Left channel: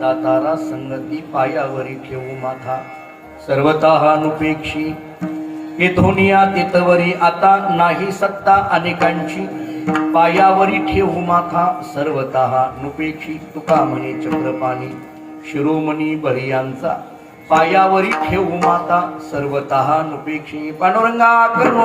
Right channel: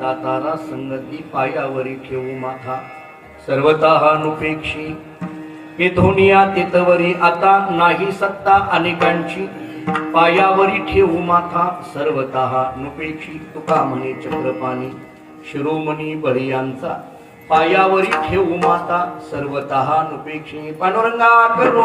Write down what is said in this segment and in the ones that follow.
दातारा संगती पायावरी ठेवू माथा सर्वतः नुपेक्षी हे धोनिया तेतवरी आता नाही सत्ता अनेकांची पायावरी ठेवू माथा सर्वतः नुपेक्षी तुका म्हणे चक्रपाणी शिरोमणी बळियांचा पायावरी ठेवू माता सर्वतः नुपेक्षी पांडुरंगा करुणा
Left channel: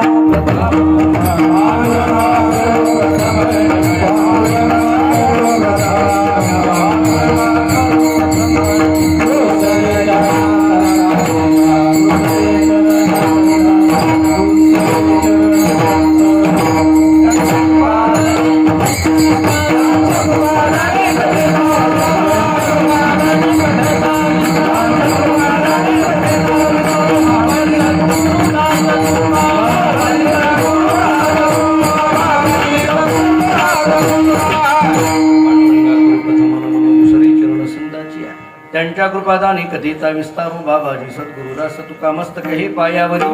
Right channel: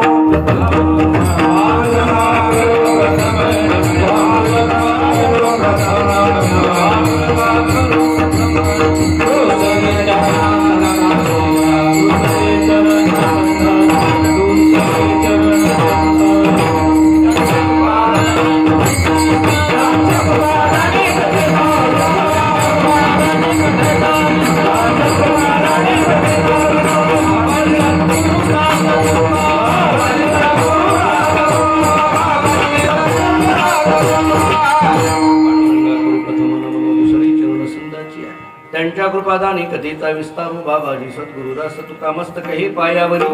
त्यांच्या कृपादानी कधीचा विस्तारू बाबाजी सद्गुरुदास तुका मस्तक हे पायावरी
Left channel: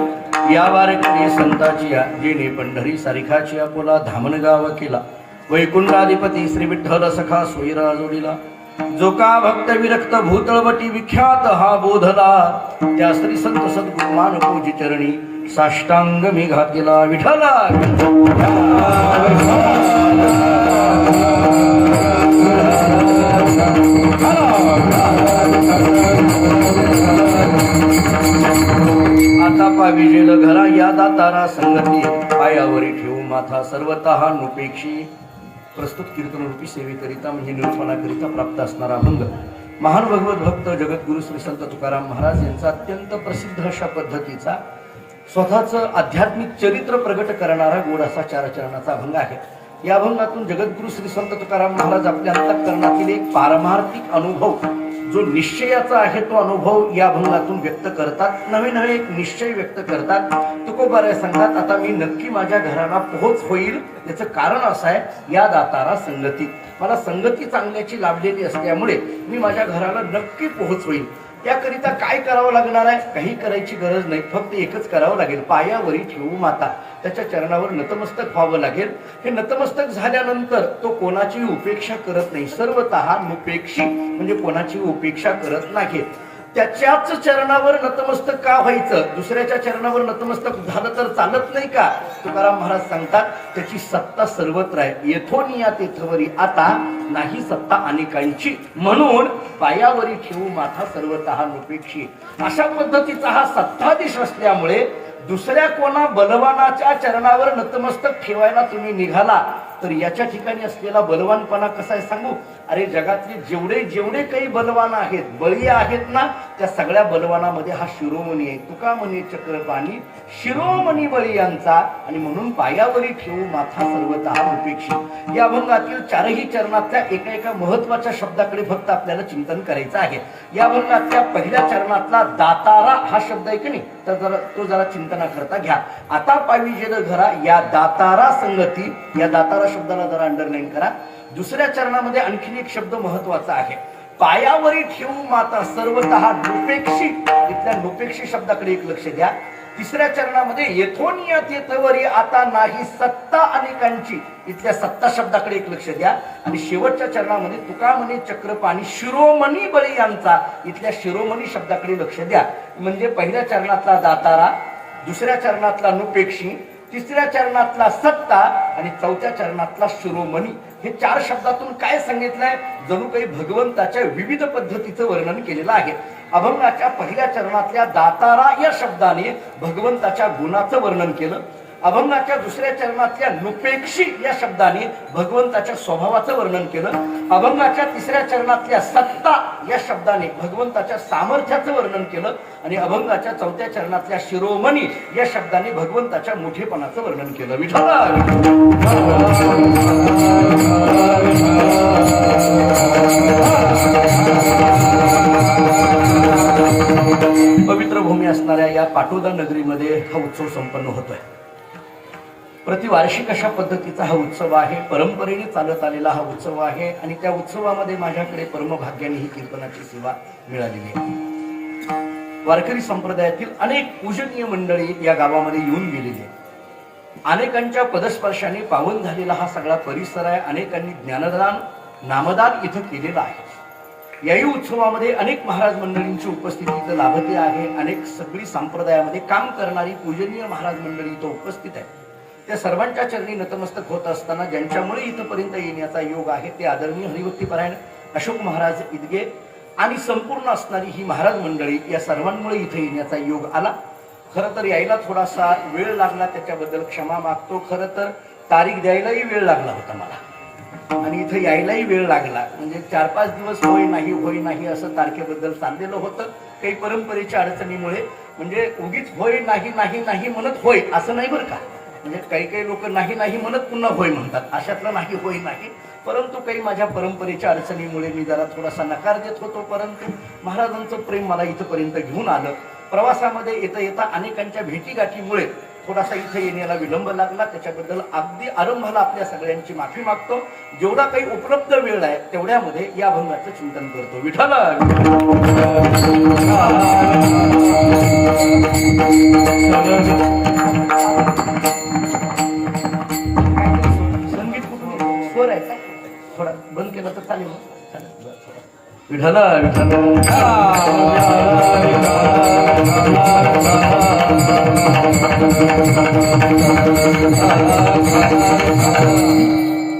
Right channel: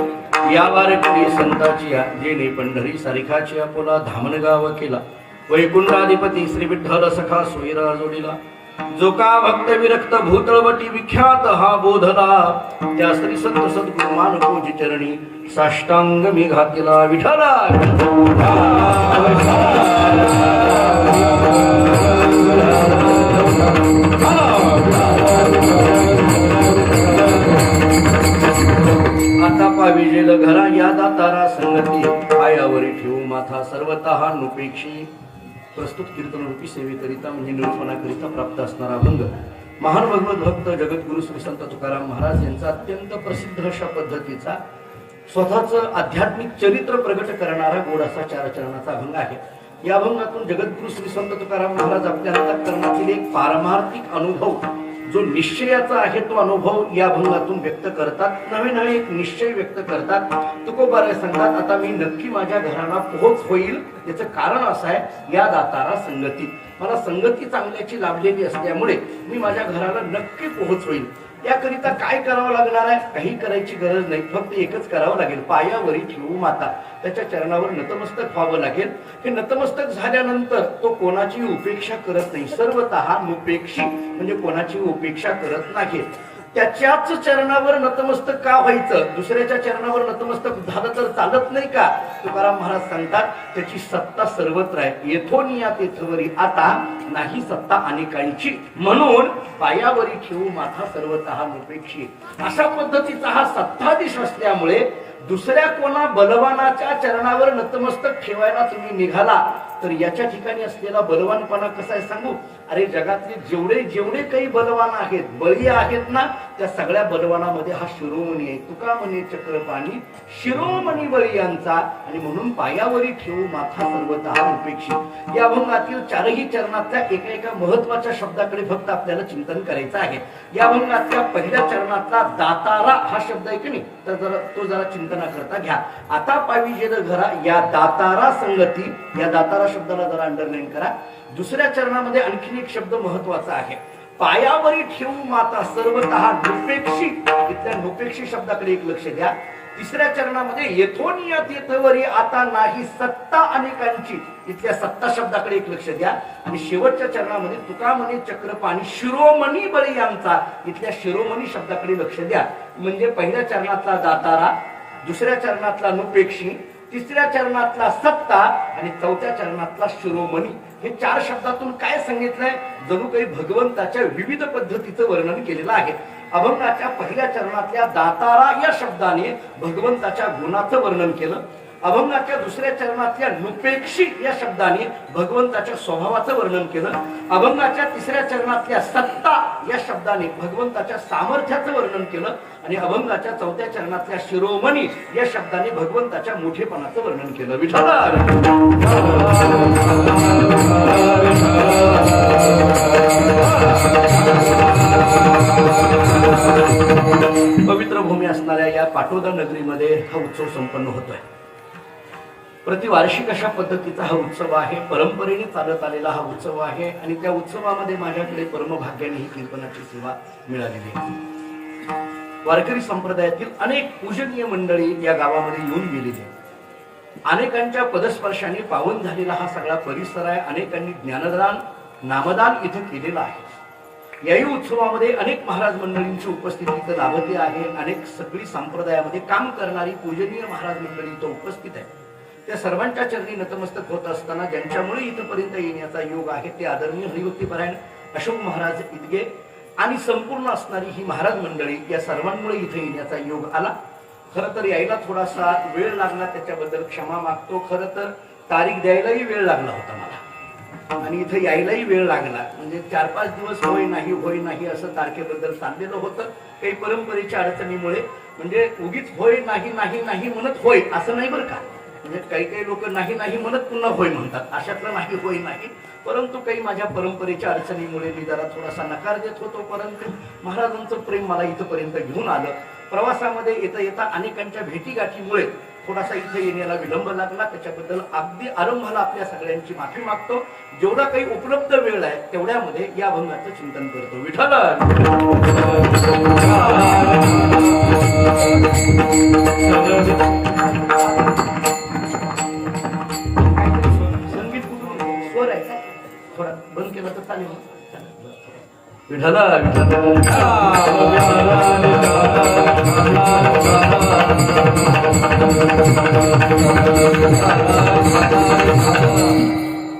या वारकरी संताची या जेने पंढरी सारिखाची आपोला धामणगाव केला वैकुंठाधिपती श्री विठ्ठल सखा सोयरा जोडीला जो का भक्त विरक्त भूतळवटी विख्यात हा बोधला त्या श्री संत सद्गुरुमान पूजी चरणी साष्टांग मी घातला विठ्ठला आता पाविजेल घरा या दातारा संगती पायावरी ठेवू माथा सर्वतः नुपेक्षी प्रस्तुत कीर्तनरूपी सेवेकरिता म्हणजे निरूपणाकरिता प्राप्त असणारा अभंग महान भगवत भक्त जगद्गुरु श्री संत तुकाराम महाराज यांचा अत्यंत प्रसिद्ध अशा पद्धतीचा स्वतःचं आध्यात्मिक चरित्र प्रगट करणारा गोड असा 4 चरणाचा अभंग आहे. या अभंगातून जगद्गुरु श्री संत तुकाराम महाराज आपल्या अंतःकरणातील एक पारमार्थिक अनुभव जो निश्चयाचा आहे तो अनुभव या अभंगातून व्यक्त करतात. नवीन एक निश्चय व्यक्त करतात. तुकोबाराय सांगतात आता मी नक्की माझ्या घराला पोहोच होईल. याचं कारण असं आहे या दातारा संगती मला संगती चांगल्याची लाभलेली असल्यामुळे मी माझ्या घराला नक्की पोहोच होईल. त्याकरिता काय करावं लागणार आहे? काही करायची गरज नाही, फक्त एकच करावं लागेल पायावरी ठेवू माता त्याच्या चरणावर नतमस्तक व्हावं लागेल. हे नतमस्तक झाल्यानंतर तो कोणाची उपेक्षा करत नाही, सर्वतः नुपेक्षी म्हणजे कोणाची उपेक्षा करत नाही. त्याच्याच चरणावर नतमस्तक का व्हायचं? दुसऱ्याच्या चरणावर नतमस्तक झालं तर चालत नाही का? तुकाराम महाराज सांगतात त्याची सत्ता सर्वत्र आहे. येथोनिया तेथवरी आता नाही सत्ता अनेकांची म्हणून पायावरी ठेवू माथा सर्वतः नुपेक्षी. अशा पद्धतीचा हा सत्ताधीश असल्यामुळे दुसऱ्या कोणा बलवानाच्या चरणावर नतमस्तक ठेवायला तुम्ही निघाला तर याच्या ठिकाणी असलेला बलवानपणा कसा आहे सांगू? अरे जगातले जेवढे काही बलवान आहेत, बळी आहेत ना, त्या सगळ्या बलवानामध्ये हा शिरोमणी आहे. तुका म्हणे चक्रपाणी शिरोमणी बळीयांचा आणि म्हणून पायावरी ठेवू माथा सर्वतः नुपेक्षी. या अभंगातील 4ही चरणातल्या एका महत्वाच्या शब्दाकडे फक्त आपल्याला चिंतन करायचं आहे. या अभंगातल्या पहिल्या चरणातला दातारा हा शब्द आहे की नाही, तर तो जरा चिंतना करता घ्या. आता पाविजेल घरा या दातारा संगती, या दातारा शब्दाला जरा अंडरलाईन करा. दुसऱ्या चरणामध्ये आणखी एक शब्द महत्वाचा आहे पायावरी ठेवू माता सर्वतः नुपेक्षी. इथल्या नुपेक्षी शब्दाकडे एक लक्ष द्या. तिसऱ्या चरणामध्ये येथोनिया तेथवरी आता नाही सत्ता अनेकांची, इथल्या सत्ता शब्दाकडे एक लक्ष द्या. आणि शेवटच्या चरणामध्ये तुका म्हणे चक्रपाणी शिरोमणी बळीयांचा, इथल्या शिरोमणी शब्दाकडे लक्ष द्या. म्हणजे पहिल्या चरणातला दातारा, दुसऱ्या चरणातला नुपेक्षी, तिसऱ्या चरणातला सत्ता आणि चौथ्या चरणातला शिरोमणी. हे 4 शब्दातून काय सांगितलंय? जणू काही भगवंताच्या विविध पद्धतीचं वर्णन केलेलं आहे. अभंगाच्या पहिल्या चरणातल्या दातारा या शब्दाने भगवंताच्या गुणाचं वर्णन केलं. अभंगाच्या दुसऱ्या चरणातल्या नुपेक्षी या शब्दाने भगवंताच्या स्वभावाचं वर्णन केलं. अभंगाच्या तिसऱ्या चरणातल्या सत्ता या शब्दाने भगवंताच्या सामर्थ्याचं वर्णन केलं. आणि अभंगाच्या चौथ्या चरणातल्या शिरोमणी या शब्दाने भगवंताच्या मोठेपणाचं वर्णन केलं. विठ्ठला पवित्र भूमी असणाऱ्या या पाटोदा नगरीमध्ये हा उत्सव संपन्न होतोय. प्रतिवार्षिक अशा पद्धतीचा हा उत्सव आहे. परंपरेने चालत आलेला हा उत्सव आहे. आणि त्या उत्सवामध्ये माझ्याकडे परमभाग्याने ही कीर्तनाची सेवा मिळालेली आहे. वारकरी संप्रदायातील अनेक पूजनीय मंडळी या गावामध्ये येऊन गेलेली आहेत. अनेकांच्या पदस्पर्शाने पावन झालेला हा सगळा परिसर आहे. अनेकांनी ज्ञानदान नामदान इथे केलेलं आहे. याही उत्सवामध्ये अनेक महाराज मंडळींची उपस्थिती इथं लाभते आहे. अनेक सगळी संप्रदायामध्ये काम करणारी पूजनीय महाराज मंडळी इथं उपस्थित आहे. त्या सर्वांच्या चरणी नतमस्तक होत असताना ज्यांच्यामुळे इथपर्यंत येण्याचा योग आहे ते आदरणीय हरिभक्तीपरायण अशोक महाराज इदगे आणि संपूर्ण असणारी ही महाराज मंडळी, या सर्वांमुळे इथे येण्याचा योग आला. खरं तर यायला थोडासा वेळ लागला, त्याच्याबद्दल क्षमा मागतो. खरं तर तारीख द्यायलाही वेळ लागला होता मला आणि इथं यायलाही वेळ लागला. म्हणजे 4-5 दिवस होय नाही असं तारखेबद्दल सांगलेलं होतं. काही परंपरेच्या अडचणीमुळे म्हणजे उगीच होय नाही म्हणत होय असं नाही बरं का. म्हणजे काही लोक नाही म्हणत पुन्हा होय म्हणतात, अशातलं नाही होय नाही. परंतु काही माझ्या परंपरेच्या अडचणीमुळे मी जरा थोडासा नकार देत होतो. परंतु महाराजांचं प्रेम मला इथपर्यंत घेऊन आलं. प्रवासामध्ये येता अनेकांच्या भेटीगाठीमुळे थोडासा इथे येण्याला विलंब लागला. त्याच्याबद्दल अगदी आरंभाला आपल्या सगळ्यांची माफी मागतो. जेवढा काही उपलब्ध वेळ आहे तेवढ्यामध्ये या अभंगाचं चिंतन करतो. विठ्ठल संगीत स्वर आहे का थोडा बंद केला तर चालेल. विठ्ठल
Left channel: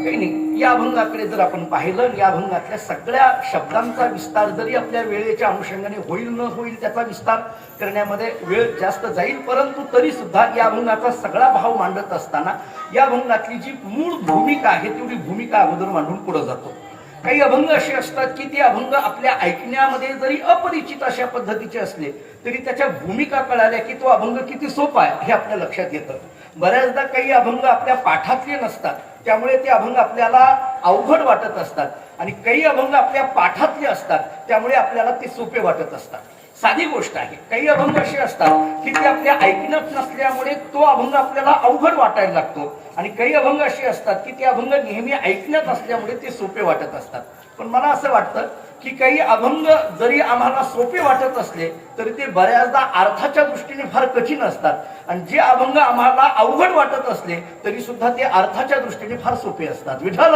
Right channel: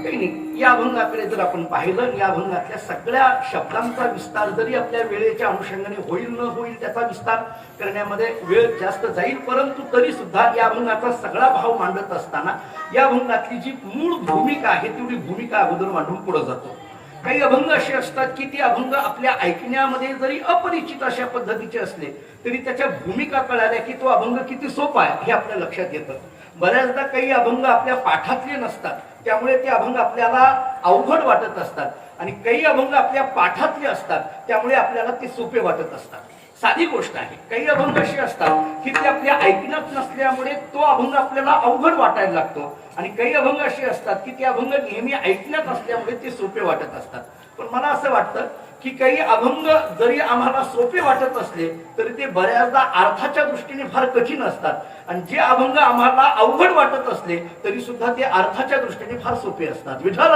काही नाही. या अभंगाकडे जर आपण पाहिलं, या अभंगातल्या सगळ्या शब्दांचा विस्तार जरी आपल्या वेळेच्या अनुषंगाने होईल न होईल त्याचा विस्तार करण्यामध्ये वेळ जास्त जाईल, परंतु तरी सुद्धा या अभंगाचा सगळा भाव मांडत असताना या अभंगातली जी मूळ भूमिका आहे तेवढी भूमिका अगोदर मांडून पुढे जातो. काही अभंग असे असतात की ते अभंग आपल्या ऐकण्यामध्ये जरी अपरिचित अशा पद्धतीचे असले तरी त्याच्या भूमिका कळाल्या की तो अभंग किती सोपा आहे हे आपल्या लक्षात येतं. बऱ्याचदा काही अभंग आपल्या पाठातले नसतात, त्यामुळे ते अभंग आपल्याला अवघड वाटत असतात, आणि काही अभंग आपल्या पाठातले असतात त्यामुळे आपल्याला ते सोपे वाटत असतात. साधी गोष्ट आहे. काही अभंग असे असतात की ते आपल्या ऐकण्यात नसल्यामुळे तो अभंग आपल्याला अवघड वाटायला लागतो, आणि काही अभंग असे असतात की ते अभंग नेहमी ऐकण्यात असल्यामुळे ते सोपे वाटत असतात. पण मला असं वाटतं की काही अभंग जरी आम्हाला सोपे वाटत असले तरी ते बऱ्याचदा अर्थाच्या दृष्टीने फार कठीण असतात, आणि जे अभंग आम्हाला अवघड वाटत असले तरी सुद्धा ते अर्थाच्या दृष्टीने फार सोपे असतात. विठ्ठल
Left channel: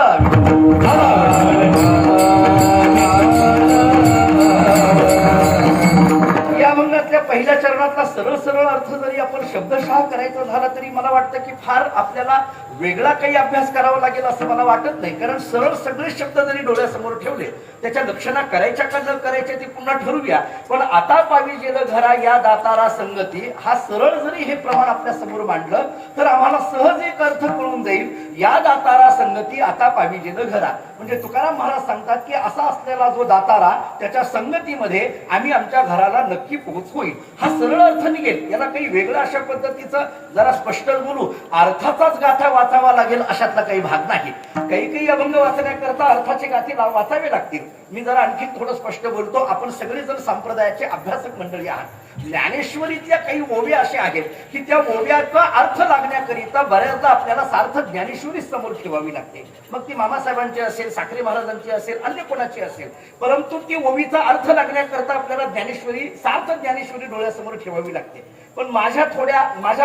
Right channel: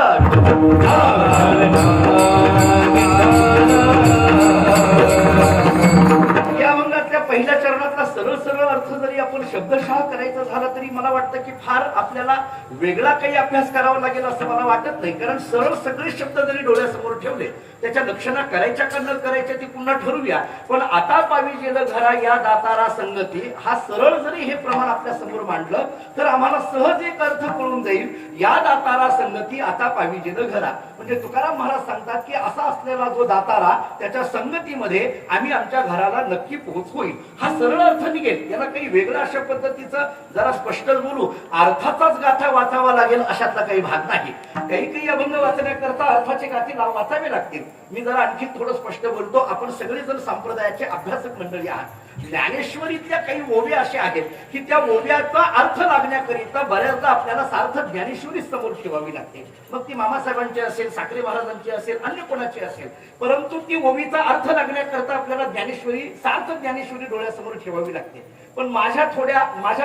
या अभंगातल्या पहिल्या चरणातला सरळ अर्थ जरी आपण शब्दशः करायचा झाला तरी मला वाटतं की फार आपल्याला वेगळा काही अभ्यास करावा लागेल असं मला वाटत नाही. कारण सरळ सगळे शब्द जरी डोळ्यासमोर ठेवले त्याच्या लक्षणा करायच्या का न करायच्या ती पुन्हा ठरवूया. पण आता पावी जेल घरा या दातारा संगती, हा सरळ जरी हे प्रमाण आपल्या समोर मांडलं तर आम्हाला सहज एक अर्थ कळून जाईल. या दातारा संगती आता पावी जेल घरा म्हणजे तुकाराम महाराज सांगतात की असा असलेला जो दातारा त्याच्या संगतीमध्ये आम्ही आमच्या घराला नक्की पोहोच होईल. हा सरळ अर्थ निघेल. याला काही वेगळं अशा पद्धतीचं जरा स्पष्ट बोलू, अर्थाचाच गाथा वाचावा लागेल अशातला काही भाग नाही. काही अभंग वाचण्याकरता अर्थाचे गाथे वाचावे लागतील. मी जरा आणखी थोडं स्पष्ट बोलतो. आपण सगळे जण संप्रदायाचे अभ्यासक मंडळी आहात. ज्ञानेश्वरीतल्या काही ओव्या असे आहेत की त्या ओव्याचा अर्थ लागण्याकरिता बऱ्याचदा आपल्याला सार्थ ज्ञानेश्वरी समोर ठेवावी लागते. मग ती मामासाहेबांची असेल, साखरे महाराजांची असेल, अन्य कोणाची असेल, परंतु ती ओवीचा अर्थ लागण्याकरता आपल्याला ज्ञानेश्वरी, सार्थ ज्ञानेश्वरी डोळ्यासमोर ठेवावी लागते. पण माझ्या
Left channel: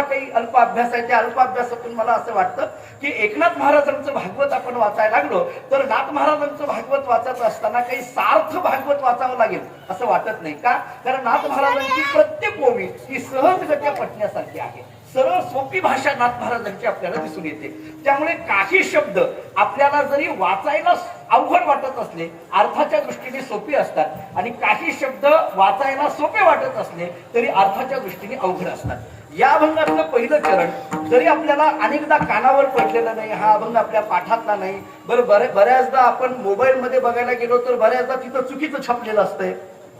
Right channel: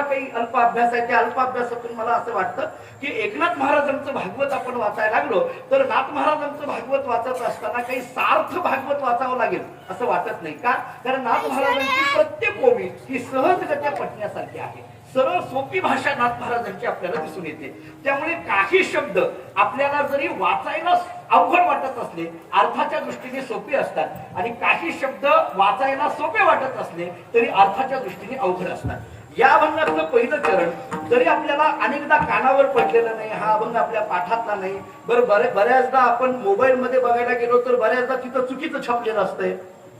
काही अल्प अभ्यास आहे, त्या अल्प अभ्यासातून मला असं वाटतं की एकनाथ महाराजांचं भागवत आपण वाचायला लागलो तर नाथ महाराजांचं भागवत वाचत असताना काही सार्थ भागवत वाचावं लागेल असं वाटत नाही. का? कारण नाथ महाराजांची प्रत्येक ओवी ही सहजगत्या पटण्यासारखी आहे. सरळ सोपी भाषा नाथ महाराजांची आपल्याला दिसून येते. त्यामुळे काही शब्द आपल्याला जरी वाचायला अवघड वाटत असले अर्थाच्या दृष्टीने सोपे असतात, आणि काही शब्द वाचायला सोपे वाटत असले तरी अर्थाच्या दृष्टीने अवघड असतात. या अभंगातलं पहिलं चरण जरी आपल्याला अनेकदा कानावर पडलेलं नाही, हा अभंग आपल्या पाठातला नाही, बऱ्याचदा आपण मोबाईल मध्ये बघायला गेलो तर बऱ्याचदा तिथं चुकीचं छापलेलं असतंय.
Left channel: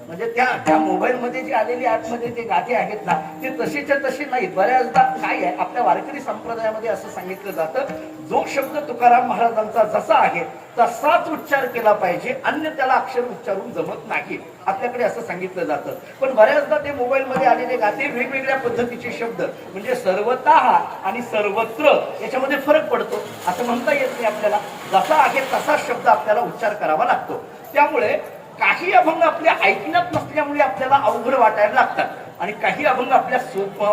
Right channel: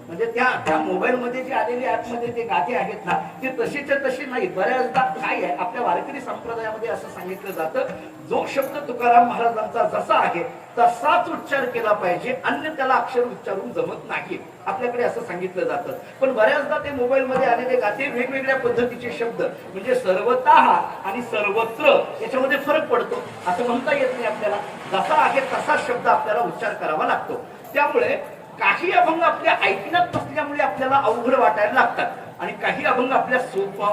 म्हणजे त्या मोबाईल मध्ये जे आलेले ऍप मध्ये ते गाथे आहेत ना ते तसेच्या तसे नाहीत. बऱ्याचदा काय आहे, आपल्या वारकरी संप्रदायामध्ये असं सांगितलं जातं, जो शब्द तुकाराम महाराजांचा जसा आहे तसाच उच्चार केला पाहिजे, अन्य त्याला अक्षर उच्चारून जमत नाही, आपल्याकडे असं सांगितलं जातं. पण बऱ्याचदा ते मोबाईल मध्ये आलेले गाथे वेगवेगळ्या पद्धतीचे शब्द म्हणजे सर्वतः आणि सर्वत्र याच्यामध्ये फरक पडतो. असं म्हणता येत नाही आपल्याला. जसा आहे तसाच शब्द आपल्याला उच्चार करावा लागतो. त्यामुळे काही अभंग आपल्या ऐकण्यात नसल्यामुळे आपल्याला अवघड वाटायला लागतात. आणि काही अभंग आपल्या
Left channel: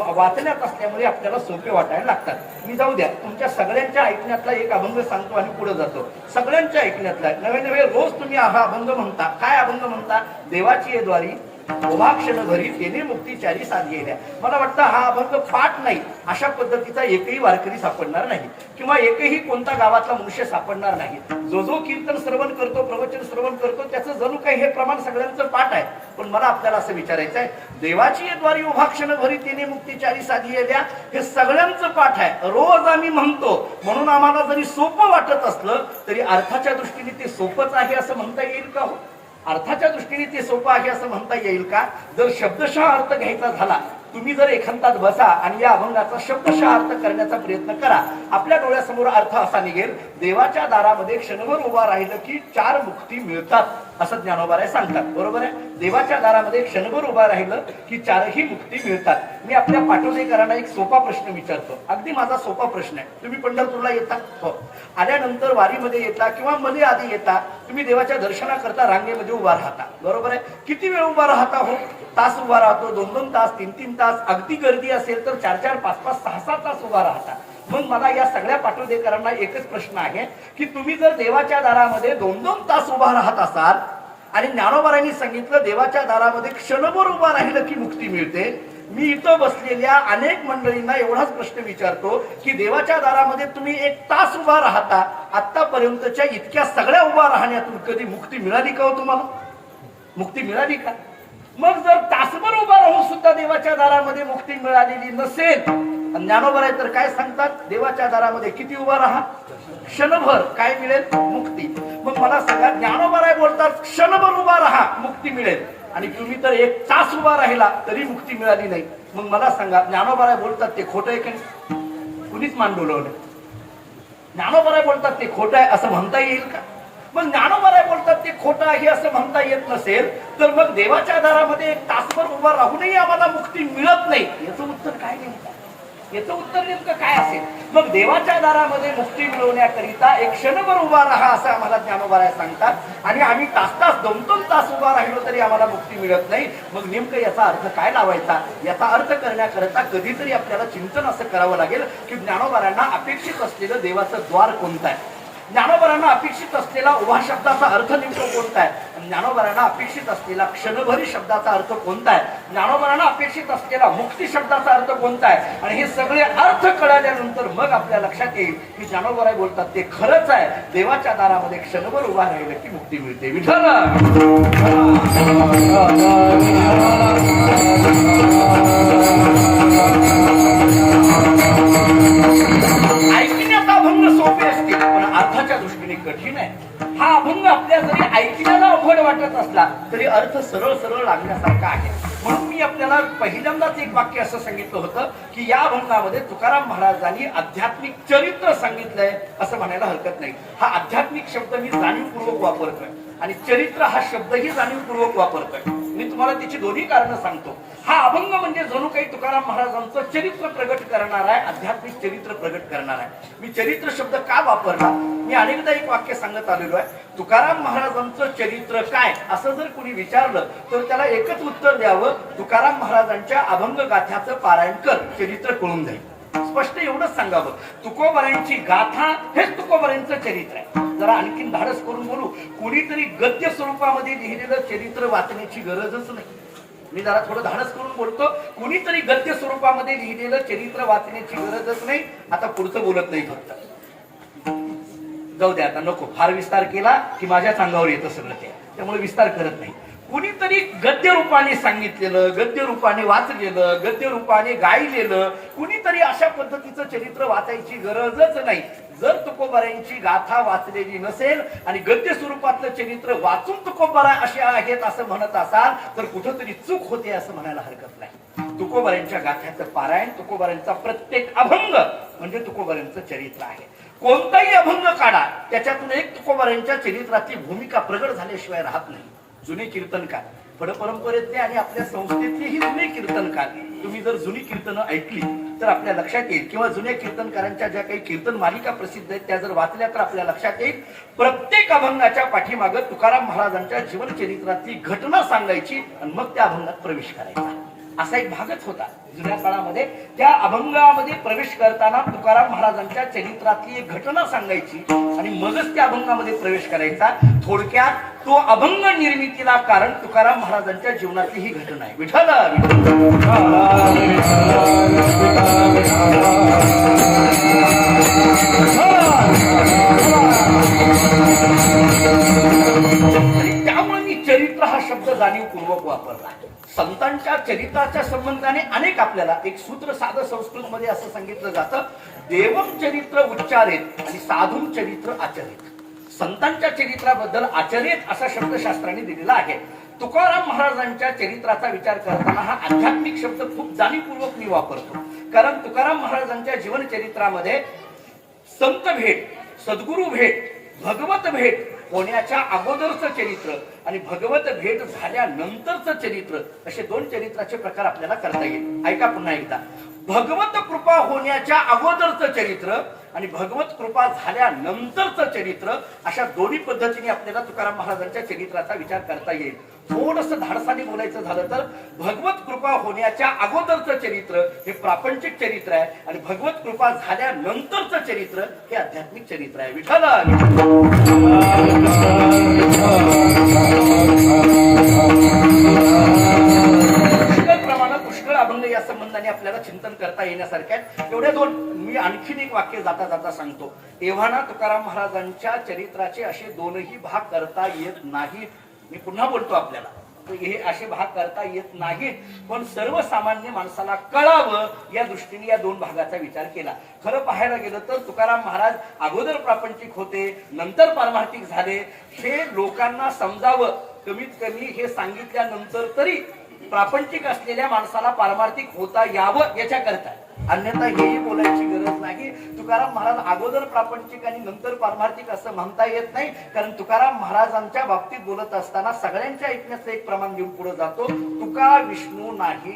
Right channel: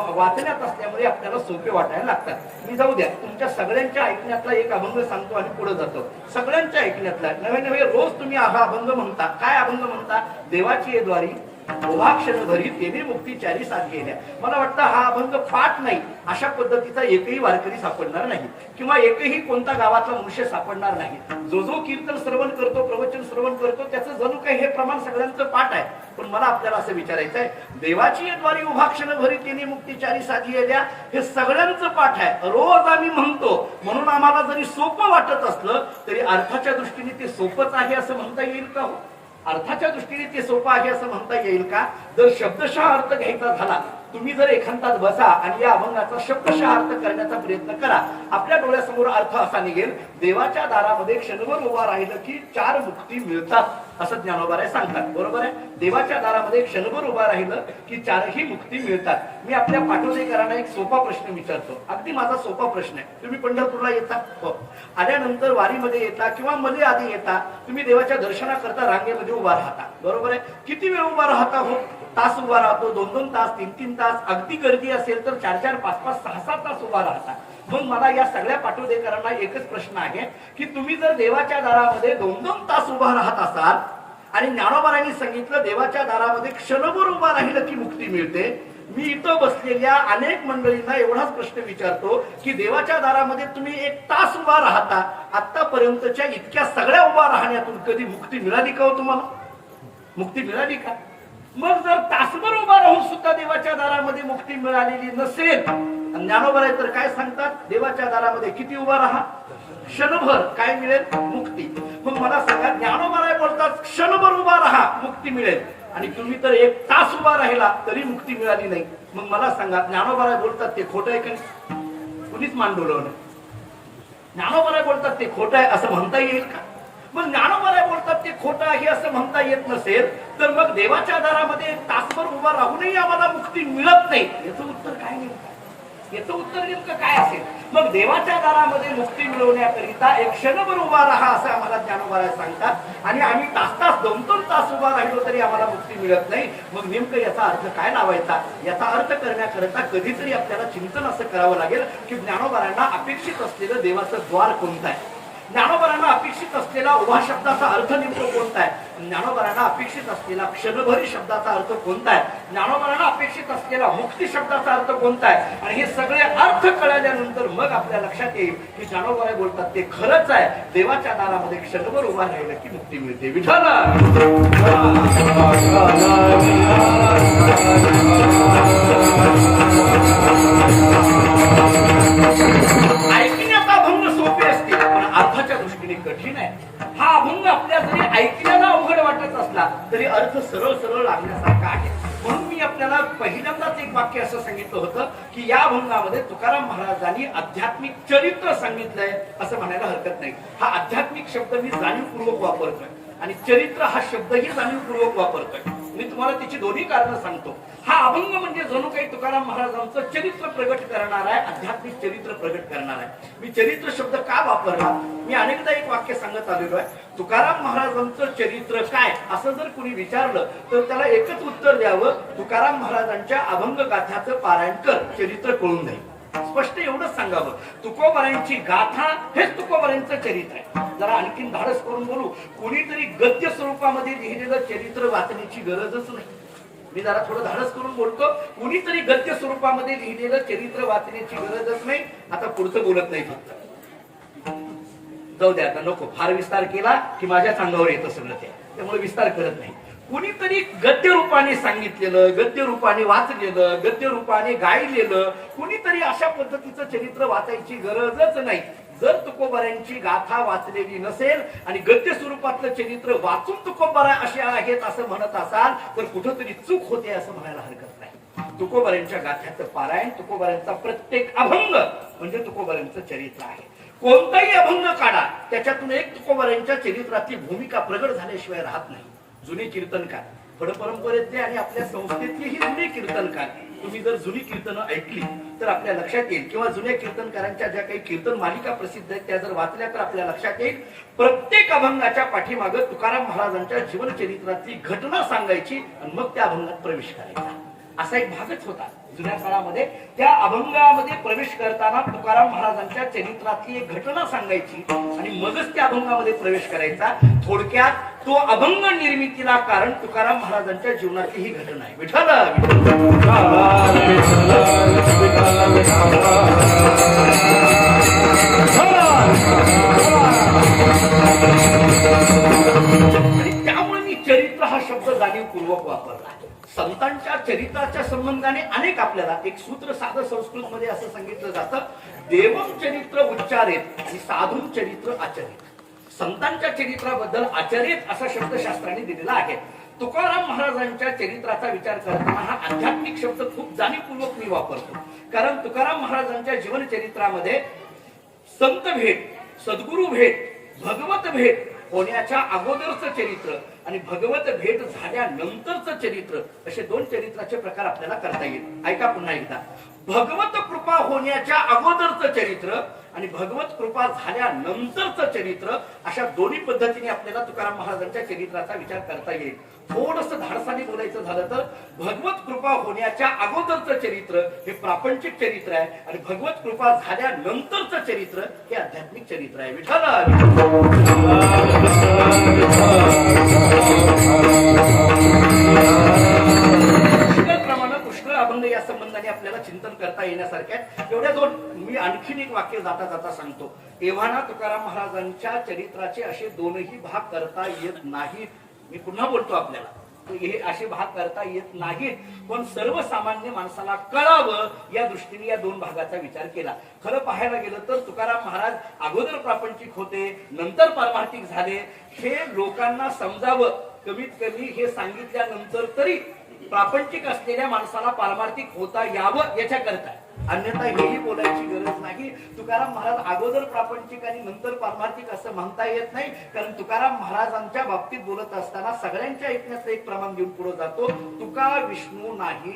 वाचण्यात असल्यामुळे आपल्याला सोपे वाटायला लागतात. मी जाऊ द्या, तुमच्या सगळ्यांच्या ऐकण्यातला एक अभंग सांगतो आणि पुढे जातो. सगळ्यांच्या ऐकण्यातला नवे नवे रोज तुम्ही हा अभंग म्हणता. काय अभंग म्हणता? देवाची द्वारी क्षण घरी तेने मुक्तीचारी साथ गेल्या. मला वाटतं हा अभंग पाठ नाही अशा पद्धतीचा एकही वारकरी सापडणार नाही, किंवा एकही कोणता गावातला मनुष्य सापडणार नाही. जो जो कीर्तन श्रवण करतो, प्रवचन श्रवण करतो, त्याचं जणू काही हे प्रमाण सगळ्यांचं पाठ आहे. पण मला आपल्याला असं विचारायचं आहे, देवाची द्वारी क्षण भरी तेने मुक्तीचारी साथ गेल्या हे सगळ्यांचं पाठ आहे, रोज आम्ही म्हणतो. म्हणून आम्हाला जरी सोपं वाटत असलं तरी अर्थाच्या दृष्टीने ते सोपंच आहे असं म्हणता येईल का? अर्थाच्या दृष्टीने ते सोपं आहे असं म्हणता येईल का? जर शब्दशः अर्थ घ्यायचा झाला, तुम्ही जर एखांतात बसा आणि या अभंगाचा शब्दशः अर्थ करण्याचा प्रयत्न करा, आपल्या डोळ्यासमोर अर्थ असा निघेल, देवाच्या दारामध्ये क्षणभर उभा राहिलं की 4 मुक्ती मिळतात असं ज्ञानोबाराय सांगतात. बरोबर आहे? देवाच्या दारामध्ये क्षणभर उभा राहिलं की 4ही मुक्ती मिळतात. मी आपल्या पाटोदेकरांना एक सोपा प्रश्न विचारतो, अगदी माझा सोपा प्रश्न आहे. तुम्ही पंढरपूरला येता, हो, आल्यानंतर वारीमध्ये येता किंवा मध्ये आधी येता, तुम्ही देवाच्या दर्शनाकरता रांगेमध्ये उभा राहता. बरोबर आहे? किती वेळ उभा राहता? हो, तास उभा राहतो, 2-2 तास, 3-3 तास, अगदी गर्दी असेल तर 4-4, 5-5, 6-6 तास उभा राहता. मग मला या सगळ्या पाटोदेकरांना एकच प्रश्न आहे की तुम्ही जर देवाच्या दारामध्ये 2-2 तास उभा राहत असाल आणि ज्ञानोबारांनी सांगितलं देवाच्या दारामध्ये क्षणभर उभा राहिलं की मुक्ती मिळते, मी इथं बसलेल्या अनेक मंडळींना एवढाच प्रश्न विचारतो की देवाच्या दारामध्ये तुम्ही 1 तास उभा राहता, आतापर्यंतच्या इतक्या सगळ्या उभा राहण्यातून कधी मुक्ती मिळाली का हो तुम्हाला? मुक्ती मिळाली का? मग जर तासभर उभा राहून सुद्धा देवाच्या दारामध्ये मुक्ती मिळालेली नसेल, ज्ञानोबाराय तर काय सांगतात? देवाच्या दारामध्ये किती उभा राहा? क्षणभर. काय मिळेल? मुक्ती. मग मला सांगा, ज्ञानोबाराय बोलतात क्षणभर उभा राहा मुक्ती मिळेल, आणि तुम्ही तर 1 तास उभा राहिला तरी मुक्ती मिळाली नाही. मग मला सांगा, ज्ञानोबाराय बोलतात ते खोटं आहे का? कुणीच मान डोलवलं. ज्ञानोबाराय बोलतात ते खोटं आहे असं म्हणता येईल का? मग ज्ञानोबाराय बोलतात ते खोटं आहे असं म्हणता येत नसेल तर मग देवाच्या दारामध्ये 1 तासभर उभा राहूनही आम्हाला मुक्ती मिळत नाही, याचं उत्तर काय नेमकं? याचं उत्तर नेमकं काय असेल? मग देवाच्या दारामध्ये मुक्ती मिळवण्याकरिता 1 क्षणभर उभा राहा असं आम्हाला ज्ञानोबाराय सांगतात, आणि आम्ही तास 2-2 तास उभा राहिलो तरी आम्हाला मुक्ती मिळत नाही. मग नेमकं याचा अर्थ काय लावायचा? याचा अर्थ करण्याकरता कधीतरी आपल्याला चिंतन असं करावं लागेल की ज्ञानोबारांना अपेक्षित असलेलं देवाचं द्वार कोणतं आहे, ज्ञानोबारांना अपेक्षित असलेला उभा शब्दाचा अर्थ नेमकं कोणता आहे, ज्ञानोबारांना अपेक्षित असलेला क्षणभरी शब्दाचा अर्थ कोणता आहे, ज्ञानोबारांना अपेक्षित असलेला मुक्ती शब्दाचा अर्थ कोणता आहे, आणि हे सगळे अर्थ कळाल्यानंतर मग आपल्या लक्षात येईल की ज्ञानोबाराय बोलतात ते खरंच आहे, देवाच्या दारामध्ये क्षणभर उभा राहिलं की मुक्ती मिळते. विठ्ठल ऐकण्याचा अभंग सोपे असते पण अर्थाच्या दृष्टीने कठीण आहे. हा अभंग आपल्या जरी ऐकण्याला अवघड वाटत असला तरी अर्थ सरळ सरळ लागण्यासारखा आहे. म्हणून मी आपल्याला पहिल्यांदाच एक वाक्य असं सांगितलं होतं की या अभंगामध्ये तुकाराम महाराजांनी आध्यात्मिक चरित्र सांगितलंय असं म्हणायला हरकत नाही. हा आध्यात्मिक शब्द मी जाणीवपूर्वक वापरतोय आणि चरित्र हा शब्दही जाणीवपूर्वक वापरतोय. मी तुम्हाला त्याची दोन्ही कारणं सांगतो. हा अभंग म्हणजे जणू काही तुकाराम महाराजांचं चरित्र प्रगट करणार आहे, आध्यात्मिक चरित्र प्रगट करणार आहे. मी चरित्र शब्द का वापरला? मी अनेकदा एक वाक्य सांगत आलेलो आहे, तुकाराम महाराजांचं चरित्र काय असं जर कोणी विचारलं तर त्याला एकच उत्तर द्यावं, तुकाराम महाराजांच्या अभंग गाथ्याचं पारायण कर, चरित्र कळून जाईल. स्पष्ट एवढंच सांगावं, तुकोबारायांची गाथा हेच तुकोबारायांचं चरित्र आहे. जरा आणखीन धाडस करून बोलू, कोणीतरी गद्य स्वरूपामध्ये लिहिलेलं चरित्र वाचण्याची गरजच नाही. मी जरा थोडं धाडस करून बोलतो, कोणीतरी गद्य स्वरूपामध्ये लिहिलेलं चरित्र वाचण्याची गरजच नाही. आता पुढचं बोलत नाही, फक्त जाऊ द्या, आता नको फार विस्तार केला की माझ्या अंगावर येतं सगळं ते, त्यामुळे विस्तार करत नाही. कुणीतरी गद्य रूपाने सांगितलेलं, गद्य रूपाने वाचलेलं, गद्य रूपाने गायलेलं, कुणीतरी अशा पद्धतीचं चरित्र वाचायची गरजच नाही. जर तुकोबारायांची गाथा वाचलेली नसेल आणि गद्य स्वरूपातलं चरित्र वाचून तुकोबाराय असे आहेत असं म्हणत असाल तर कुठंतरी चूक होते असं म्हणायला हरकत नाही. तुकोबारायांच्या गाथ्याचं पारायण, तुकोबारायांचा प्रत्येक अभंग म्हणजे तुकोबारायांचं चरित्र आहे. कोणताही अभंग काढा, त्याच्यातून एक तुकोबारायांच्या चरित्राची भूमिका प्रगट झाल्याशिवाय राहत नाही. जुने कीर्तनकार, फडपरंपरेतले आणि आपल्या संस्थेतलेही जुने कीर्तनकार, तुम्ही जर जुनी कीर्तनं ऐकली तर आपल्या लक्षात येईल, किंवा जुन्या कीर्तनकारांच्या ज्या काही कीर्तन मालिका प्रसिद्ध आहेत त्या जर वाचल्या तर आपल्या लक्षात येईल, प्रत्येक अभंगाच्या पाठीमागं तुकाराम महाराजांच्या जीवनचरित्रातली घटना सांगायची आणि मग त्या अभंगात प्रवेश करायचा. असा एक भागच होता जुन्या काळामध्ये. त्या अभंगामध्ये प्रवेश करताना तुकाराम महाराजांच्या चरित्रातली एक घटना सांगायची आणि मगच त्या अभंगामध्ये प्रवेश करायचा. थोडक्यात तो अभंग निर्मितीला कारण तुकाराम महाराजांच्या जीवनातली ही घटना आहे. विठ्ठल त्यामुळे मी चरित्र हा शब्द जाणीवपूर्वक वापरला. संतांच्या चरित्राच्या संबंधाने अनेक आपल्याला एक सूत्र साधं संस्कृत मध्ये असं सांगितलं जातं, देवम चरित्र उच्चारेत आणि साधून चरित्र आचरित. संतांच्या चरित्राबद्दल आचरित असा शब्द शास्त्राने दिलेला आहे. तुकाराम महाराजांच्या चरित्राचा विचार करताना हा आध्यात्मिक शब्द खूप जाणीवपूर्वक मी वापरतो. कारण तुकाराम महाराजांच्या जीवन चरित्रामध्ये संत भेट, सद्गुरु भेट, भगवत भेट होण्याच्या अगोदरचं चरित्र आणि भगवत भेट झाल्यानंतरचं चरित्र असे दोन चरित्राचे प्रकार आपल्याला करता येईल. ऐका पुन्हा एकदा. भगवत कृपा होण्याच्या अगोदरचं चरित्र आणि भगवत कृपा झाल्यानंतरचं चरित्र अशा दोन्ही पद्धतीने आपल्याला तुकाराम महाराजांच्या चरित्राचा विचार करता येईल. थोडंसं धाडसाने बोलायचं झालं तर भगवत कृपा होण्याच्या अगोदरचं चरित्र हे प्रापंचिक चरित्र आहे आणि भगवत कृपा झाल्यानंतरचं चरित्र हे आध्यात्मिक चरित्र आहे. विठ्ठल पुष्कळ अभंग या संबंधाने आपल्याला चिंतन करता येण्यासारख्या. एवढ्या दोन मी आणखीन एक वाक्य जाता जाता सांगतो. एव्हाना तुकाराम महाराजांच्या चरित्राचे असे दोनही भाग करता येत नाहीत. मी पुन्हा बोलतो आपल्याला, हे असे भाग करता येत नाहीत, पण सर्वसामान्य माणसाला कळावं या दृष्टीने या दोन भागाचा विचार केला. खरं पाहायला गेलं तर तुकाराम महाराज अगोदर प्रापंचिक होते, नंतर पारमार्थिक झाले. हे लोकांना समजावं, कमीत कमी हे सांगितल्यानंतर तरी प्रापंचिक असलेल्या माणसाला पारमार्थिक होता यावं याच्याकरता. अन्यथा हेही बोलायची गरज नाही. तुकाराम महाराज अगोदर प्रापंचिक आणि नंतर पारमार्थिक असं म्हणता येत नाही. कारण तुकाराम महाराजांच्या बाबतीत बोलत असताना सगळ्यांच्या ऐकण्याचं एक प्रमाण घेऊन पुढे जातो. तुका विष्णू नाही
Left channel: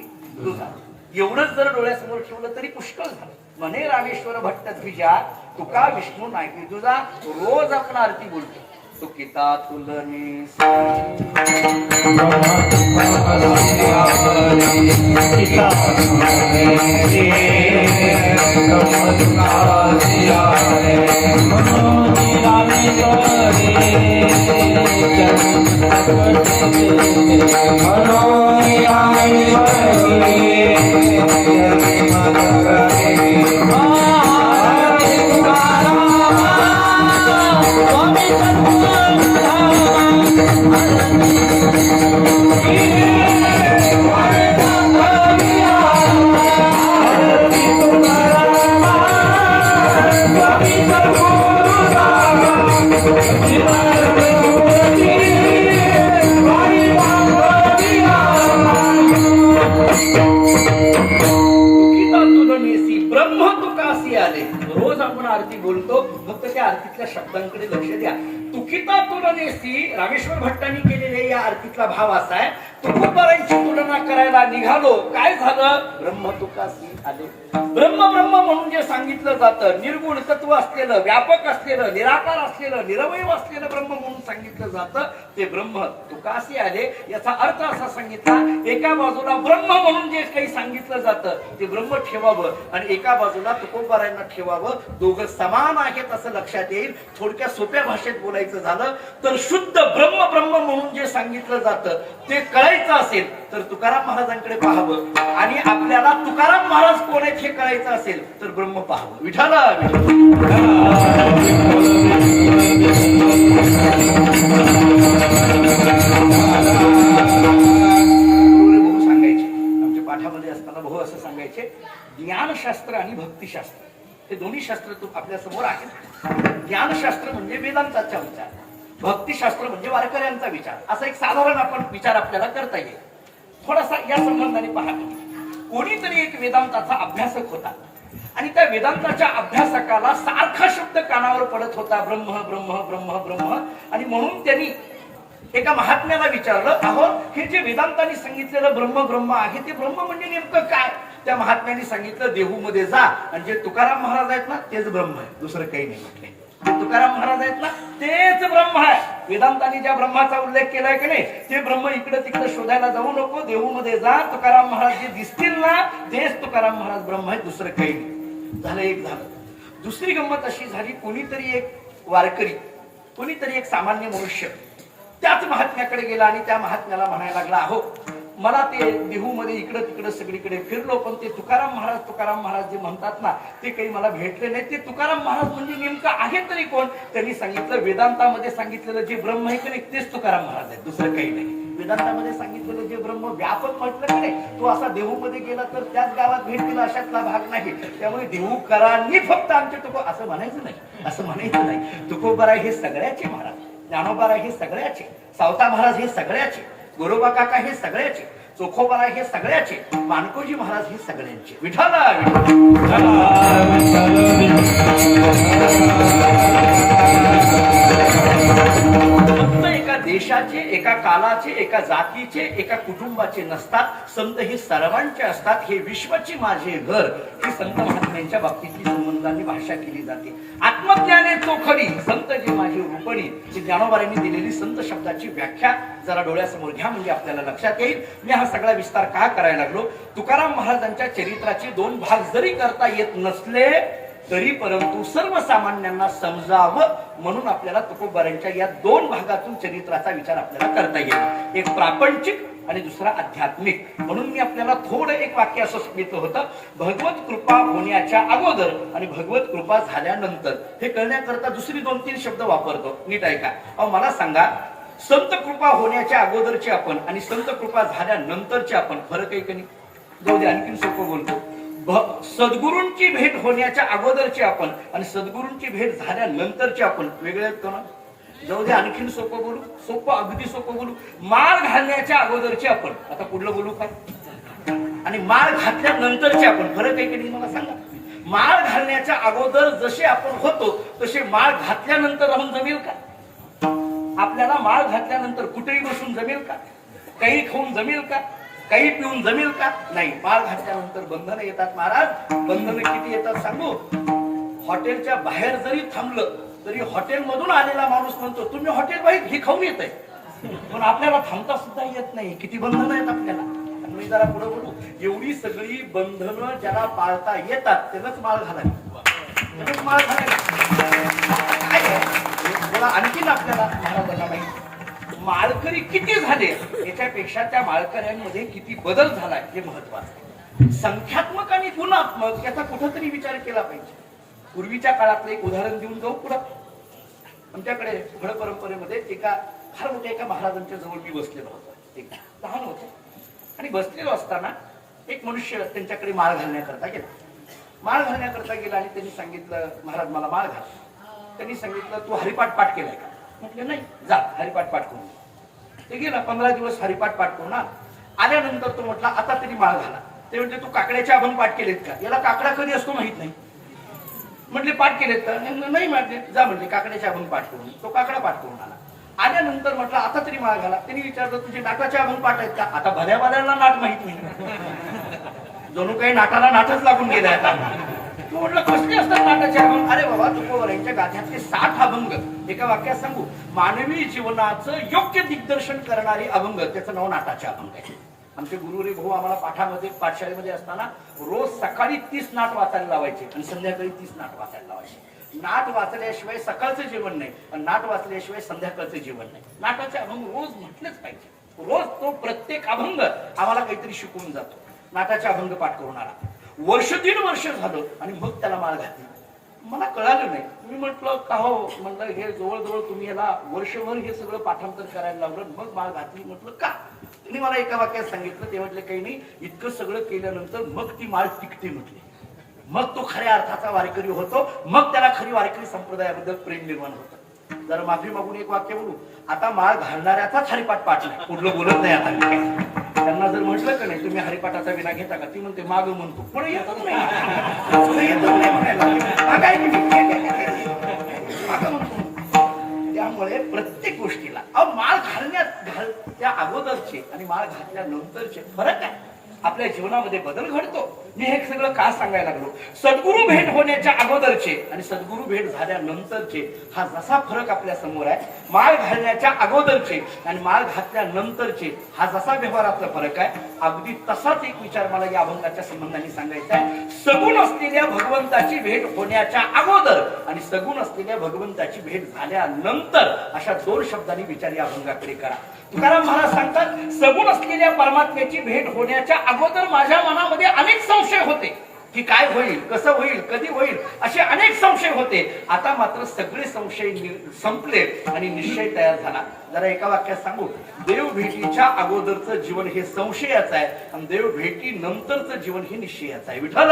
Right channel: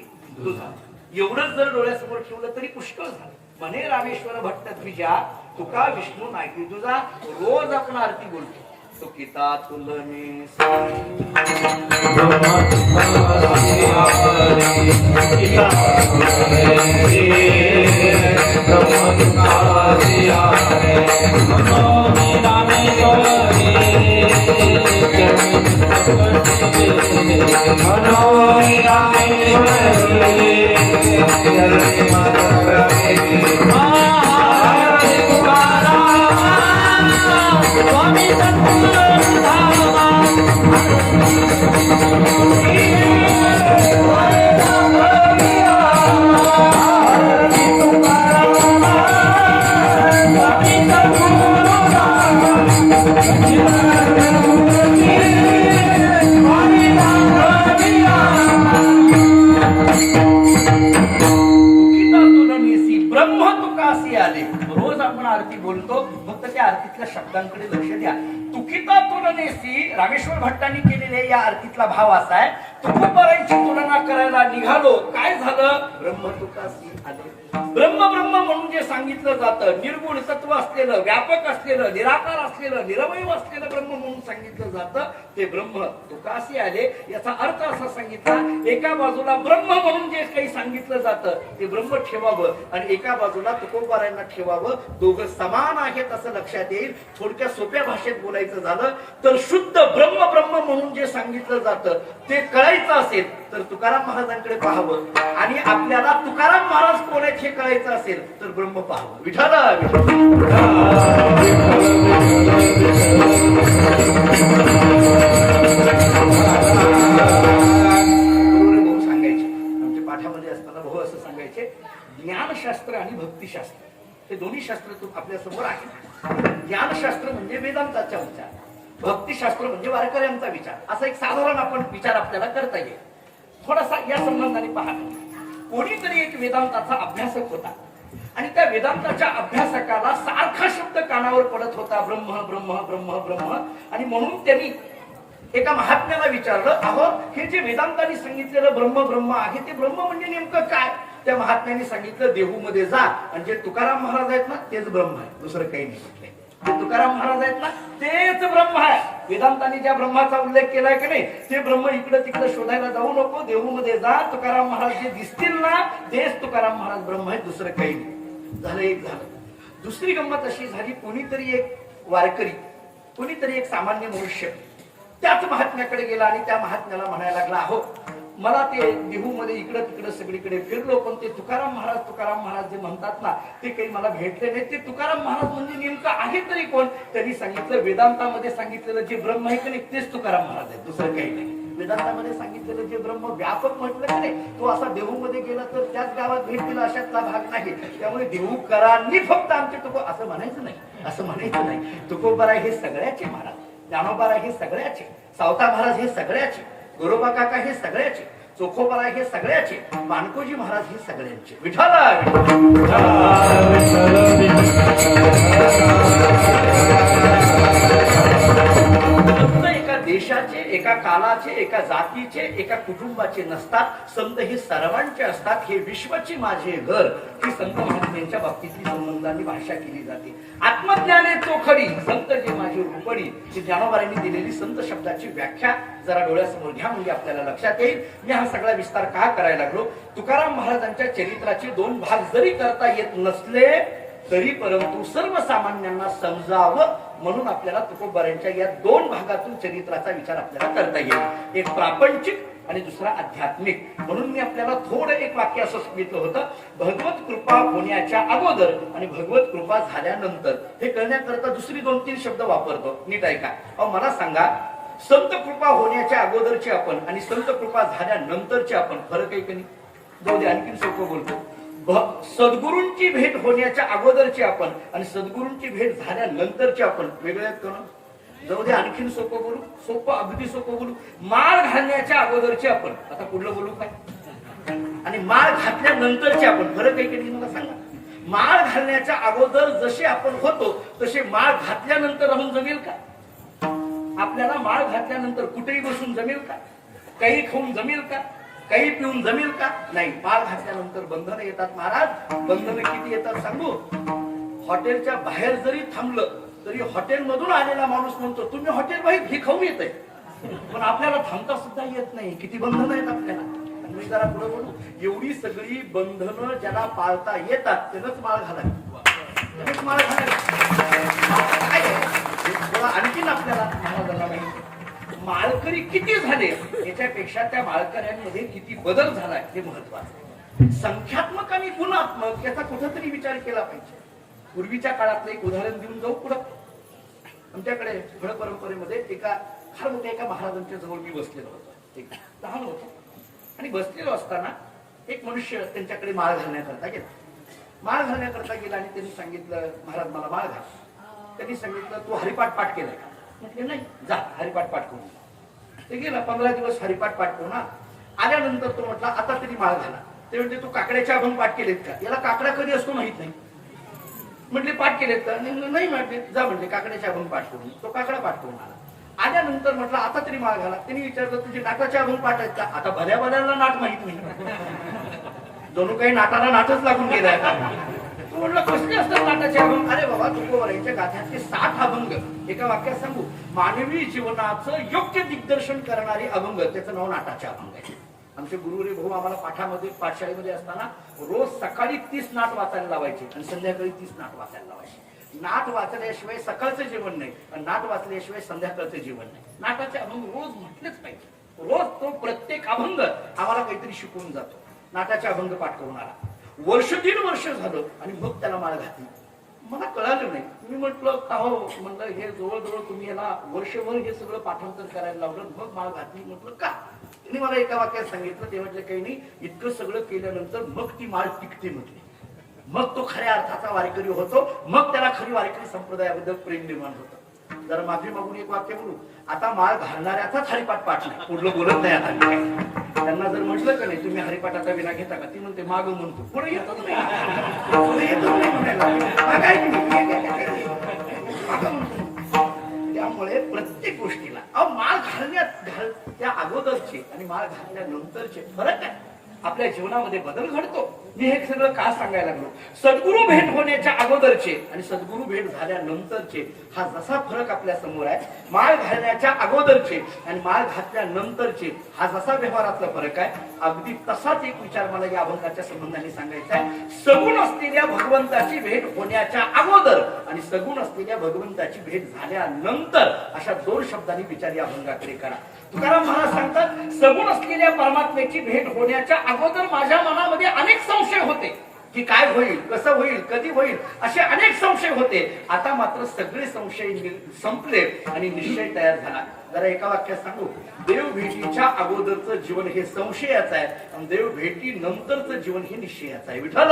तुझा. एवढंच जर डोळ्यासमोर ठेवलं तरी पुष्कळ झालं. म्हणे रामेश्वर भट्ट द्विजा, तुका विष्णू नाही तुझा. रोज आपण आरती बोलतो. तुकिता तुलनी शब्दांकडे लक्ष द्या. तुकिता तुलनेसी रामेश्वर भट्टांनी केलेले या आरतीतला भाव असा आहे, तुकोबारांची तुलना करायला निघालो, काय झालं? ब्रह्म तुकासी आले. ब्रह्म ब्रह्म म्हणून जे सांगितलं जातं, निर्गुण तत्व असलेलं, व्यापक असलेलं, निराकार असलेलं, निरवय असलेलं ब्रह्म म्हणून सांगितलं जातं, ते ब्रह्म तुकासी आले. याचा अर्थ असा सांगितला, एका बाजूला ब्रह्म म्हणून जे काही सांगितलं जातं ते ब्रह्म ठेवावं आणि एका बाजूला तुकोबारांना ठेवावं. दोघं समान आहेत असं लक्षात येईल. थोडक्या सोप्या भाषेत बोलायचं झालं तर शुद्ध ब्रह्म ब्रह्म म्हणून जे सांगितलं जातं ते कळायचं असेल तर तुकाराम महाराजांकडे पाहावं आणि आपल्याला तुकाराम महाराज कोण आहेत हे कळायचं असेल तर ब्रह्म पाहावं. विठ्ठल भाऊ सांगायचे, आमच्या पाठामध्ये असताना भाऊ असं सांगायचे, ज्ञानशास्त्र आणि भक्तिशास्त्र हे दोन्ही शास्त्र आपल्या समोर आहेत. ज्ञानशास्त्र म्हणजे वेदांताचा विचार, भक्तिशास्त्र म्हणजे वारकऱ्यांचा विचार, असा एक साधारण आपण विचार आपल्याला करता येईल. थोडासा या संबंधाने पाहतो. कोणीतरी एक वेदांताचा अभ्यासक होता आणि त्या वेदांताच्या अभ्यासकाला सारखा शब्द कानावर पडत होता, ब्रह्म ब्रह्म ब्रह्म ब्रह्म. आणि म्हणून त्यांनी एका महात्म्याला विचारलं, अहो हे जे वेदांतांनी सांगितलेलं ब्रह्म ब्रह्म आहे ते ब्रह्म म्हणजे नेमकं काय? त्या महात्म्याने सांगितलं, देहूमध्ये जा आणि जे तुकाराम महाराज आहेत ना तेच ब्रह्म आहे, दुसरं काही नाही म्हटलंय. जे तुकाराम महाराज आहेत ना तेच ब्रह्म आहे. वेदांतांनी ज्या ब्रह्माचा उल्लेख केलाय की नाही ते ब्रह्म इकडे तिकडे शोधायला जाऊ नको. देहूमध्ये जा, तुकाराम महाराज जे दिसतील ना तेच तुकाराम महाराज ब्रह्म आहे, दुसरं काही नाही. झालं एक झालं. दुसरी गंमत अशी झाली, कोणीतरी एक वारकरी, कोणीतरी एक सामान्य मनुष्य त्याच महात्म्याकडे गेला आणि त्या महात्म्याला म्हणायला लागला, अहो मला ते देहूमध्ये इकडं तिकडं सगळीकडे फिरलो, पण ते तुकाराम महाराज जे म्हणतात ना ते काही मला भेटले नाही. ते तुकाराम महाराज म्हणजे नेमकं आहे तरी कोण? त्यांनी सांगितलं वेदांतामध्ये सांगितलेलं जे ब्रह्म आहे की नाही तेच तुकाराम महाराज आहे, दुसरं काही नाही. वेदांतामध्ये सांगितलेलं जे ब्रह्म व्यापक म्हटलं की नाही तो असा देहूमध्ये गेला तर त्याच गावात भेटतील अशातला भाग नाही. त्यामुळे देहूकरांनी फक्त आमचे तुको असं म्हणायचं नाही, असं म्हणायचं नाही. तुकोबराय हे सगळ्याचे महाराज, ज्ञानोबराय हे सगळ्याचे, सावता महाराज हे सगळ्याचे, गोरोबा काका हे सगळ्याचे, चोखोबराय हे सगळ्याचे, मानकोजी महाराज हे सगळ्यांचे. विठाला एका देशाचे, एका कालाचे, एका जातीचे, एका कुटुंबाचे नसतात. संत हे सर्वांचे असतात. हे विश्वाची माझे घर ही संत महात्म्यांच्या बाबतीतली संबंधांनी भाषा केली जाते. आत्मज्ञाने चोखडी संत जे माझे रूपडी ही ज्ञानोबांनी दिलेली संत शब्दाची व्याख्या जरा डोळ्यासमोर घ्या म्हणजे आपल्याला लक्षात येईल. मी हा सगळा विस्तार का करायला लागलो? तुकाराम महाराजांच्या चरित्राचे दोन भाग जरी करता येत नसले तरी परंतु सर्वसामान्यांना समजावं म्हणून आपल्याला तुकोबारांच्या या दोन भागातून चरित्राचा विचार आपल्याला करता येईल. एक प्रापंचिक आणि दुसरा आध्यात्मिक. म्हणून मी आपल्याला थोडं एक वाक्य असं सांगितलं होतं, भगवत कृपा होण्याच्या अगोदर आणि भगवत कृपा झाल्यानंतर. हे कळण्याकरता दुसरी 2-3 शब्द वापरतो, नीट ऐका. अहो मला सांगा, संत कृपा होण्याच्या अगोदरचे आपण आणि संत कृपा झाल्यानंतरचे आपण फरक आहे की नाही? जाऊ दे आणखीन सोपं बोलतो. सद्गुरूंची भेट होण्याच्या अगोदरचे आपण आणि सद्गुरूंची भेट झाल्यानंतरचे आपण वेगळे असतो ना? जाऊ दे आणखीन सोपं बोलू, सोपं अगदी सोपं बोलू. माळ घालण्याच्या अगोदरचे आपण, आता पुढलं बोलू काय, आणि माळ घातल्यानंतरचे आपण फरक आहे की नाही मला सांगा. माळ घालण्याच्या अगोदर जसे आपण होतो तसे माळ घातल्यानंतर राहून जमेल का? आपल्याला माळ घातल्यानंतर कुठेही बसून जमेल का? काही खाऊन जमेल का? काही पिऊन जमेल का? नाही. माळ घातल्यानंतर बंधनं येतात महाराज. बंधनं किती येतात सांगू? हॉटेलच्या बाहेर जरी थांबलं तरी हॉटेलमधून आलेला माणूस म्हणतो तुम्ही हॉटेल बाहेर हे खाऊन येत आहे, पण आपल्याला थांबता सुद्धा येत नाही. किती बंधनं आहेत आपल्याला. मी जरा पुढे बोलू. एवढी सगळी बंधनं ज्याला पाळता येतात त्यानंच माळ घालावी, त्यानंच माळ घालावी. आणखीन आपल्याला महाराजांना माहिती माळकरी किती झाले याच्यापेक्षा त्या माळकऱ्यांमध्ये किती बदल झालाय हे महत्वाचं. संख्यात्मक आणि गुणात्मक याचा कुठंतरी विचार केला पाहिजे. पूर्वीच्या काळातलं एक उदाहरण देऊन जाऊ पुढं. आमच्याकडे फळ परंपरेमध्ये एका फार मोठ्या एका महाराजांच्या जवळ मी बसलेलो होतो. एक लहान होतो आणि बसलेलो असताना एक मनुष्य त्यांच्याकडे माळ घालण्याकरता गेला. माळ घालण्याकरता गेला आणि त्यांनी सांगितलं महाराज मला माळ घाल. त्यांनी सांगितलं तू हरिपाठ पाठ केलाय का? म्हटलं नाही. जा हरिपाठ पाठ करून. ते गेला 15 दिवस हरिपाठ पाठ करून आल्यानंतर तो म्हटला आता तरी माळ घाला. ते म्हणजे तू काकड्याचे अभंग पाठ केलेत का? याला काकडा कधी असतो माहित नाही. म्हटले पाठ केलेत का? नाही म्हटले. जा म्हणजे काकड्याचे अभंग पाठ करून. तो काकडा पाठ करून आला. आल्यानंतर म्हटलं आता तरी माळ घाला. त्यांनी विचारलं तुझे नाटाचे अभंग पाठ आहेत का? आता भल्या भल्याला नाट माहित नाही. जणू काही नाटाला नाटच लागून गेलाय आता. तो म्हटलं कसले असतात नाटाचे अभंग? अरे बाबा तुकोबारांच्या गाथ्यातले 60 अभंग एका वाक्यात सांगू. मानवी जीवनाचं योग्य दिग्दर्शन करणारे अभंग त्याचं नाव नाटाचे अभंग आहे. आमचे गुरुरे भाऊ आम्हाला पाठशाळेमध्ये असताना रोज सकाळी 30 नाट वाचायला लावायचे आणि संध्याकाळी 30 नाट वाचायला लावायचे. नाट वाचल्याशिवाय सकाळचं जेवण नाही आणि नाट वाचल्याशिवाय संध्याकाळचं जेवण नाही. नाटाचे अभंग रोज म्हटलेच पाहिजे. रोज तो प्रत्येक अभंग आम्हाला काहीतरी शिकवून जातो. नाटाचे अभंग पाठ करून आला. 1.5 वर्ष झालं आणि मग त्याला माळ घातली. मला कळालं नाही. मी म्हटलं का हो, म्हणलं हे जवळजवळ तुम्ही याला वर्षभर हे सगळं पाठांतर करायला लावलं मग माळ घातली. म्हटलं का? त्यांनी मला एका वाक्यात सांगितलं. ते म्हटलं काही नाही, इतकं सगळं केल्यानंतर मग ती माळ टिकते म्हटली. मग तो खऱ्या अर्थाचा वारकरी होतो. मग त्याला खरी वारकरी संप्रदायाबद्दल प्रेम निर्माण होतं. जरा माफी मागून एक वाक्य बोलू. आता माळ घालणाऱ्याचाच हरिपाठ पाठ नाही, पुढलं बोलत नाही. आता त्यांना जर म्हटलं का नाही तुम्ही हरिपाठाचा विना घेता का? ती म्हणते माग म्हणतो, पुढे येतच नाही, पुढे येतच नाही म्हणायला. त्यामुळे प्रत्येक गोष्टीला माळ घालण्यात त्या अगोदरचे आणि माळ घातल्यानंतरचे फरक आहे. आपल्या जीवनामध्ये बदल घडतो. मी हे सगळं का सांगायला लागलो? सद्गुरू भेट होण्याच्या अगोदरचे आणि सद्गुरू भेट झाल्यानंतरचे हा जसा फरक आपल्या समोर आहे, माळ घालण्याच्या अगोदरचे आणि माळ घातल्यानंतरचे हा जसा व्यवहारातला फरक आहे, अगदी तसाच एक विचार मला या अभंगाच्या संबंधाने सांगायचा आहे. सगुण असलेल्या भगवंताची भेट होण्याच्या अगोदर आणि सगुण असलेल्या भगवंताची भेट झाल्यानंतर अशा दोन शब्दांनी विचार या अभंगाकडे करा. तुकाराम महाराज सांगतात, सगुण असलेल्या परमात्म्याची भेट होण्याच्या अगोदर माझ्या मनामध्ये अनेक संशय होते की काय होईल, कसं होईल, कधी होईल, असे अनेक संशय होते. आता मात्र सगळे संशय संपले आणि निश्चय तयार झाला. जरा एका वाक्यात सांगू, देव भेटीच्या अगोदरचं जीवन हे संशयाचं आहे आणि देव भेटी नंतरचं जीवन हे निश्चयाचं आहे. विठ्ठल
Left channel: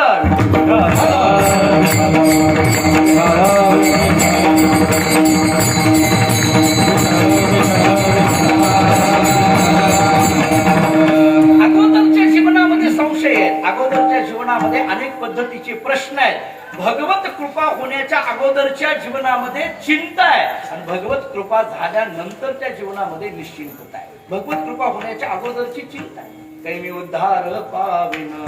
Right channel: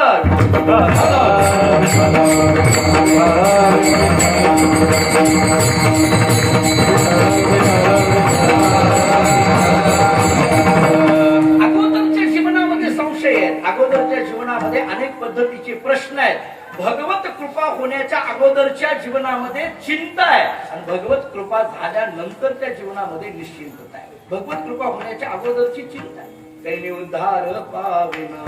अगोदरच्या जीवनामध्ये संशय आहेत, अगोदरच्या जीवनामध्ये अनेक पद्धतीचे प्रश्न आहेत. भगवत कृपा होण्याच्या अगोदरच्या जीवनामध्ये चिंता आहे आणि भगवत कृपा झाल्यानंतरच्या जीवनामध्ये निश्चिंतता आहे. भगवत कृपा होण्याच्या अगोदरची चिंता आहे. कैने उद्धार पावेन,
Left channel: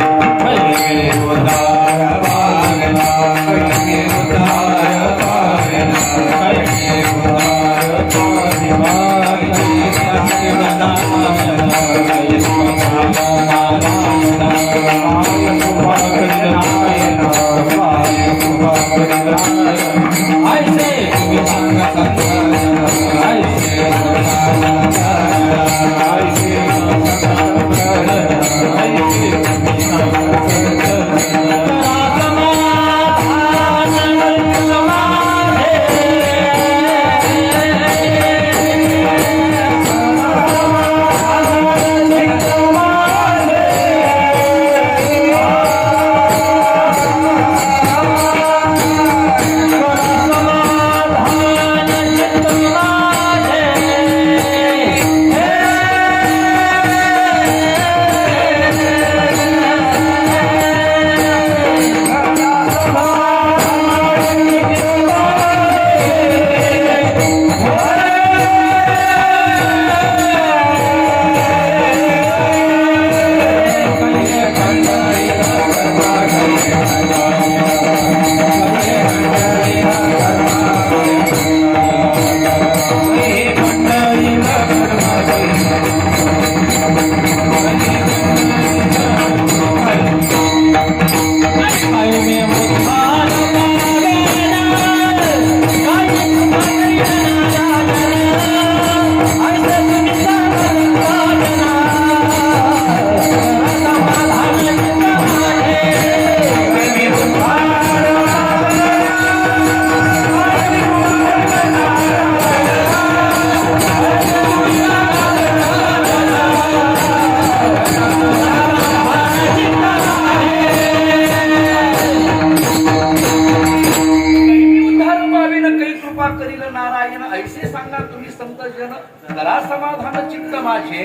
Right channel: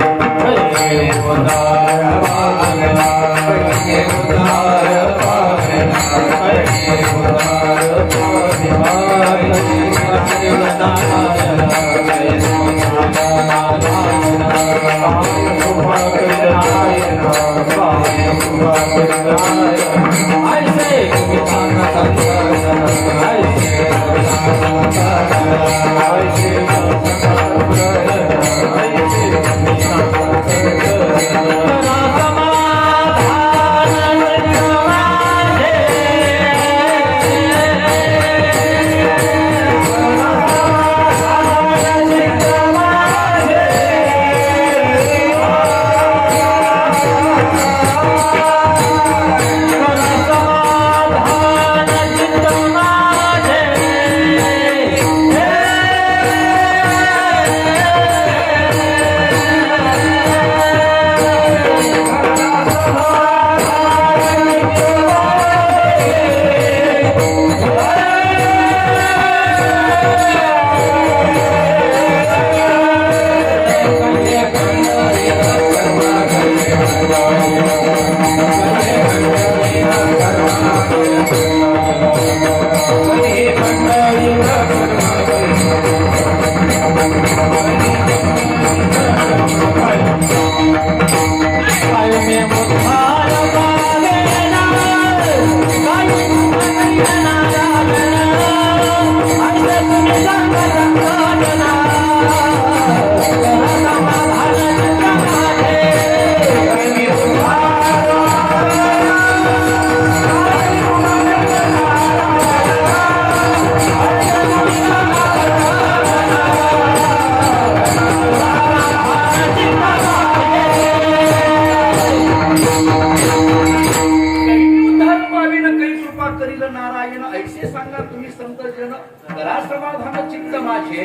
ऐसे सांगा तुम्ही संत जन, करा समाधान चित्त माझे.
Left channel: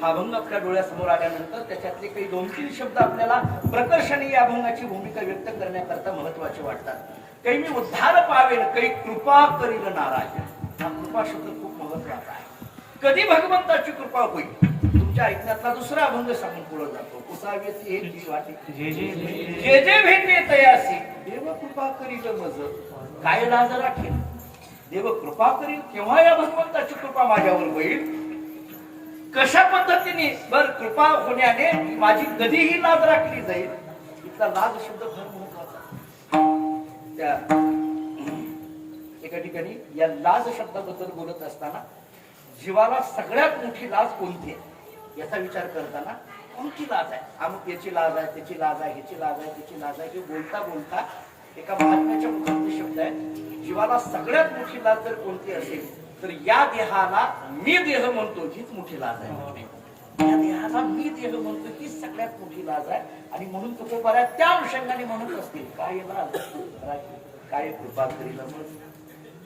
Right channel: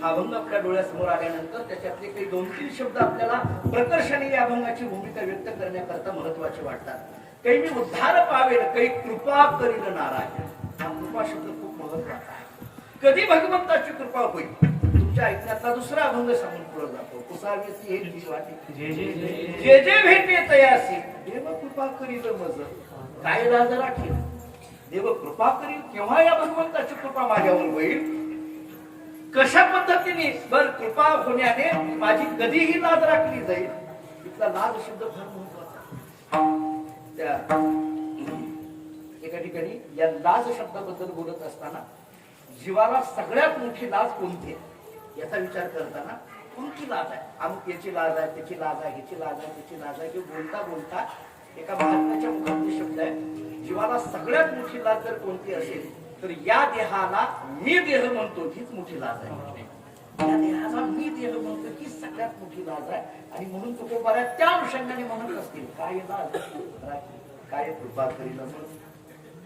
हा अभंग आपल्या डोळ्यासमोर आल्यानंतर त्याच्यातले काही 2-3 शब्द आपल्याला प्रकर्षाने या अभंगाची भूमिका व्यक्त करण्याकरता महत्वाचे वाटतात. काही मी उद्धार पावेल, काही कृपा करील नारायण. हा कृपा शब्द खूप महत्वाचा आहे. कधी भगवंताची कृपा होईल? तुमच्या ऐकण्यातला दुसरा अभंग सांगून पुढे जातो. कुसावेती एक वाटे जे जे भेटे तयासी, देव कृपा करील मज काय लाज राखेल. देव कृपा करील केव्हा या भगवंताची कृपा माझ्यावर होईल, कशा पद्धतीने बर कृपा होण्याने माझी कधीही लाज राखली जाईल. इथला लाज शब्द फार महत्वाचा. त्या एका ठिकाणी या लाज शब्दाबद्दल बोलत असताना जीवाला सगळ्यात मोठी लाज कोणती आहे याचा विचार करताना कोणती लाज आहे, अमुक याची लाज आहे, त्याची लाज आहे, ह्याची लाज आहे, त्याची लाज आहे, हे बोलता बोलता एका महात्म्याच्या मुखातले शब्द आहे. जीवाला सगळ्यात मोठी लाज जर कोणती असेल तर या देहाला मी देह म्हणतो हीच मोठी लाज आहे. या देहाला मी देह म्हणतो हीच सगळ्यात मोठी लाज आहे. आणि म्हणून तुकोबाऱ्या त्या अनुषंगाने म्हणत असतील, काय लाज राखी, काय कृपा करील मग.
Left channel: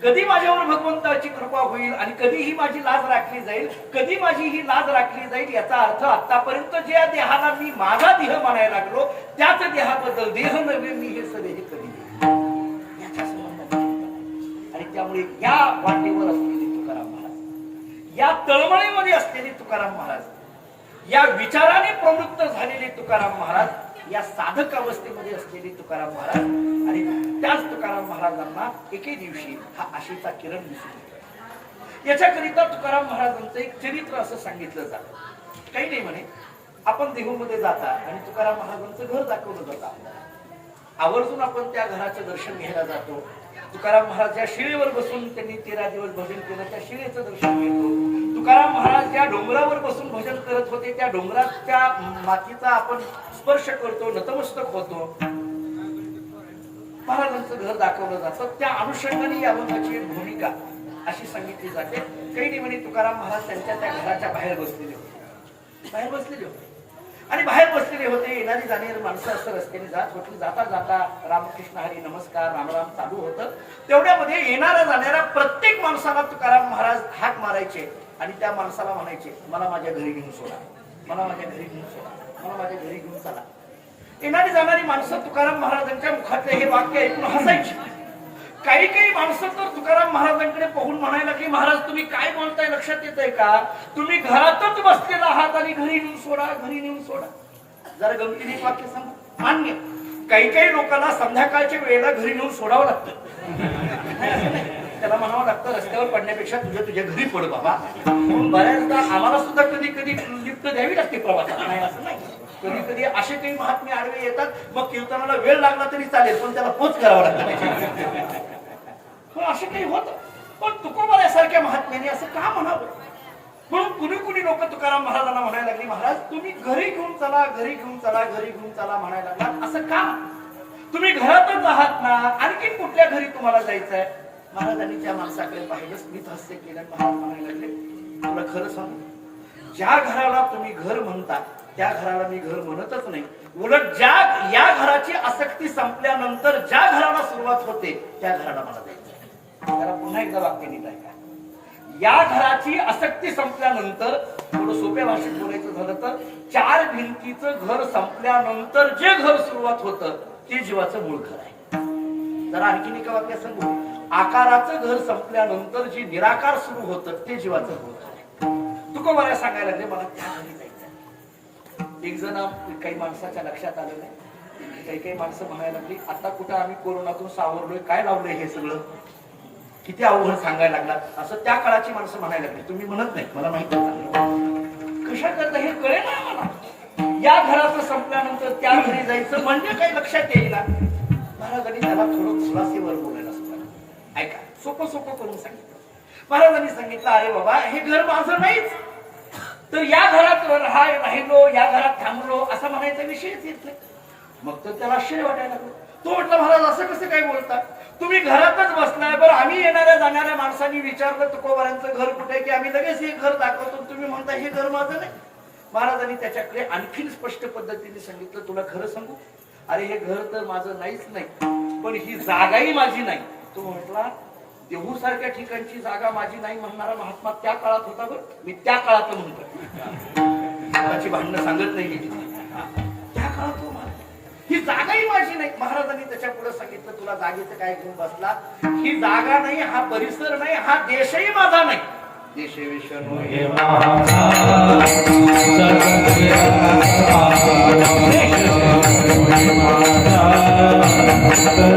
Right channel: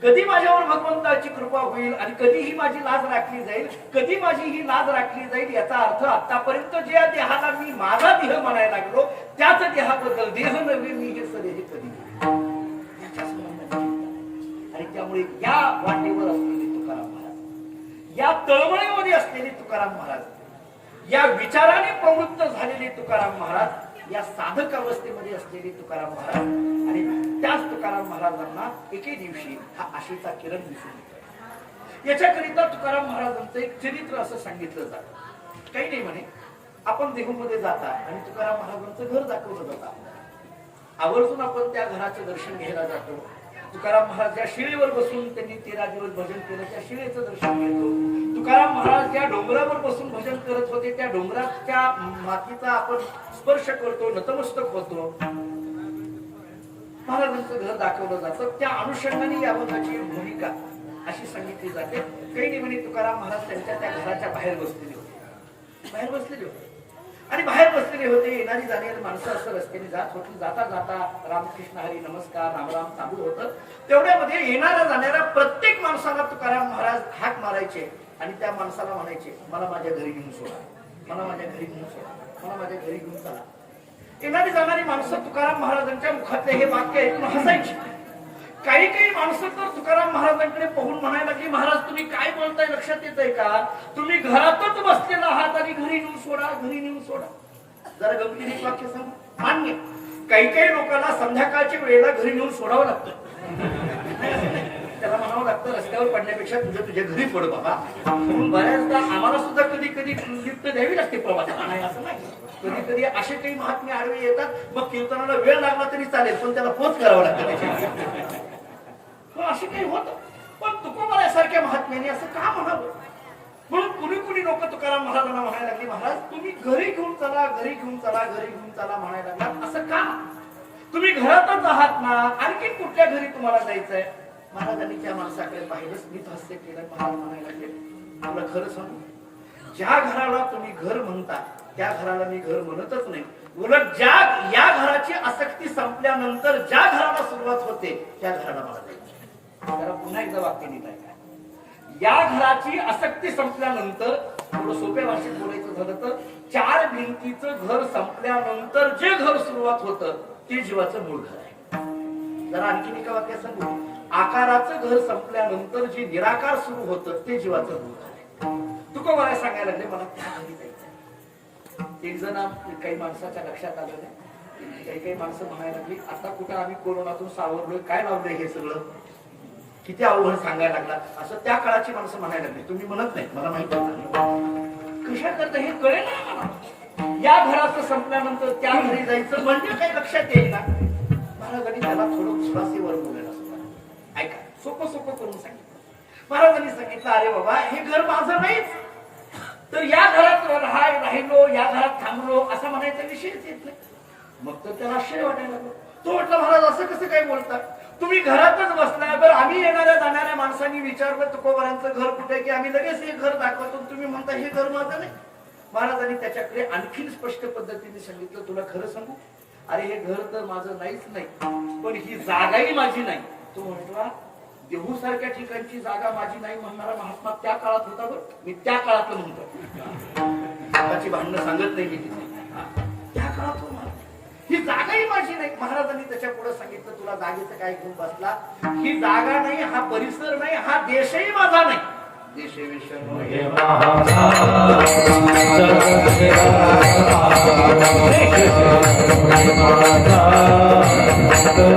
कधी माझ्यावर भगवंताची कृपा होईल आणि कधी ही माझी लाज राखली जाईल, कधी माझी ही लाज राखली जाईल. याचा अर्थ आतापर्यंत ज्या देहाला मी माझा देह म्हणायला लागलो त्याच देहाबद्दल देह नव्हे मी हे सदेह कधी याच्या संबंधाने. आणि त्यामुळे या वाटेवर असलेले तुकाराम महाराज, या तळमळीमध्ये असलेले तुकाराम महाराज या विचाराने प्रवृत्त झालेले तुकाराम महाराज, या साधक अवस्थेमध्ये असलेले तुकाराम महाराज, आणि त्याच तुकाराम महाराजांना एके दिवशी हा आशेचा किरण दिसून येतोय. याच्याकरिता तुकाराम महाराजांचं एक चरित्र असं सांगितलं जातं. काही नाही म्हणे, आपण देहूमध्ये जाता आणि तुकाराम महाराजांचं घर दाखवलं जातं आपल्याला. आवर्जून आपण त्या घराचं दर्शन घ्यायला जातो. तुकाराम महाराज ज्या शिळेवर बसून त्यांनी 13 दिवस भजन केलं, त्या शिळेचं दर्शन घेतो. तुकाराम महाराज ज्या डोंगरावर बसून भजन करत होते, त्या डोंगराच्या मातीचा आपण स्पर्श करतो, नतमस्तक होतो. महाराजांचं घर दाखवलं जातं. त्या अनुषंगाने या अभंगाची भूमिका अशी सांगितली जाते. काही नाही म्हणे, तुकाराम महाराज त्यांच्या त्या घराच्या बाहेर बसलेले होते आणि बाहेर बसलेले होते. येणारी जाणारी माणसं असं रस्त्याने जात होती. जाता जाता रामकृष्ण हरी नमस्कार रामराम चालू होतं. तेवढ्यामध्ये येणाऱ्या जाणाऱ्या प्रत्येक माणसाला तुकाराम महाराज हाक मारायचे आणि त्या माणसाला म्हणायचे, मला माझ्या घरी घेऊन सोडा, मला माझ्या घरी घेऊन सोडा, मला माझ्या घरी घेऊन चला. येणारी जाणारी माणसं तुकाराम महाराजांच्या मुखातले हे वाक्य ऐकून हसायची. काही काही माणसं तर तुकाराम महाराजांकडे पाहून म्हणायला की, महाराज तुम्ही काय बोलताय, लक्षात येत आहे का? तुम्ही घरातच बसलेला आहात आणि घरी नेऊन सोडा, घरी नेऊन सोडा. जरा गमतीने एक वाक्य सांगू. मान्य, काही काही लोकांना संध्याकाळच्या वेळेला घरी नेऊन सोडावं लागतं. त्याला म्हणावं लागतं, रस्त्यावर पडण्यापेक्षा तुझ्या घरी पड बाबा. म्हणून बऱ्याचदा आम्हाला सुद्धा कधी कधी लिफ्ट द्यावी लागते प्रवासाला. नाही असं नाही, कधी कधी असे काही महात्मे आडवे येतात. मग कीर्तनाला वेळ लागला तरी चालेल, पण त्याला पोच करावा लागतं. असं काही होतं. पण तुकोबारासारख्या महात्म्याने असं का म्हणावं? म्हणून कुणी कुणी लोक तुकाराम महाराजांना म्हणायला लागली, महाराज तुम्ही घरी घेऊन चला, घरी घेऊन चला, घरी घेऊन चला म्हणायला लागला. असं का? तुम्ही घरातच आहात ना, आणखी कुठल्या घरी तुम्हाला जायचंय? महाराजांनी त्या माणसाकडे पाहिलं, स्मित हास्य केलं. महाराज म्हणायला लागले, तुला खरं सांगू, ज्या घराला तुम्ही घर म्हणता त्या घराला मी घर म्हणतच नाही. उलट या घराची आसक्ती संपल्यानंतर ज्या घराला सुरुवात होते त्या घराला मला जायचं. जरा पुन्हा एकदा वाक्य नीट ऐका. या घराची आसक्ती संपल्यानंतर, थोडं सोप्या भाषेत बोलायचं झालं तर, 4 भिंतीचं घर संपल्यानंतर जे घर सुरुवात होतं ते जीवाचं मूळ घर आहे. जरा आणखीन एका वाक्यात सांगू, आकाराचं घर संपल्यानंतर जे निराकार सुरू होतं ते जीवाचं मूळ घर आहे. तुकोबारा सांगायला लागले, मला त्या घरी जायचं. एक जण काही माणसाच्या लक्षात आलं नाही. काही माणसं म्हणायला लागली, आता कुठं आम्ही कोरोनातून सावरलोय, काय लावलंय हे सगळं, किती अवघड सांगायला लागला. असं त्या काळाची माणसं म्हणायला लागली. तुम्ही म्हणत नाही, मला माहिती आहे कशा करता हे कळेल ना मला. या घराचं संपल्यानंतर त्या घरी जायचं म्हणजे काही लक्षात येईल ना. महाराजांनी त्याला थोडं खुलासेवर बोलायला सुरुवात. ऐका, सोपं सोपं करून सांगितलं. महाराजांनी सांगितलं, अरे बाबा हे घर माझं नाहीच, तर या घरात राहिलो, या घरात थांबलो असा म्हणायचा विषयच येत नाही. मग तर त्याला आश्चर्य वाटायला लागलं. तो म्हटलं, महाराज असं कसं काय बोलता? तुम्ही घरातच बसलाय. बरं, आम्ही येणाऱ्या जाणाऱ्या माणसांनी विचारलं तुकोबारांचं घर कुठे, की आम्ही लगेच हे घर दाखवतो, तुम्ही म्हणता हे घर माझं नाही. महाराजांनी त्याच्याकडे आणखीन स्पष्ट पद्धतीने सांगितलं, तुला खरं सांगू, अरे हे घर तर माझं नाहीच नाही, पण ही जागाही माझी नाही. तो म्हटला, देहू सारख्या ठिकाणची जागा माझी नाही म्हणणारा महात्मा त्या काळात होता. बरं, मी त्या काळात म्हणतोय, आताची भांडणं सांगत नाही की त्या काळात तो ही जागाही माझी नाही. महाराजांनी त्याच्या पुढे सांगितलं, तुला जागेचं काय घेऊन बसला? ही जागा नाही, हा परिसर नाही, हा देशही माझा नाही. देशविषय Hare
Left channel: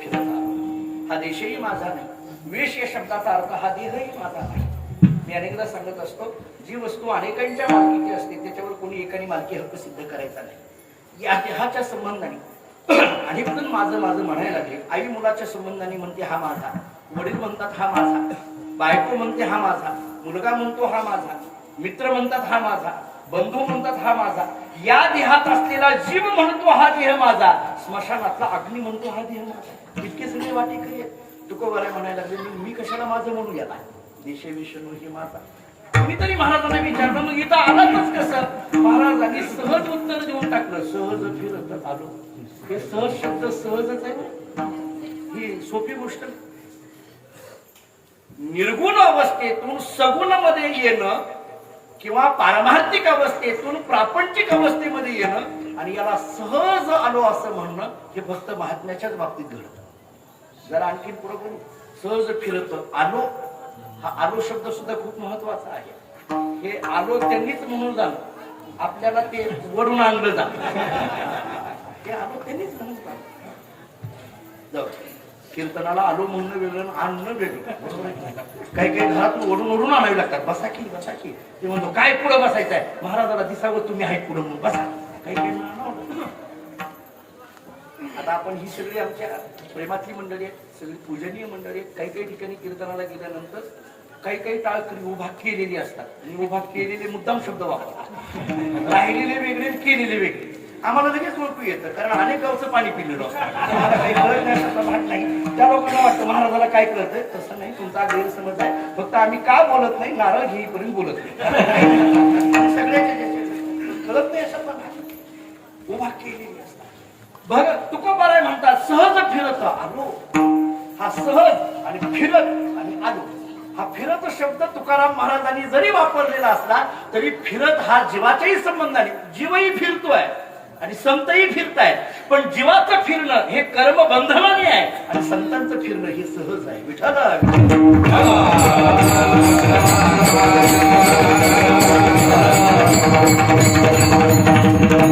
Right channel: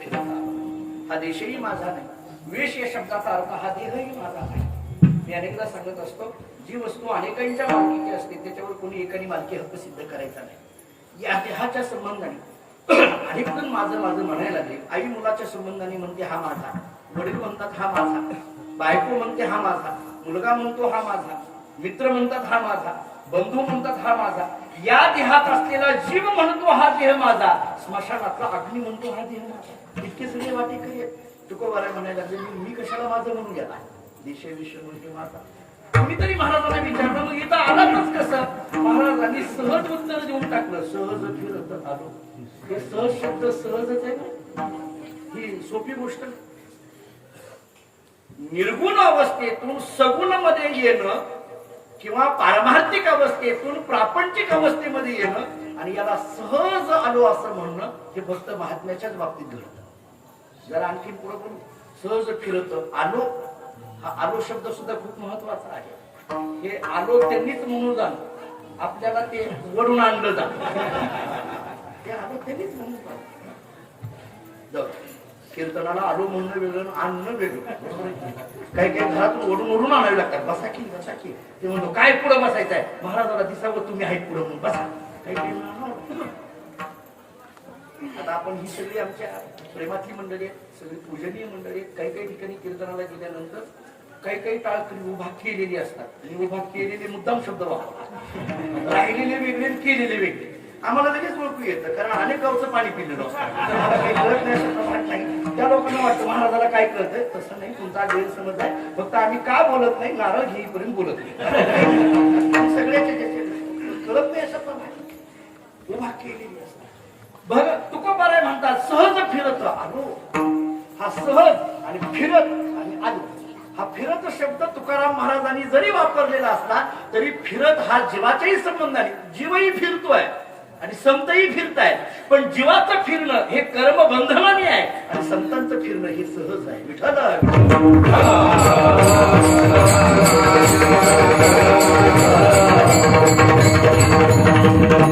फिरत आलो. हा देशही माझा नाही. वेश या शब्दाचा अर्थ हा देहही माझा नाही. मी अनेकदा सांगत असतो, जी वस्तू अनेकांच्या मालकीची असते त्याच्यावर कोणी एकाने मालकी हक्क सिद्ध करायचा नाही. या देहाच्या संबंधाने अनेक जण माझं माझं म्हणायला लागले. आई मुलाच्या संबंधाने म्हणते हा माझा, वडील म्हणतात हा माझा, बायको म्हणते हा माझा, मुलगा म्हणतो हा माझा, मित्र म्हणतात हा माझा, बंधू म्हणतात हा माझा. या देहात असलेला जीव म्हणतो हा देह माझा, स्मशानातला अग्नी म्हणतो हा देह माझा. इतके सगळे वाटेकरी आहेत. तुकोबाला म्हणायला लागले, मी कशाला माझं म्हणू गेला, देश विषय हे माझा. कुणीतरी महाराजांना विचारलं, मग इथं आलातच कसं? महाराजांनी सहज उत्तर देऊन टाकलं, सहज फिरत आलो. हे सहज शब्द सहजच आहे, ही सोपी गोष्ट. निर्गुण अवस्थेतून सगुणामध्ये येणं किंवा पारमार्थिक अवस्थेतून प्रापंचिक अवस्थेमध्ये येणं आणि याला सहज आलो असं म्हणणं हे फक्त महात्म्याच्याच बाबतीत घडतं. जरा आणखी पुढे कोण सहज फिरत आलो, हा आलो शब्द सुद्धा खूप महत्वाचा आहे. हे आलो त्यांनीच म्हणून जाणं, आपल्याला ते वरून आणलं जात. ते आलो त्यांनीच म्हणून जाणं. कीर्तनाला आलो म्हणणं वेगळं, आणणं वेगळं. काही काही घरातून ओढून ओढून आणावी लागतात. बसा की बसा की. ते म्हणतो काय पुढे बसायचं आहे, महाराजाला दिसावं तुम्ही आहेत पुढे म्हणून बसा. काही काही आता आपण ही सगळी आमच्या प्रेमातली मंडळी आहेत, सगळी पूजनीय मंडळी आहेत. काही काही ठिकाणी कीर्तनाला गेल्यानंतर काही काही टाळकरी उभा केलेली असतात आणि उभा केलेले मुद्दाम शब्द वापरतात. राहिलेले वेगळे, केलेले वेगळे. आम्हाला लगेच ओळखू येतं, कारण अनेक गावचं पाणी पिलेलं असतं. काही ओळखण्याचा भाग नाही. त्या लोकांना वाटतं महाराजाला काय कळतंय. तसं नाही, तुमचा गैरसमज आहे. फक्त आम्ही का बोलत नाही, नारळ घेईपर्यंत बोलत नाही. सगळ्याच्या कळत नाही असं पण उभा केलेली असतात. बघ तुकोबाराय म्हणतात सहज फिरत आलो. हा सहज आणि फिरत आणि आलो, हा फिरत शब्द तुकाराम महाराजांनी जरी वापरलेला असला तरी फिरत हा जीवाच्याही संबंधाने, जीवही फिरतोय आणि संतही फिरतायत. पण जीवाचं फिरणं हे कर्म बंधनाने आहे आणि संतांचं फिरणं हे सहज आहे. विठ्ठल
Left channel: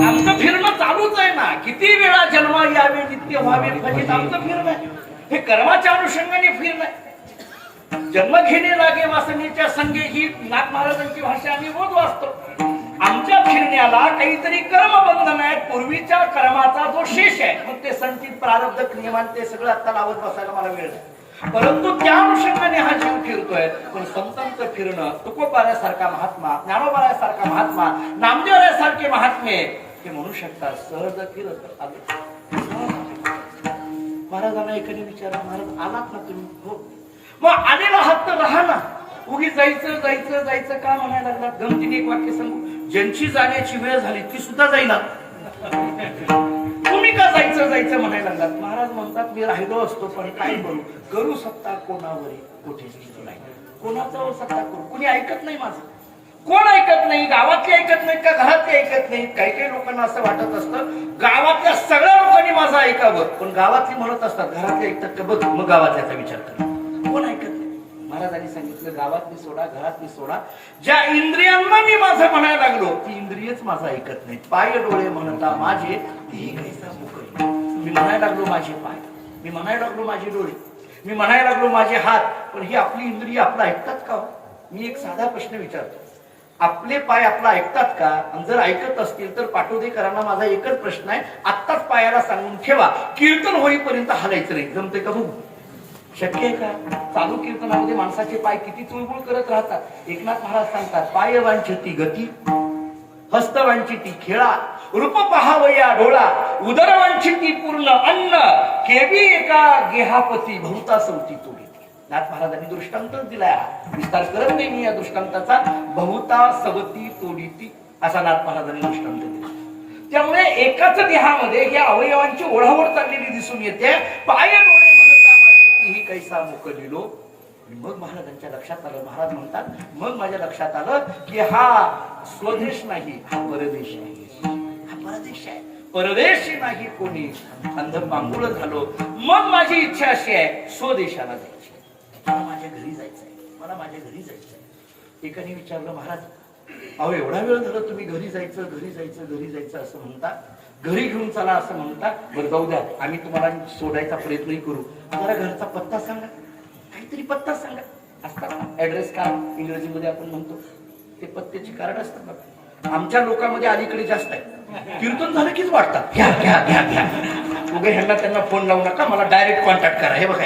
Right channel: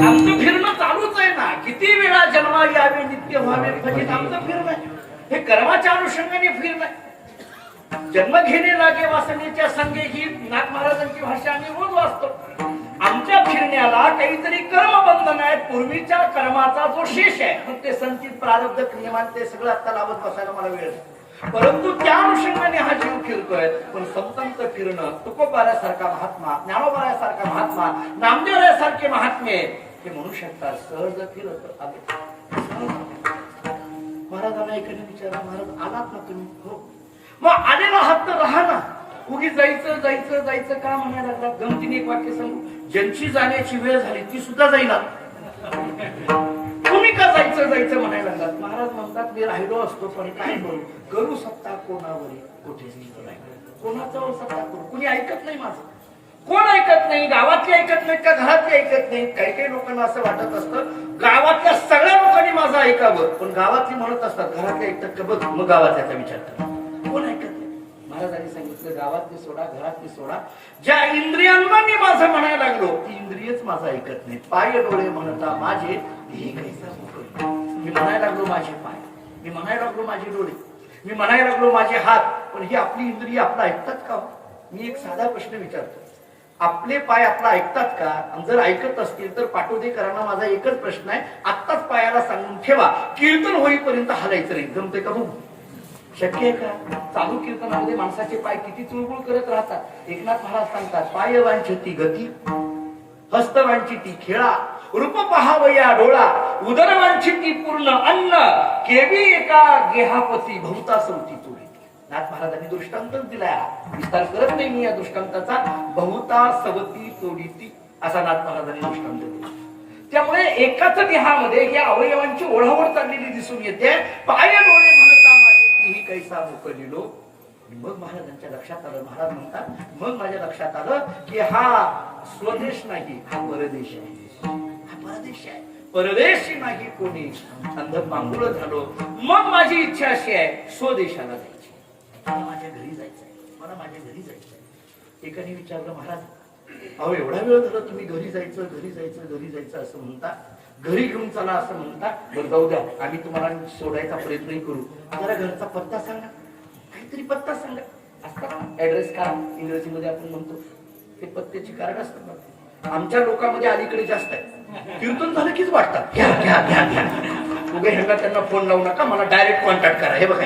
आमचं फिरणं चालूच आहे ना. किती वेळा जन्मा यावे नित्य व्हावे फजित आमचं फिरणं आहे. हे कर्माच्या अनुषंगाने फिरणं आहे. जन्म घेणे लागे वासनेच्या संगे ही नाथ महाराजांची भाषा आम्ही रोज वाचतो. आमच्या फिरण्याला काहीतरी कर्मबंधन आहे, पूर्वीच्या कर्माचा जो शेष आहे. मग ते संचित प्रारब्ध क्रियमान ते सगळं आता लावत बसायला मला वेळ नाही. परंतु त्या अनुषंगाने हा जीव फिरतोय. पण संतांचं फिरणं, तुकोबारासारखा महात्मा, ज्ञानोबारासारखा महात्मा, नामदेवरासारखे महात्मे हे म्हणू शकतात सहज फिरत आलो. महाराजांना एकाने विचारलं, महाराज आलात ना तुम्ही? हो. मग आलेला हात तर राहा ना. उगी जायचं जायचं जायचं का म्हणायला लागला? गमतीने एक वाक्य सांगू, ज्यांची जाण्याची वेळ झाली ती सुद्धा जाईना. तुम्ही का जायचं जायचं म्हणायला लागलात? महाराज म्हणतात मी राहिलो असतो पण काय करू सत्ता कोणावरी कुठेच नाही. कोणाचा सत्ता करू? कुणी ऐकत नाही माझं. कोण ऐकत नाही? गावातले ऐकत नाहीत का घरातले ऐकत नाहीत? काही काही लोकांना असं वाटत असतं गावातल्या सगळ्या लोकांनी माझं ऐकावं, पण गावातली म्हणत असतात घरातले ऐकतात का बघ, मग गावातल्याचा विचार कर. कोण ऐकत नाही? महाराजांनी सांगितलं गावातली सोडा, घरातली सोडा. ज्या इंद्रियांना मी माझं म्हणायला लागलो ती इंद्रियच माझं ऐकत नाही. पाय डोळे म्हणता माझे तीही कैसा मुकली. मी म्हणायला लागलो माझे पाय, मी म्हणायला लागलो माझे डोळे, मी म्हणायला लागलो माझे हात, पण ही आपली इंद्रिय आपलं ऐकतात का? मी एक साधा प्रश्न विचारतो, आपले पाय आपला ऐकतात का? आणि जर ऐकत असतील तर पाटोदेकरांना माझा एकच प्रश्न आहे, आत्ताच पायाला सांगून ठेवा कीर्तन होईपर्यंत हलायचं नाही. जमते का? बघू शक्य आहे का? चालू कीर्तनामध्ये माणसाचे पाय किती तुळबुळ करत राहतात. एकनाथ महाराज सांगतात पाय वांछती गती, हस्त वांछती खेळा, रूप पहावया डोळा, उदर वांछती पूर्ण अन्न, केवी एका गेहापती बहुता सवती तोडी. नाथ महाराजांनी दृष्टांतच दिलाय. विस्तार करत नाही मी या दृष्टांताचा. बहुता सवती तोडीती असा नाथ महाराजांनी दृष्टांत दिला. त्यामुळे एकाच देहामध्ये या अवयवांची ओढावड चाललेली दिसून येते. पाय डोळे म्हणता माझे तीही कैसा मोकलिलो. मग महाराजांच्या लक्षात आलं, महाराज म्हणतात मग माझ्या लक्षात आलं की हा स्वदेश नाही, हा परदेश आहे. हा परदेश आहे, परदेशी नाही कोणी. अंध पांगुळ झालो. मग माझी इच्छा अशी आहे स्वदेशाला जायची, मला माझ्या घरी जायचंय, मला माझ्या घरी जायचंय. एकाने विचारलं महाराज अहो एवढा वेळ झाला तुम्ही घरी जायचं घरी जायचं घरी जायचं असं म्हणता, घरी घेऊन चला असं म्हणता. बरं जाऊ द्या, आम्ही तुम्हाला सोडायचा प्रयत्नही करू. जरा घरचा पत्ता सांगा, काहीतरी पत्ता सांगा. असतात ऍड्रेस कार्ड इंग्रजीमध्ये आपण म्हणतो, ते पत्त्याची कार्ड असतात ना. आमच्या लोकांमध्ये अलीकडे जास्त आहे. कीर्तन झालं कीच वाटतात घ्या घ्या घ्या घ्या. उगे ह्यांना त्यांना फोन लावू नका, मला डायरेक्ट कॉन्टॅक्ट करा. हे बघा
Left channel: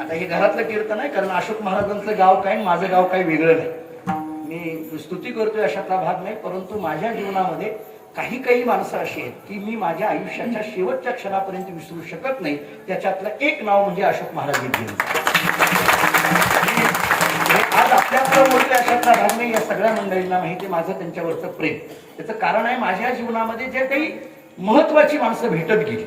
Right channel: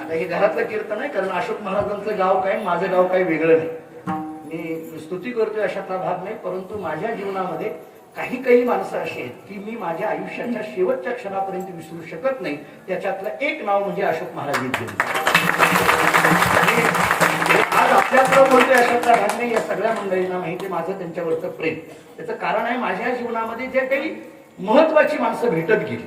आता हे घरातलं कीर्तन आहे, कारण अशोक महाराजांचं गाव काय, माझं गाव काही वेगळं नाही. मी स्तुती करतोय अशातला भाग नाही, परंतु माझ्या जीवनामध्ये काही काही माणसं अशी आहेत की मी माझ्या आयुष्याच्या शेवटच्या क्षणापर्यंत विसरू शकत नाही. त्याच्यातलं एक नाव म्हणजे अशोक महाराज यांचं. आज आपल्याकडे बोलतोय अशातला भाग नाही. या सगळ्या मंडळींना माहिती माझं त्यांच्यावरचं प्रेम. त्याचं कारण आहे माझ्या जीवनामध्ये जे काही महत्वाची माणसं भेटत गेली,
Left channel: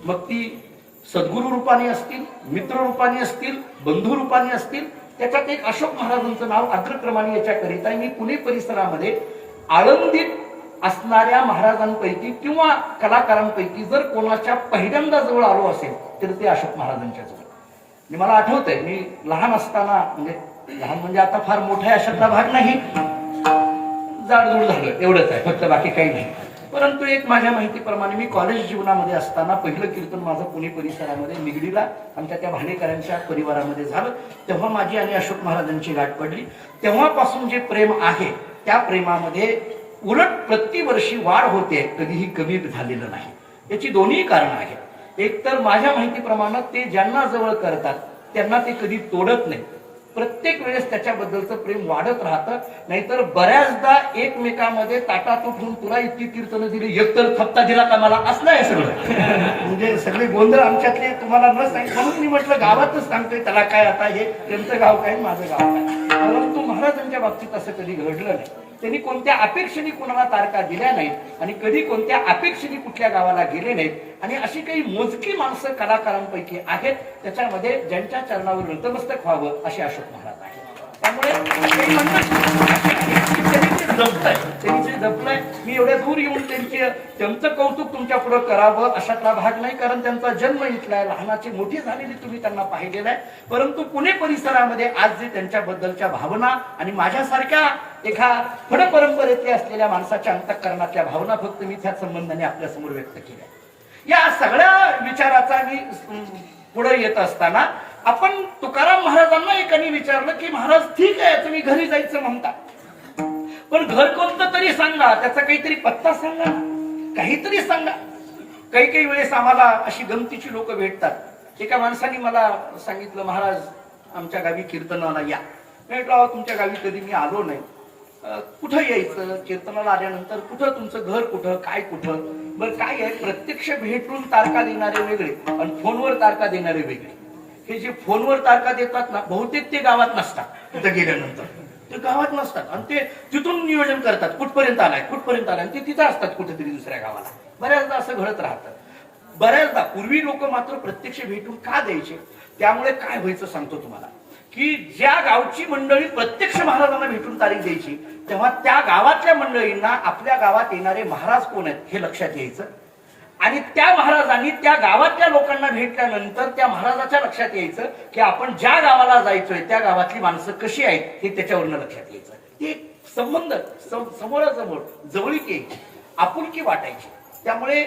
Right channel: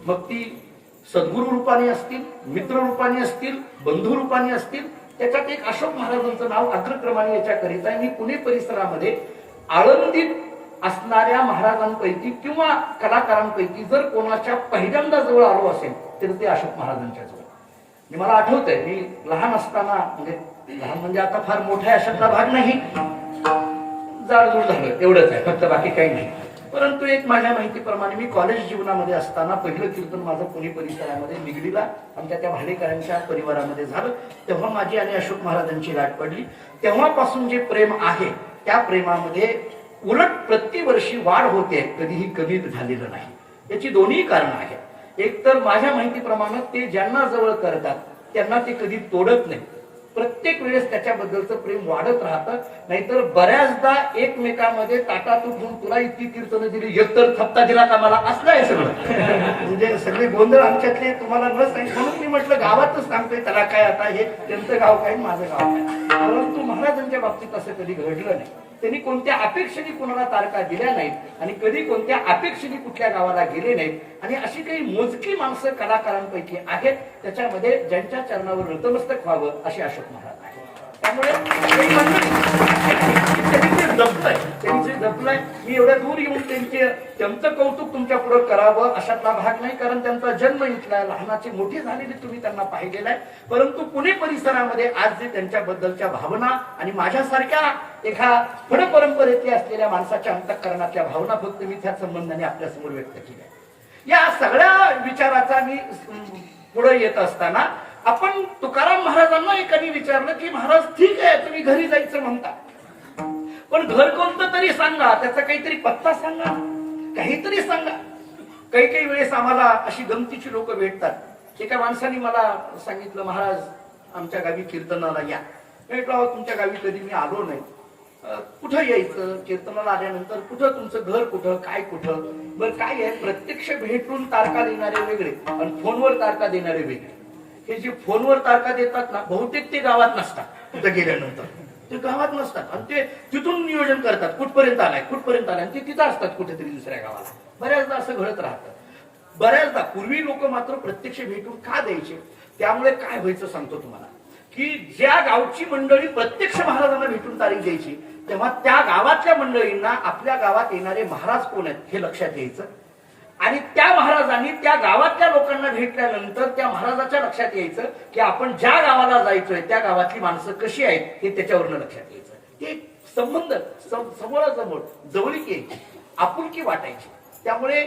मग ती सद्गुरु रूपाने असतील, मित्र रूपाने असतील, बंधू रूपाने असतील, त्याच्यात एक अशोक महाराजांचं नाव अग्रक्रमाने याच्याकरिता मी पुणे परिसरामध्ये आळंदीत असणाऱ्या महाराजांपैकी किंवा कलाकारांपैकी जर कोणाच्या पहिल्यांदा जवळ आलो असेल तर ते अशोक महाराजांच्या जवळ. मला आठवतंय, मी लहान असताना, म्हणजे लहान म्हणजे आता फार मोठ्या अशातला भाग नाही, जाडजूड झालं एवढंच आहे फक्त, बाकी काही नाही. परंतु एक माझ्या माहितीप्रमाणे मी कॉलेज जीवनामध्ये असताना पहिलं कीर्तन माझं पुणे परिसरामध्ये निगडीला आमच्या त्या भाडेकरांच्या परिवारामध्ये झालं. तेव्हा माझी आणि अशोक महाराजांची गाठ पडली. तेव्हापासून जे प्रेम आहे त्या प्रेमामध्ये उलट प्रतिवर्षी वाढ होते, कधीही कमी झालेलं नाही. याची दोन्ही कारण आहेत. एक तर माझ्या माहितीप्रमाणे ते ज्यांना जवळ करतात त्यांना ते कधी तोडत नाही. प्रत्येक वेळेस त्याच्याबद्दलचं प्रेम वाढत राहतं. नाहीतर बऱ्याचदा एकमेकांमध्ये ताटात उठून तुला इतकी कीर्तनं दिली, एकतर थप्ता दिला का मला, असलं आहे सगळं. म्हणजे सगळे गोंधळ आमच्यातले तुम्हाला न सांग, म्हणून मी म्हटलं गावातच सांगतोय त्याला काय, आता हे त्यांचं गाव काय माझं गाव काय. परंतु महाराजांच्या बाबतीत असं कधी घडलं नाही. त्यांनी कोणत्या अपेक्षेने कोणाला तारखा दिल्या नाहीत आणि कधी कोणत्या अपेक्षेने कुठल्या गावाला गेले नाहीत. आणि अशी काही मोजकी माणसं कलाकारांपैकी आहेत त्याच्यामध्ये ज्यांच्या चरणावर नतमस्तक व्हावं असे अशोक महाराज आहेत. त्यामुळे त्यांनी जे जपलंय, मी एवढ्या दूर येऊन त्यांचं कौतुक तुमच्या पुढे करावं अशातला भाग नाही, कारण त्यांचा जन्म इथला, लहानाची मोठी झालेली तुम्ही त्यांना पाहिलेला आहे. परंतु पुणे परिसरामध्ये आज जे त्यांच्याबद्दलच्या भावना आणि माझ्यासारख्या एका फड परंपरेतल्या असलेल्या माणसाच्या अंतःकरणातल्या भावना फक्त मी त्या संबंधाने आपल्यासमोर व्यक्त केल्या. या सगळ्या विचाराचा मी पुढे येत असताना आपण तुकाराम महाराजांना एकाने विचारलं की महाराज ठीक आहे तुम्ही घरी जायचं म्हणता, पण घर कोणतं तरी सांगा, त्याचा काहीतरी पत्ता सांगा, काहीतरी सांगा. काही काही वेळेस आम्हाला अशी गमतीची लोक भेटतात. एका माणसाने मला सांगितलं महाराज आमच्या गावी कीर्तनाला या. म्हटलं तुमच्या गावी कधी मी आलो नाही, कुठं यायचं, कीर्तनाला आल्यानंतर कुठं, तुमचं घर कुठं, काय कुठं. बरं काय आहे, प्रत्यक्ष भेटून तारखा देणारे वेगळे आणि फोनवर तारखा देणारे वेगळे. हे जे फोनवर तारखा देतात ना, बहुतेक ते गावात नसतात. तिथं गेल्यानंतर ते गावात नसतात आणि ते तिथून नियोजन करतात, कुठपर्यंत आलाय कुठपर्यंत आलाय, ते तिथं असतात कुठेतरी दुसऱ्या गावाला. बऱ्याचदा असं घडत राहतं. बऱ्याचदा पूर्वी लोक मात्र प्रत्यक्ष भेटून का द्यायचे, त्यामुळे काय व्हायचं सांगतो तुम्हाला, की ज्या गावची मंडळी प्रत्यक्ष महाराजांना भेटून तारीख द्यायची तेव्हा त्या गावातल्या मंडळींना आपल्या गावात येणारे महाराज कोण आहेत हे लक्षात यायचं. आणि त्या महाराजांनी त्या गावातल्या लोकांना भेटल्यानंतर त्या महाराजाच्या लक्षात यायचं की आपण ज्या गावाला जायचोय त्या गावातली माणसं कशी आहेत हे त्याच्यावरनं लक्षात यायचं. ते संबंध समोरासमोर जवळीक यायची, आपुलकी वाटायची. त्यामुळे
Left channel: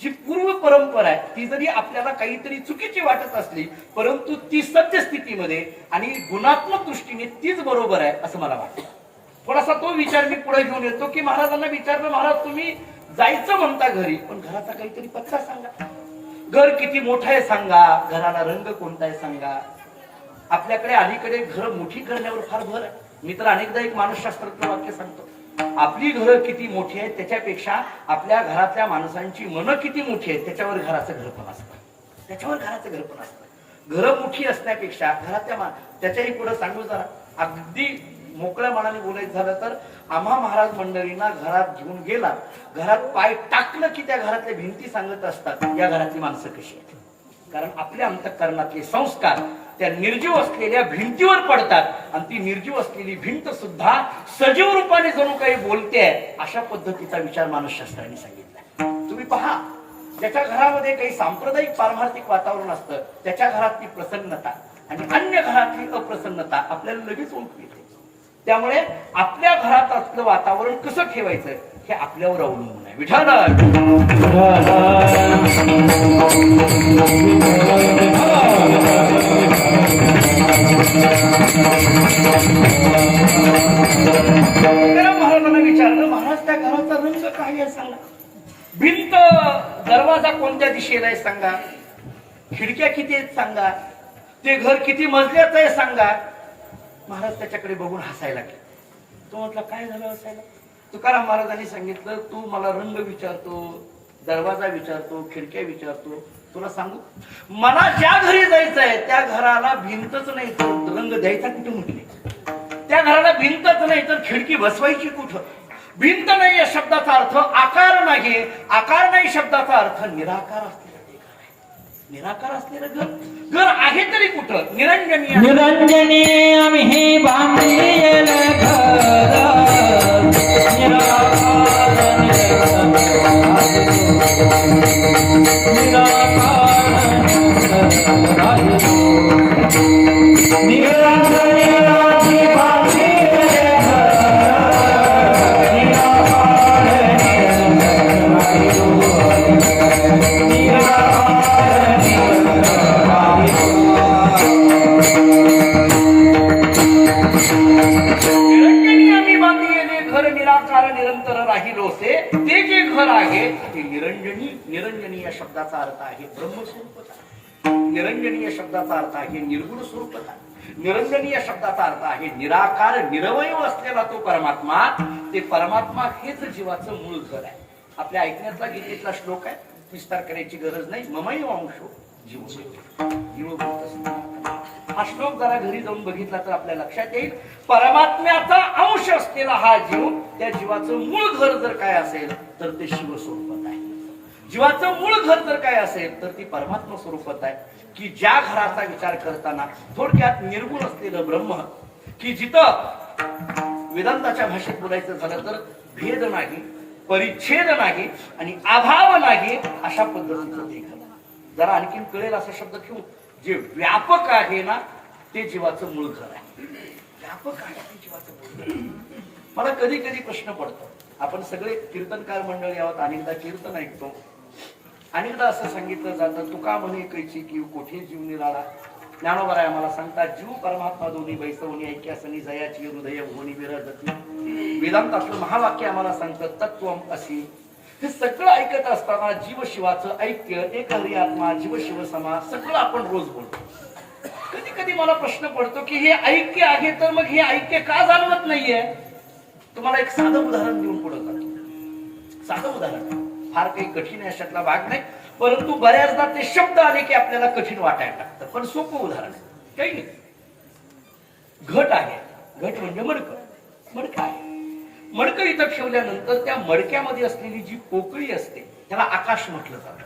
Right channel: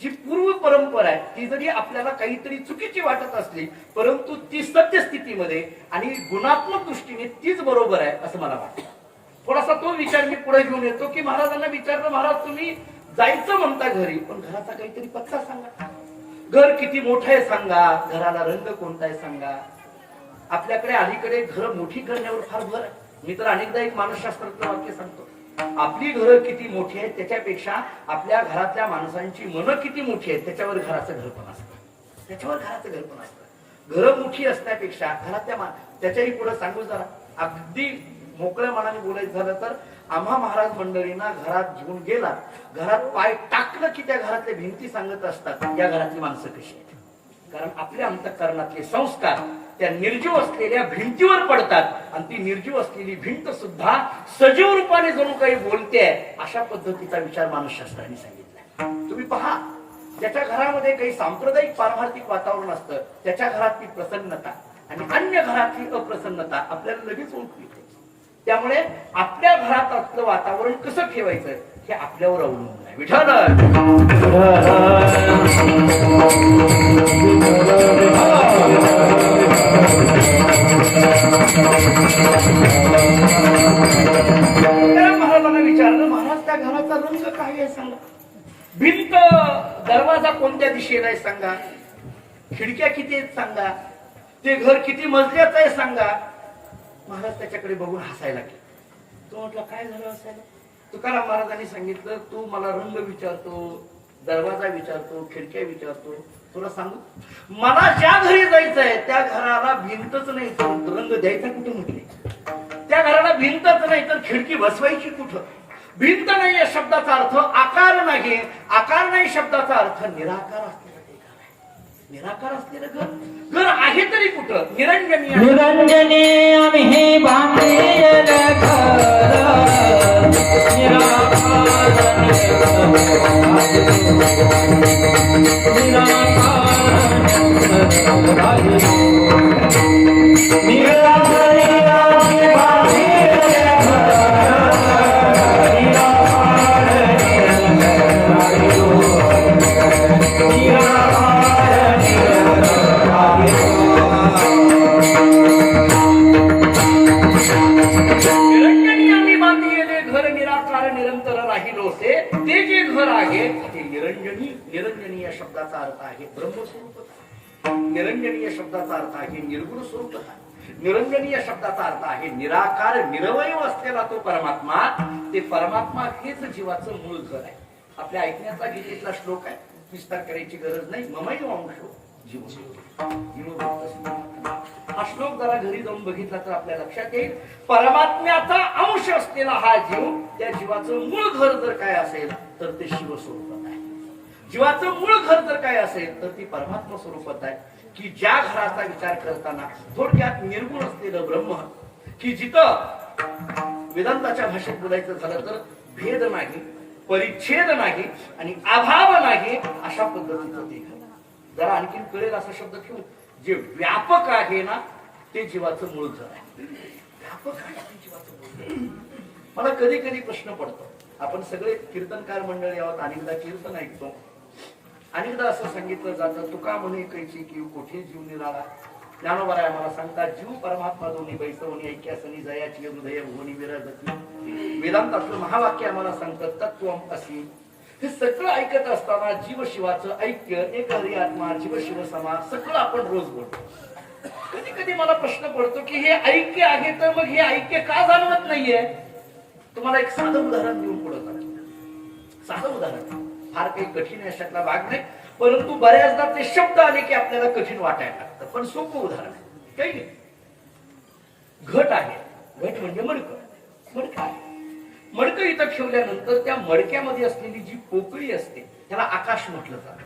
जी पूर्व परंपरा आहे ती जरी आपल्याला काहीतरी चुकीची वाटत असली, परंतु ती सत्यस्थितीमध्ये आणि गुणात्मक दृष्टीने तीच बरोबर आहे असं मला वाटतं. थोडासा तो विचार मी पुढे घेऊन येतो की महाराजांना विचारलं, महाराज तुम्ही जायचं म्हणता घरी, पण घराचा काहीतरी पत्ता सांगा. घर किती मोठं आहे सांगा, घराला रंग कोणता आहे सांगा. आपल्याकडे अलीकडे घर मोठी करण्यावर फार भर आहे. मी तर अनेकदा एक मानसशास्त्रातलं वाक्य सांगतो, आपली घरं किती मोठी आहेत त्याच्यापेक्षा आपल्या घरातल्या माणसांची मनं किती मोठी आहेत त्याच्यावर घराचं घरपण असतं. त्याच्यावर घराचं घरपण असतं. घरं मोठी असण्यापेक्षा घरातल्या त्याच्याही पुढे सांगू जरा, अगदी मोकळ्या मनाने बोलायचं झालं तर आम्हा महाराज मंडळींना घरात घेऊन गेला, घरात पाय टाकलं की त्या घरातल्या भिंती सांगत असतात या घरातली माणसं कशी आहेत. कारण आपल्या अंतःकरणातले संस्कार त्या निर्जीव असलेल्या भिंतीवर पडतात आणि ती निर्जीव असलेली भिंत सुद्धा सजीव रूपाने जणू काही बोलते. अशा पद्धतीचा विचार मानसशास्त्राने सांगितलाय. तुम्ही पहा, ज्याच्या घरामध्ये काही सांप्रदायिक पारमार्थिक वातावरण असतं त्याच्या घरातली प्रसन्नता आणि अन्य घरातली अप्रसन्नता आपल्याला लगेच ओळखू येते. त्यामुळे आपल्या घरात असलं वातावरण कसं ठेवायचं हे आपल्यावर अवलंबून आहे. विठ्ठल महाराजांना विचारलं, महाराज त्या घराचा रंग काय आहे सांगा, भिंत दरवाजा कोणत्या दिशेला आहे सांगा, खिडक्या किती आहेत सांगा, ते घर किती मजल्याचं आहे सांगा. महाराज त्याच्याकडे बघून हसायला लागले. तो म्हटलं काय झालं हसायला. तुकाराम महाराजांनी सांगितलं, तू मला रंग विचारतो, दरवाजा विचारतो, खिडक्या विचारतो, तुला सांगू मला ज्या घरी जायचंय त्या घराला भिंतच नाही तर रंग द्यायचा कुठे म्हटले, त्या घराला भिंतच नाही तर खिडकी बसवायची कुठं. भिंत नाही या शब्दाचा अर्थ आकार नाही, आकार नाही शब्दाचा अर्थ निराकार असलेलं ते घर आहे. निराकार असलेलं घर आहे तरी कुठं, निरंजनी निरंजनी आम्ही हे बांधलेलं घर निरंजनी या शब्दाचा अर्थ आहे ब्रह्मस्वरूपता. निरंजनी या शब्दाचा अर्थ आहे निर्गुण स्वरूपता. निरंजनी या शब्दाचा अर्थ आहे निराकार निरवय असलेला तो परमात्मा. ते परमात्मा हेच जीवाचं मूळ घर आहे. आपल्या ऐकण्यातला गीतेतला श्लोक आहे, विस्तार करायची गरज नाही. ममैव अंशो जीव. हा श्लोक जरा घरी जाऊन बघितला तर आपल्या लक्षात येईल, परमात्म्याचा अंश असलेला हा जीव, त्या जीवाचं मूळ घर जर काय असेल तर ते शिव स्वरूपात आहे. जीवाचं मूळ घर जर काय असेल तर ती परमात्मा स्वरूपात आहे. की ज्या घराचा विचार करताना थोडक्यात निर्गुण असलेलं ब्रह्म, की जिथं वेदांताच्या भाषेत बोलायचं झालं तर भेद नाही, परिच्छेद नाही आणि अभाव नाही, अशा पद्धतीचं ते घर. जरा आणखीन कळेल असा शब्द घेऊ, जे व्यापक आहे ना ते जीवाचं मूळ घर आहे. व्यापक आहे ते जीवाचं मूळ घर. मला कधी कधी प्रश्न पडतो, आपण सगळे कीर्तनकार मंडळी आहोत, अनेकदा कीर्तन ऐकतो, अनेकदा असं सांगितलं जातं, तुका म्हणे कैची की कोठे जीव निराळा. ज्ञानोबराय आम्हाला सांगतात, जीव परमात्मा दोन्ही बैसवणी ऐक्यासनी जयाची हृदय भुवनी विराजती. वेदांतातलं महावाक्य आम्हाला सांगतं, तत्वम असी. हे सगळं ऐकत असताना जीव शिवाचं ऐक्य, एक हरी आत्मा, जीव शिव समा, सगळं आपण रोज बोलतो. कधी कधी मला प्रश्न पडतो की हे ऐक्य आहे तर मग हे ऐक्य का जाणवत नाहीये. तुम्हाला एक साधं उदाहरण देऊन पुढे जातो. साधं उदाहरण, फार काही कठीण अशातला भाग नाही, परंतु बऱ्याचदा ते शब्द आले की आपल्याला कठीण वाटायला लागतं. पण सोपं उदाहरण आहे, काही नाही. घट आहे, घट म्हणजे मडकं. मडकं आहे, मडकं इथं ठेवल्यानंतर त्या मडक्यामध्ये असलेली जी पोकळी असते त्याला आकाश म्हटलं जातं.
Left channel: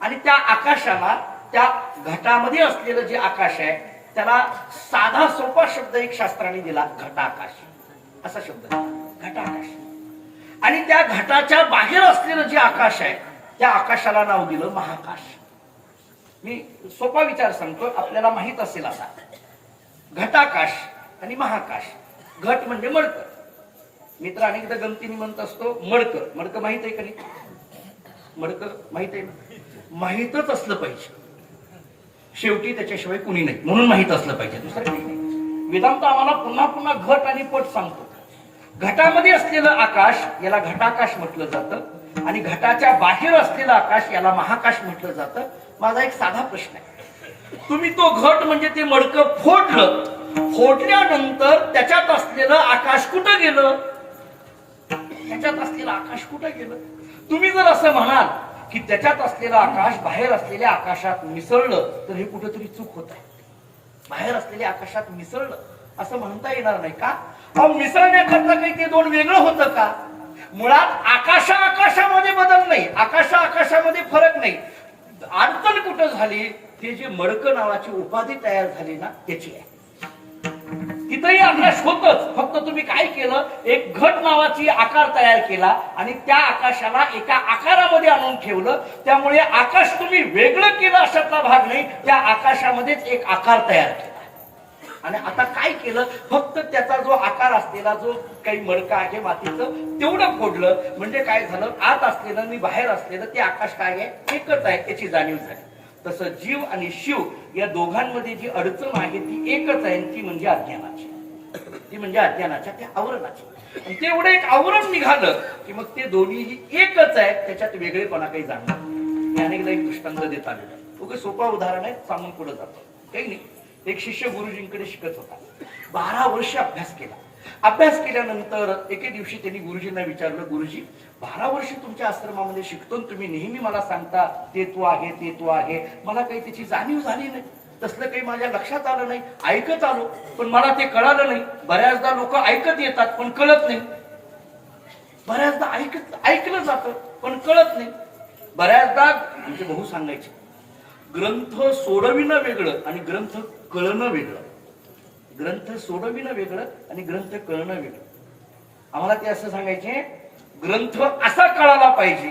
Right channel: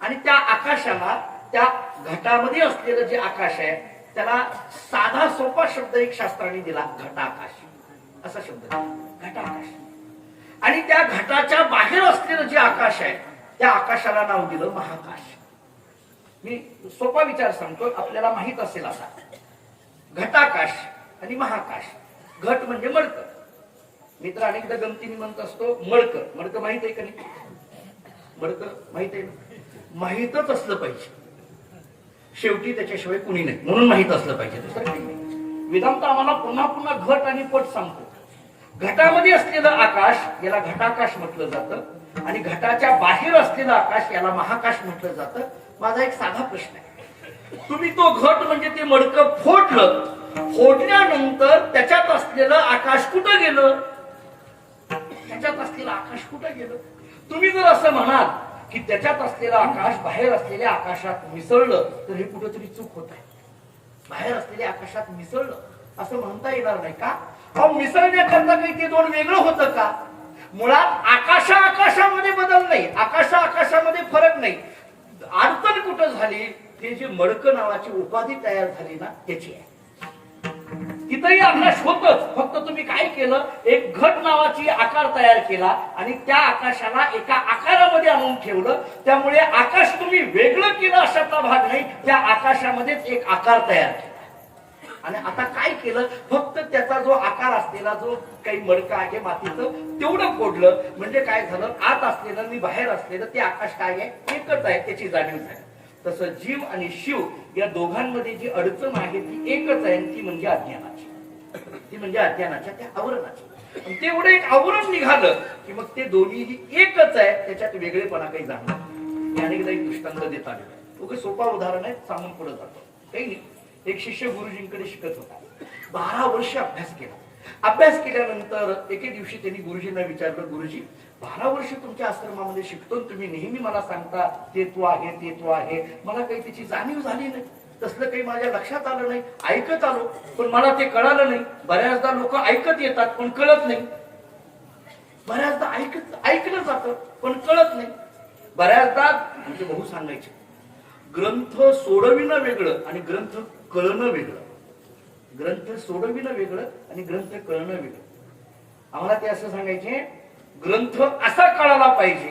आणि त्या आकाशाला, त्या घटामध्ये असलेलं जे आकाश आहे त्याला साधा सोपा शब्द एक शास्त्राने दिला, घटाकाश असा शब्द दिला, घटाकाश. आणि त्या घटाच्या बाहेर असलेलं जे आकाश आहे त्या आकाशाला नाव दिलं महाकाश. मी सोपा विचार सांगतो, आपल्याला माहित असेल असा. घटाकाश आणि महाकाश. घट म्हणजे मडकं. मित्र अनेकदा गमतीने म्हणत असतो मडकं. मडकं माहित आहे का नाही? मडकं माहित आहे ना? माहितच असलं पाहिजे, शेवटी त्याच्याशिवाय कुणी नाही, म्हणून माहित असलं पाहिजे, दुसरं काही नाही. वेदांत आम्हाला पुन्हा पुन्हा घट आणि पट सांगतो. घटामध्ये असलेलं आकाश याला घटाकाश म्हटलं जातं आणि घटाच्या बाहेर असलेलं आकाश याला महाकाश म्हटलं जातं. माझा एक साधा प्रश्न आहे, तुम्ही तो घट म्हणजे ते मडकं फोडलं, फोडल्यानंतर त्याच्यात असलेलं आकाश कुठं गेलं? त्याच्यात असलेलं आकाश कुठं गेलं? तुम्ही जर असं म्हणाल की त्याच्यात असलेलं आकाश बाहेर असलेल्या आकाशात मिसळलं तर हे कुठेतरी चूक होत आहे. बाहेर असलेल्या आकाशात मिसळलं असं म्हणता येणार नाही का? मिसळण्याकरता काही ते दोन वेगळं होतं का? मुळात आकाशामध्ये बदल नाही, आकाशामध्ये फरक नाही. अडचण कुठं झाली? ते जे मडकं नावाची उपाधी तयार झाली ना त्याची आहे. तिथंही आकाश होतच, फक्त तुम्ही काय केलं, एक घट नावाची आकार तयार केला आणि त्या आकाशाला एका आकारामध्ये आणून ठेवलं. त्यामुळे आकाश तुम्ही वेगळं केलं अशातला भाग नाही, त्या आकाशामध्येच एक आकार तयार केला. आणि आता काय केलं, फक्त त्याचा जो आकार असलेला जो काही मडका आहे मातीचं तेवढं फोडलं, म्हणजे काय झालं, आत असलेलं आणि बाहेर असलेलं ते आकाश काय आहे, एकच आहे याची जाणीव झाली. तसं जीव आणि शिव या दोघांमध्ये जी अडचण आहे ती एकच आहे, ती म्हणजे अज्ञानाची, ती म्हणजे अज्ञानाच्या त्या आवरणाची. आणि ते एवढं एक आवरण निघालं की मग ते दोन्हीही एकच आहे, त्याच्यात वेगळेपणा काही जाणवत. मी अनेकदा एक दृष्टांत देत आलेलो आहे, खूप सोपा उदाहरण आहे, सांगून पुढे जातो. काही नाही, एक शिष्य गुरुजींकडे शिकत होता, 12 वर्ष अभ्यास केला. अभ्यास केल्यानंतर एके दिवशी त्यांनी गुरुजींना विचारलं, गुरुजी 12 वर्ष तुमच्या आश्रमामध्ये शिकतो, तुम्ही नेहमी मला सांगता ते तू आहे, ते तू आहे, मला काही त्याची जाणीव झाली नाही, तसलं काही माझ्या लक्षात आलं नाही, ऐकत आलो पण मला ते कळालं नाही. बऱ्याचदा लोक ऐकत येतात पण कळत नाही, बऱ्याचदा ऐकलं जातं पण कळत नाही. बऱ्याचदा आमचे भाऊ सांगायचे, ग्रंथ सोडविणं वेगळं आणि ग्रंथ कळणं वेगळं, ग्रंथ सोडविणं वेगळं आणि ग्रंथ कळणं वेगळं. आम्हाला ते असं सांगायचे, ग्रंथ असा कळाला पाहिजे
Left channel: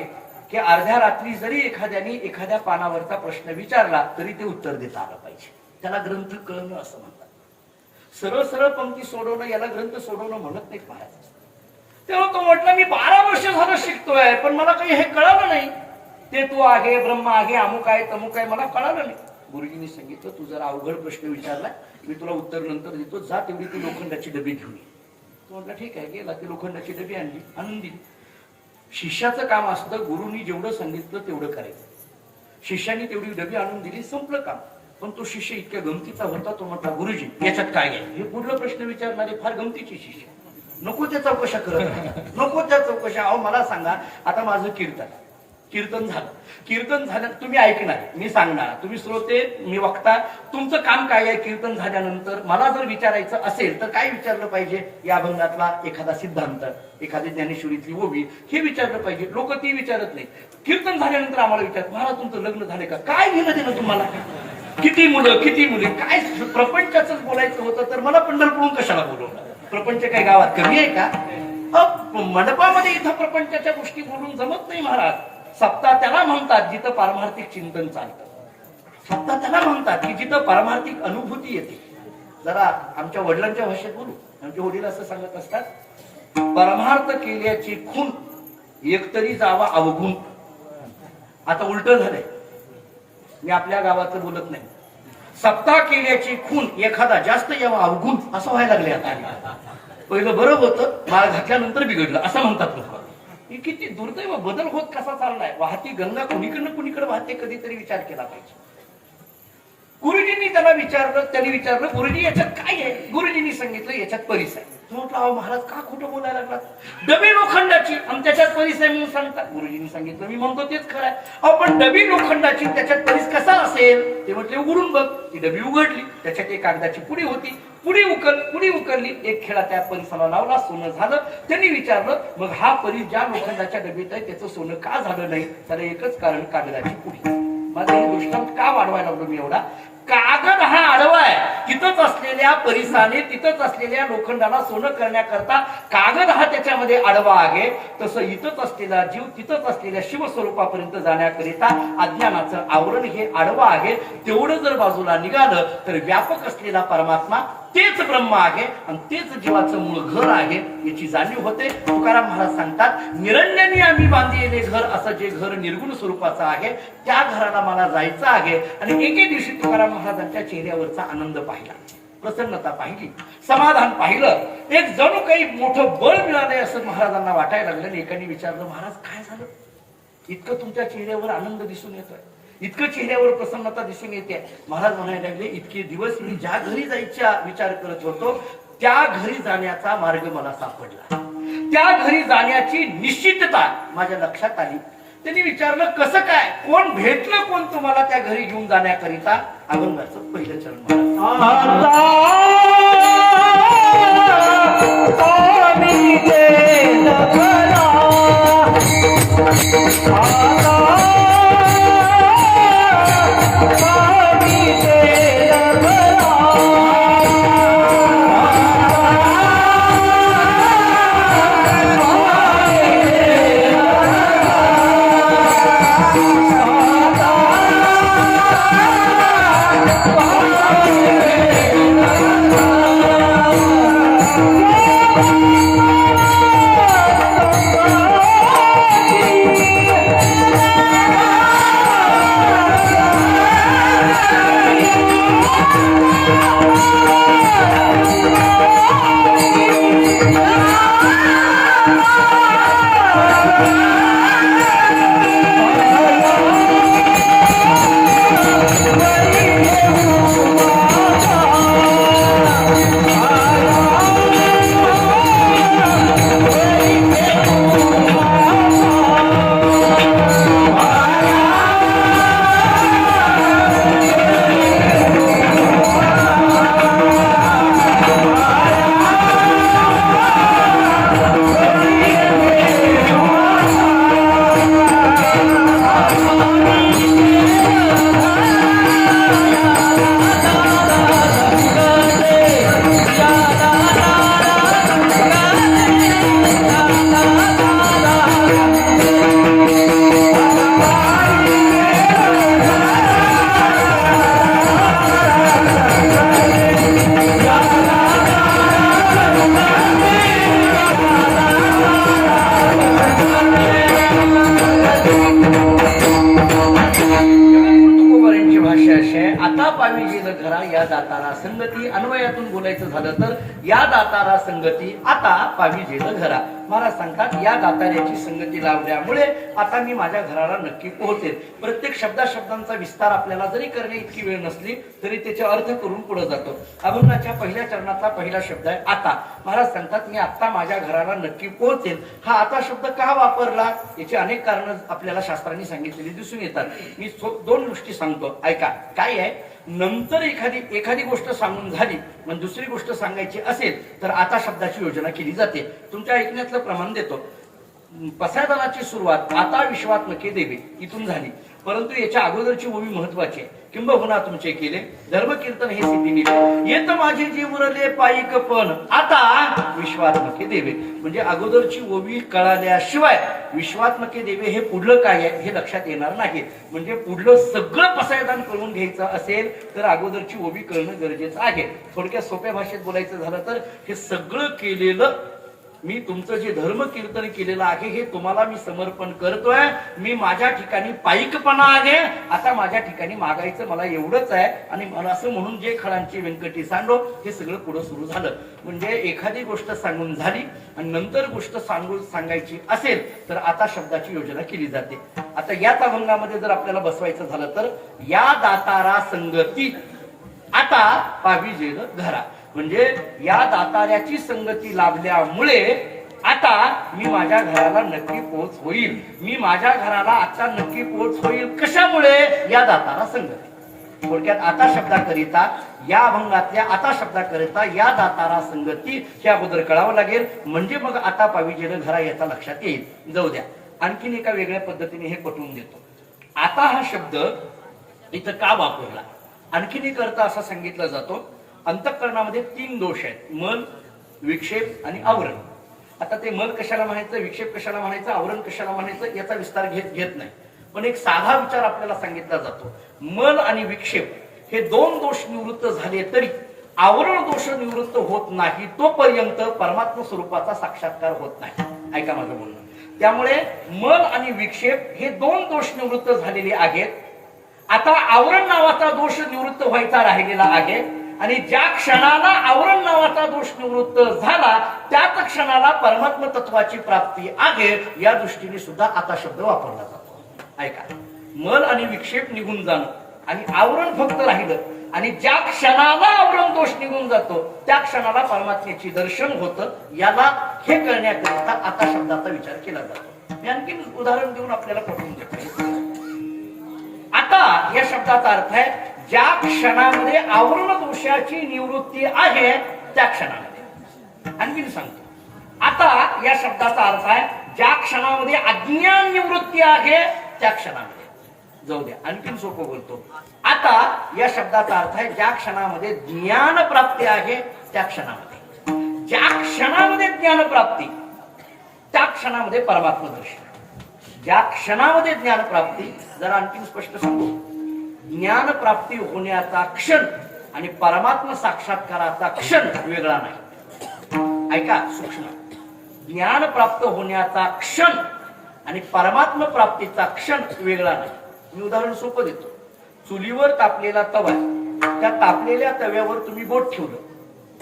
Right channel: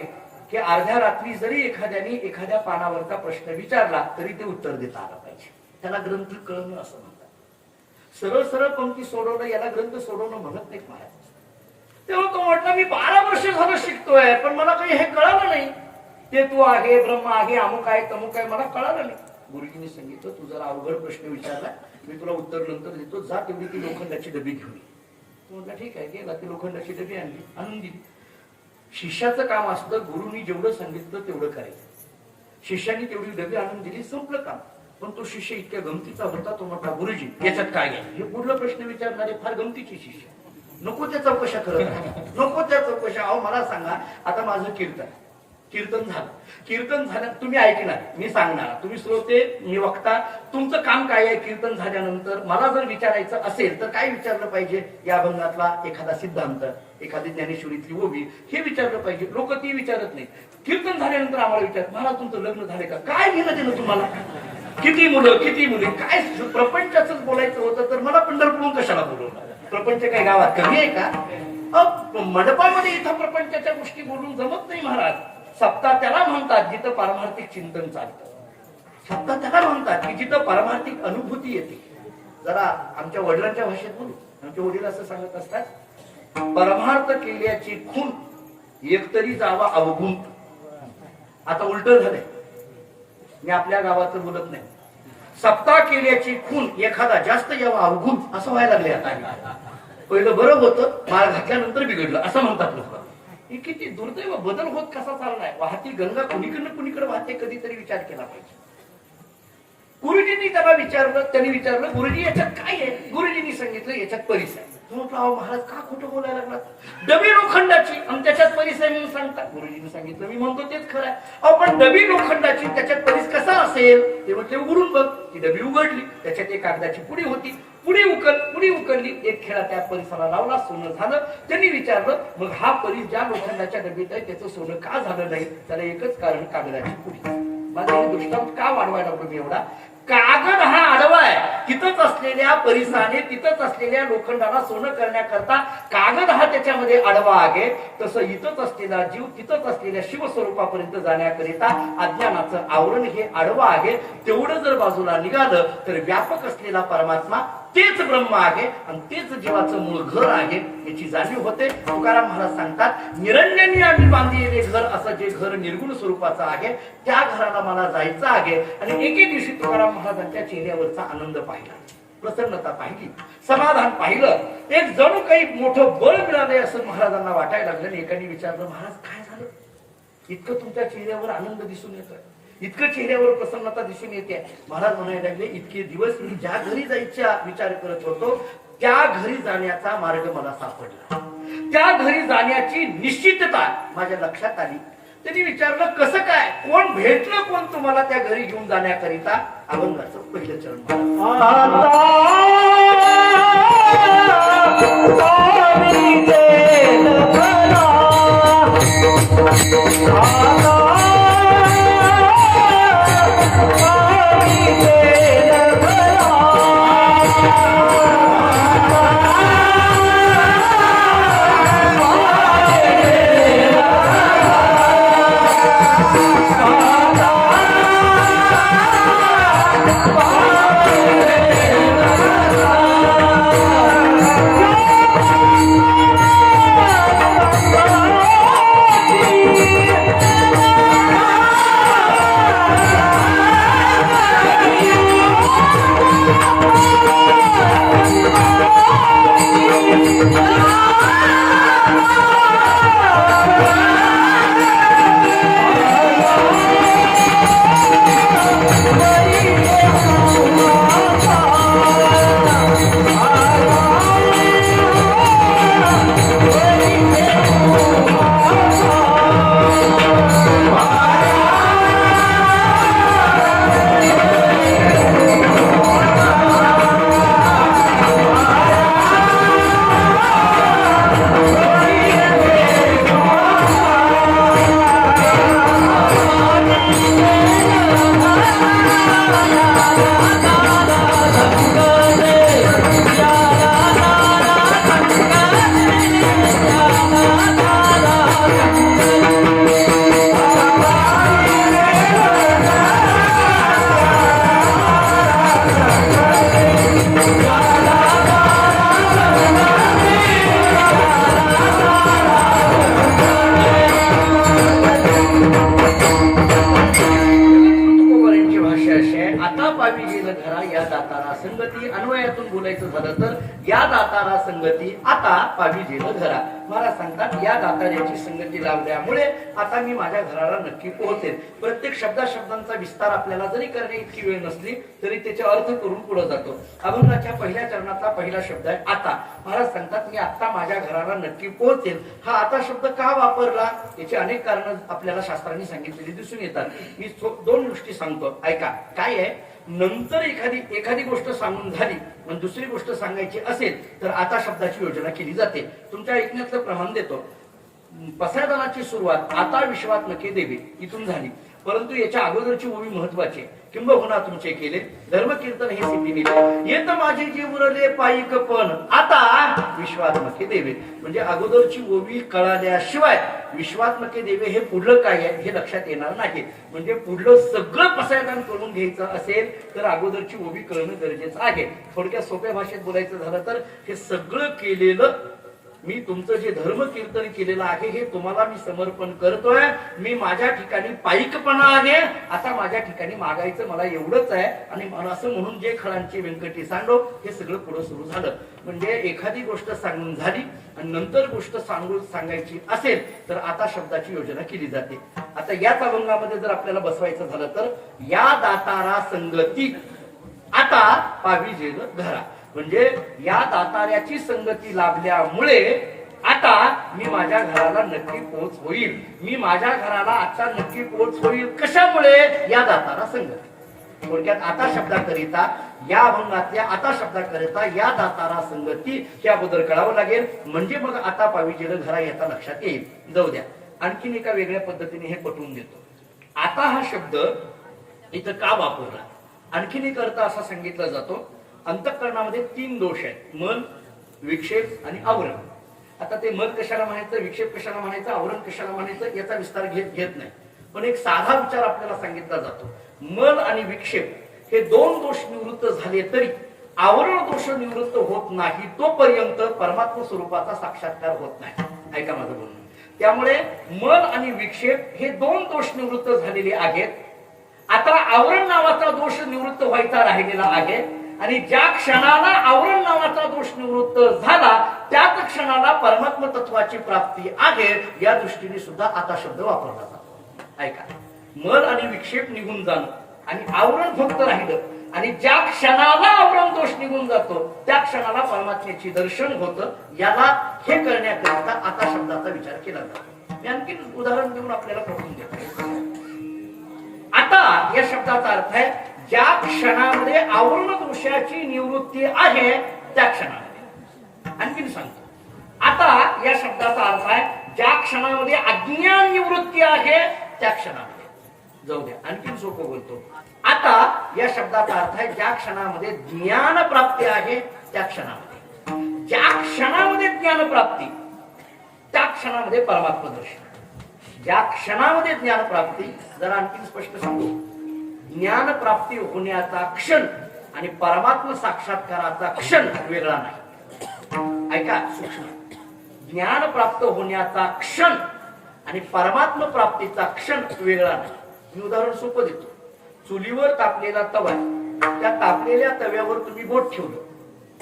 की अर्ध्या रात्री जरी एखाद्याने एखाद्या पानावरचा प्रश्न विचारला तरी ते उत्तर देता आलं पाहिजे, त्याला ग्रंथ कळणं असं म्हणतात. सरळ सरळ पंक्ती सोडवणं याला ग्रंथ सोडवणं म्हणत नाही महाराज. तेव्हा तो म्हटलं, मी 12 वर्ष झालं शिकतोय पण मला काही हे कळालं नाही, ते तू आहे, ब्रह्म आहे, अमुक आहे, तमुक आहे, मला कळालं नाही. गुरुजींनी सांगितलं, तू जरा अवघड प्रश्न विचारला, मी तुला उत्तर नंतर देतो, जा तेवढी ती लोखंडाची डबी घेऊन ये. तो म्हटलं ठीक आहे, गेला, ती लोखंडाची डबी आणली, आणून दिली. शिष्याचं काम असतं, गुरुनी जेवढं सांगितलं तेवढं करायचं. शिष्याने तेवढी डबी आणून दिली, संपलं काम. पण तो शिष्य इतक्या गमतीचा होता, तो म्हटला, गुरुजी याच्यात काय आहे, हे पुढलं प्रश्न विचारणारे फार गमतीचे शिष्य, नको त्या चौकशा करत, नको त्या चौकशा. अहो मला सांगा, आता माझं कीर्तन झालं, तुम्ही ऐकणार, मी सांगणार, तुम्ही श्रोते, मी वक्ता, तुमचं काम काय आहे, कीर्तन झाल्यानंतर मला जर विचारायचं असेल तर काय विचारलं पाहिजे, या अभंगातला एखादा सिद्धांत, एखादी ज्ञानेश्वरीतली ओवी, हे विचारलं पाहिजे. लोक ती विचारत नाही. कीर्तन झाल्यानंतर आम्हाला विचारत, महाराज तुमचं लग्न झाले का, काय घेणं देणं तुम्हाला, किती मुलं, काय प्रपंचाच बोलायचं होतं तर मला पंढरपूरहून कशाला बोलवलं, प्रपंच काय गावात कमी आहे का, मंडपामध्ये इथं प्रपंचाच्या गोष्टी बोलून जमत नाही महाराज. सप्ताह त्याला म्हणतात जिथं पारमार्थिक चिंतन चालतं, सप्ताह त्याला म्हणतात की जिथं पारमार्थिक अनुभूती येते. जरा आमच्या वडिलांच्या भाषेत बोलू, आमचे वडील असं सांगत असतात, परमार्थ केल्याची खून एकतरी जावा अवगुण. आता उलट झालंय, मी आपल्या गावाचं बोलत नाही, सप्ताह केल्याची खून एखादा जास्त यावा अवगुण असं व्हायला लागले. आता पहिलं बरं होतं, माळ घातल्यानंतर बिघडलं असं म्हणतात लोक. ही किती दुर्दैव बदल होत कसा चाललाय. वाहती गंगा कुणीकडनं कुणीकडे वाहते, कधीतरी विचार केला पाहिजे. गुरुजींनी त्यांनी विचारलं, गुरुजी याच्यात काय आहे, गुरुजींनी सांगितलं याच्यात परीस आहे. म्हटलं, अहो महाराज का खोटं बोलायला लागला, डबी लोखंडाची आणि त्याच्यात परीस आहे म्हणून सांगतात. गुरुजींनी सांगितलं, मी म्हणतो तेच खरं आहे. अहो पण डबी लोखंडाची त्याच्यात परीस कसा असेल, ते म्हटले उघडून बघ. ती डबी उघडली, त्याच्यात एक कागदाची पुडी होती, पुडी उकरली, एक खेळा त्या परिसाला लावला, सोनं झालं. त्यांनी विचारलं, मग हा परीस ज्या लोखंडाच्या डबीत आहे त्याचं सोनं का झालं नाही, त्याला एकच कारण, कागदाची पुडी. माझा हे दृष्टांत का वाढवायला लागलो मी एवढा, कागद हा आडवा आहे, तिथंच असलेल्या परिसाने, तिथंच असलेल्या लोखंडाला सोनं करण्याकरता कागद हा त्याच्यामध्ये आडवा आहे. तसं इथंच असलेला जीव, तिथंच असलेल्या शिवस्वरूपापर्यंत जाण्याकरिता अज्ञानाचं आवरण हे आडवं आहे. तेवढं जर बाजूला निघालं तर व्यापक असलेला परमात्मा तेच ब्रह्म आहे आणि तेच जीवाचं मूळ घर आहे याची जाणीव होते. तुकाराम महाराज सांगतात, निरंजनी आम्ही बांधलेले घर, असं जे घर निर्गुण स्वरूपाचं आहे त्या घराला मला जायचं आहे. आणि एके दिवशी तुकाराम महाराजांच्या चेहऱ्यावरचा आनंद पाहिला, प्रसन्नता पाहिली, समाधान पाहिलं, एक जणू काही मोठं बळ मिळालंय असं महाराजांना वाटायला लागलं. आणि एकाने विचारलं, महाराज काय झालं, इतकं तुमच्या चेहऱ्यावर आनंद दिसून येतोय, इतकं चेहऱ्यावर प्रसन्नता दिसून येते. महाराज म्हणायला लागले, इतके दिवस मी ज्या घरी जायचा विचार करत होतो त्या घरी जाण्याचा मार्ग मला सापडला, त्या घरी जाण्याची निश्चितता माझ्या लक्षात आली. त्यांनी विचारलं, कसं काय, कोण भेटलं, कोण तुम्हाला त्या घरी घेऊन जाण्याकरिता. अभंगाचं पहिलं चरण तुकोबारायांची भाषा अशी आहे, आता पावी गेलं घरा या दातारा संगती. अन्वयातून बोलायचं झालं तर या दातारा संगती आता पावी गेलं घरा. महाराज सांगतात या दाताऱ्याची संगती लावल्यामुळे आता मी माझ्या घराला नक्की पोहोचेल. प्रत्येक शब्दांचा विस्तार आपल्याला जरी करणे इतकी वेळ नसली तरी त्याचे अर्थ करून पुढे जातो. अभंगाच्या पहिल्या चरणातला पहिला शब्द आहे आता. महाराज सांगतात मी आता माझ्या घराला नक्की पोहोचेल. हा आता शब्द का वापरला याची अनेक कारण आपल्याला शास्त्रांनी सांगितलेली दिसून येतात. मी दोन गोष्टी सांगतो, ऐका. काय आहे, नंतर एखादी गोष्ट सांगून झाली आणि दुसरी गोष्ट सांगायची असेल तर आता शब्दाची योजना केली जाते. तुमच्या ऐकण्यातलं प्रमाण देतो. पसायदानाची सुरुवात आता विश्वात नके देवे इथून झाली, परंतु याच्या अगोदरची ओवी महत्वाची आहे. किंबहुना तुमचे केले धर्मकीर्तन हे सिद्धी येत माझे जीव उरले पायिक पण आता विश्वात्मके देवे. म्हणजे अगोदरची ओवी कळाल्याशिवाय विश्वात्मके देवे हे पुढलं काय आहे हे लक्षात येणार नाही. म्हणजे पुढलं सगळं पसायदान करून घ्यायचं असेल तर अगोदरची ओवी कळणं गरजेचं आहे. थोडक्यात सोप्या भाषेत बोलायचं झालं तर हे सगळं केलेलं मी तुमचं जे धर्म कीर्तन केलेलं आहे हे तुम्हाला मी समर्पण करतोय. मी माझ्या ठिकाणी पायिकपणा आहे, आता माझ्या ठिकाणी मागायचं मला एवढंच आहे. आणि मला असं म्हणून जे खळांची व्यंकटी सांडो हे सगळं पुढं सुरू झालं. म्हणजे एखादी गोष्ट सांगून झाली आणि नंतर गोष्ट सांगायची असेल तर आता शब्दाची योजना केली जाते. आता याच अभंगामध्ये जर आपल्याला बसवायचं झालं तर या दातारा संगती आता पावी जेल घरा. म्हणजे या दाताऱ्याची संगती लाभल्यामुळे आता मी माझ्या घराला नक्की पोहोच होईल. मी माझ्या घराला आता नक्की पोहोच होईल. कशामुळे? या दातारा संगती. थोडक्यात आता शब्दाकरिता या अभंगातल्या आता शब्दाकरिता या दातारा संगती ह्या अगोदर कळावं लागेल. म्हणजे मग आता पावी जेल घरा याचा लक्षात येईल. जाऊ द्या, आणखीन एका वेगळ्या पद्धतीने हे पटवून देतो. आता हा शब्द इथं का वापरला? आणखीन एक अर्थ असा सांगितला जातो, अंतःकरणामध्ये 3 दोष आहेत, मन, विक्षेप आणि आवरण. आता ते मन कशाला म्हणायचं, विक्षेप कशाला म्हणायचं, आवरण कशाला म्हणायचं याचा विस्तार घेत नाही. पण एक साधा विचार आपल्याला सांगितला जातो. मन आणि विक्षेप हे 2 दोष निवृत्त झाले तरी आवरण दोष निवृत्त होत नाही तोपर्यंत परमात्मा स्वरूपाचा साक्षात्कार होत नाही. ऐका माझं बोलणं. त्यामुळे मन आणि विक्षेप हे 2 दोष निवृत्त झालेले आहेत. आता आवरण नावाचा दोष निवृत्त व्हायचा राहिलेला आहे. आणि ज्या क्षणाला आवरण नावाचा दोष निवृत्त झाला त्याच क्षणाला परमात्म तत्वाची प्राप्ती आहे. या दृष्टीने सुद्धा आता शब्द वापरला जातो. ऐका, मन आणि विक्षेप निघून जाणं आणि आवरण फक्त राहिलं आणि ज्या क्षणाला आवरण दोष निघून जातो त्या क्षणाला परमात्म्याची दर्शन होतं. याला हे करण्याकरिता आता शब्दाचा विचार केला जातो. मी आणखी उदाहरण देऊन आपल्याला पटवून देतो. आता या शब्दाचा अर्थ आहे ज्या क्षणामध्ये आवरण दोषाची निवृत्ती आहे त्या क्षणामध्ये. आणखीन सांगतो, आता या शब्दाचा अर्थ आहे ज्या क्षणामध्ये अज्ञान निवृत्ती आहे त्या क्षणामध्ये. जाऊ द्या, आणखीन सोपं बोलतो. आता या शब्दाचा अर्थ आहे ज्या क्षणामध्ये ज्ञान प्राप्ती आहे त्या क्षणामध्ये. ज्या क्षणामध्ये ज्ञान प्राप्ती त्या क्षणामध्ये परमात्मा दर्शन. ज्या क्षणामध्ये ज्ञान प्राप्ती, जरा आणखीन स्पष्ट सांगू, ज्ञान प्राप्ती होण्याचा क्षण आणि परमात्मा साक्षात्काराचा क्षण वेगळा नाही. ऐका सूक्ष्म, ज्ञान प्राप्त होण्याचा क्षण आणि परमात्मा प्राप्तीचा क्षण वेगळा नाही. मी उदाहरण सोपं देतो. चुलीवर तापलेला तवा आहे. त्या तापलेल्या तव्यावर तुम्ही बोट ठेवलं,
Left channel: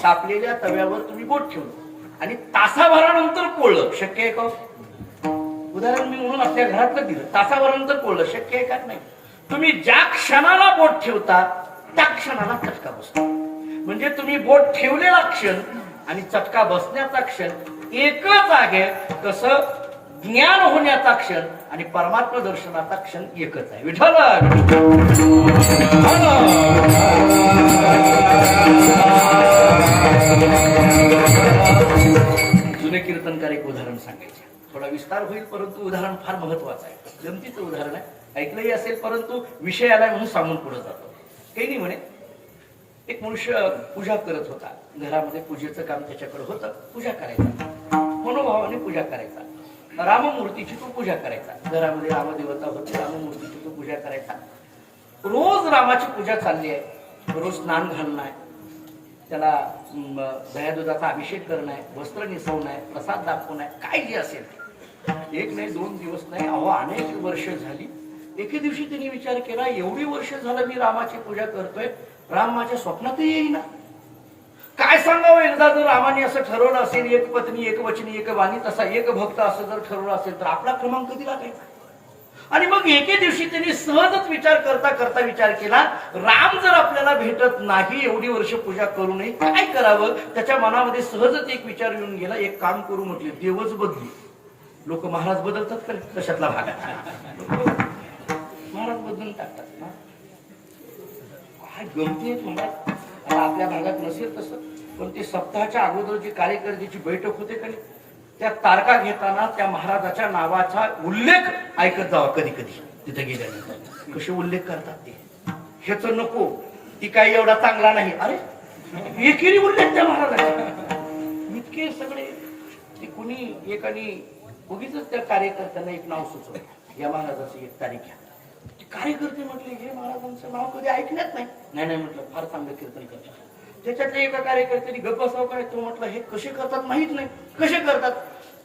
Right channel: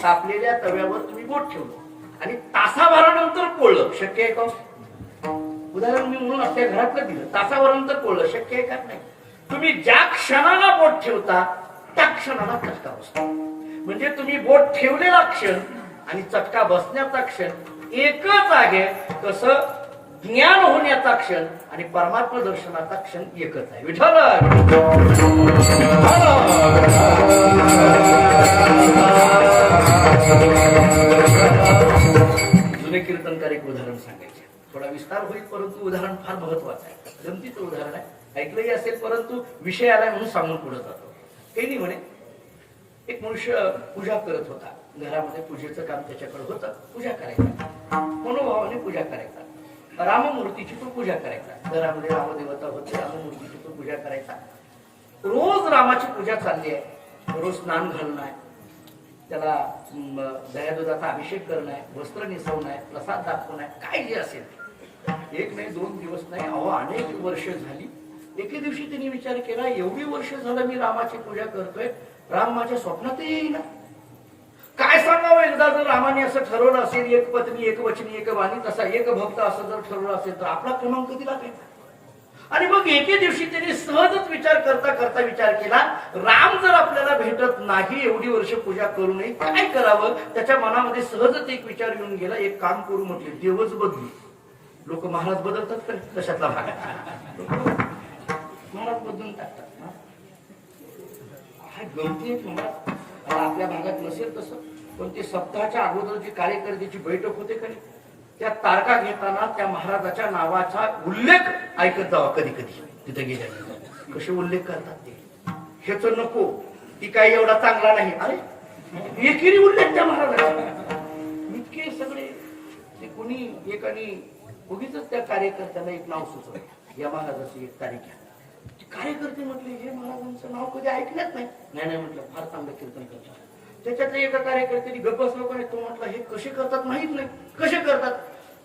तापलेल्या तव्यावर तुम्ही बोट ठेवलं आणि तासाभरानंतर पोळलं, शक्य आहे का? उदाहरण मी म्हणून आपल्या घरातलं दिलं. तासाभरानंतर पोळलं, शक्य आहे का? नाही. तुम्ही ज्या क्षणाला बोट ठेवता त्या क्षणाला चटका बसतो. म्हणजे तुम्ही बोट ठेवलेला क्षण आणि चटका बसण्याचा क्षण एकच आहे. कसं ज्ञान होण्याचा क्षण आणि परमात्मा दर्शनाचा क्षण एकच आहे. विठ्ठल जुने कीर्तनकार एक उदाहरण सांगायचे. थोडा विस्तार होईल परंतु उदाहरण फार महत्वाचं आहे. गमतीचं उदाहरण आहे, ऐकलंही असेल परंतु विषय आलाय म्हणून सांगून पुढे जातो. काही नाही म्हणे, एक मनुष्य पूजा करत होता. घरामध्ये पूजेचं काम त्याच्याकडे होतं. पूजा करायचा, मनोभावाने पूजा करायचा. राममूर्तीची तो पूजा करायचा. घरामध्ये रामदेवता होती, राममूर्तीची तो पूजा करायचा. रोज रामाची पूजा चालली आहे. रोज स्नान घालणं आहे, त्याला दह्या दुधाचा अभिषेक करणं आहे, वस्त्र निसवणं आहे, प्रसाद दाखवणं आहे, काय जे असेल ते. एक नाही, 2 दिवस नाही, अहो अनेक वर्ष झाली. एके दिवशी त्यांनी विचार केला, एवढी वर्ष झालं मी रामाची पूजा करतोय, राम माझ्या स्वप्नातही येईना. काय सांगावं, एकदा जर रामाने असं ठरवलं असेल, एक पत्नी एक वचनी एक वाणी, तसा एक भक्त असं जर ठरवलं असेल तर आपला क्रमांक कधी लागायचा? आणि मग एके दिवशी त्यांनी सहजच विचार करता करता विचार केला, राम जर आपल्याला भेटत नाही, एवढी वर्ष पूजा करू नये, काय करावं? त्याच्या मनामध्ये सहजच एक विचार येऊन गेला, एक काम करू म्हटले, देवच बदलू. लोक महाराज बदलतात का? कशातला भाग? महाराज बदलून टाकतात ना. काय गमती आहे महाराज. आपल्या भागात नसेल तसं, पण ते सप्ताहाच्या अगोदर जी कार्यकर्त्याची बैठक होते का नाही, त्या तारखा घेताना त्या महाराजाच्या नावाचा उल्लेख ऐकत जावा. कधी कधी तिथे गेल्यानंतर कसे उल्लेख करतात ते, ह्याच नको, ती काही एवढा चांगला नाही. अरे एकेरी उल्लेख त्या महाराजाचा. इतके सगळे ते कुणी एकाने उगीच त्या कार्यकर्त्याला एक नाव सुचवलं, या महाराजाची एक तारीख घ्या. कार्यकर्ते म्हटले, हे महाराजांचं नाव कधी ऐकण्यात नाही. नाही म्हटलं, फार चांगलं कीर्तन करतात. त्याच्यातल्या एका कार्यकर्त्याने गप्प बसावं का? तो म्हटलं, हे कसे करतात माहित नाही. कसे करतात?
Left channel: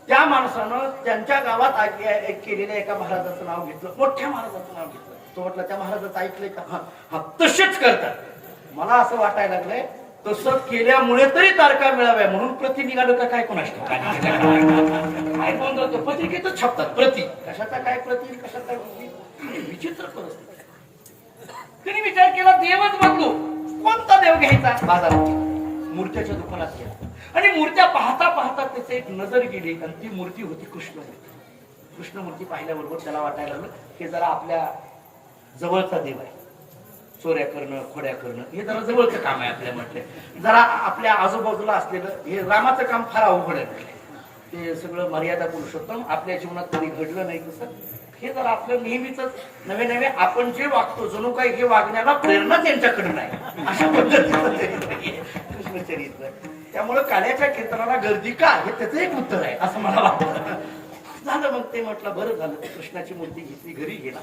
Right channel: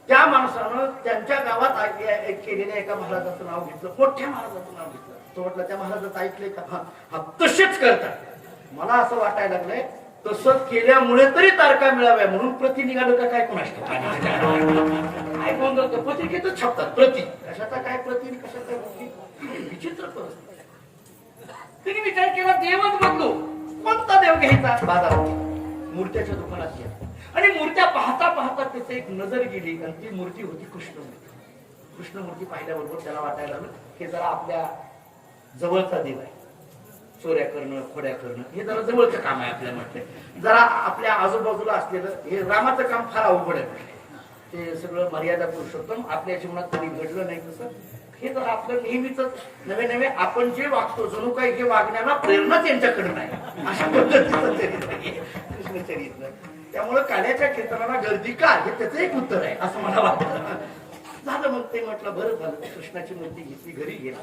त्या माणसानं त्यांच्या गावात केलेल्या एका महाराजाचं नाव घेतलं, मोठ्या महाराजाचं नाव घेतलं. तो म्हटलं, त्या महाराजाचं ऐकलंय का? हा तसेच करतात. मला असं वाटायला लागलंय, तसं केल्यामुळे तरी तारखा मिळाव्या म्हणून प्रति निघालं का काय कोणाच काय नोंदवतो, पत्रिकेतच छापतात प्रति. कशाचा काय प्रति, कशाचा विचित्र परिस्थिती. त्यांनी विचार केला, देवच बदलू. कोणता देव घ्यायचा? बाजारात, मूर्त्याच्या दुकानात गेला आणि मूर्त्या पाहता पाहता त्याची एक नजर गेली आणि ती मूर्ती होती कृष्णमूर्ती. कृष्णमूर्ती पाहिल्याबरोबर त्याला वाटायला लागलं, हे जरा आपल्या जवळचा देव आहे. चोऱ्या करणं, खोड्या करणं हे जरा जवळचं काम आहे आपल्या म्हटलं. जरा आपल्या आजूबाजूला असलेलं हे रामाचं काम फार अवघड आहे म्हटलं. ते सगळं मर्यादा पुरुषोत्तम, आपल्या जीवनात कधी घडलं नाही तसं. हे जर आपलं नेहमीच नवे नवे आपण जे वागतो, जणू काही हे वागण्याला प्रेरणा त्यांच्याकडे नाही, अशा पद्धतीचं कृष्णचरित्र. त्यामुळे काल्याच्या कीर्तनाला गर्दी का, हे त्याचं एक उत्तर आहे असं मला वाटतं. झालं मग ते म्हटलं, बरं झालं. कृष्णाची मूर्ती घेतली, घरी गेला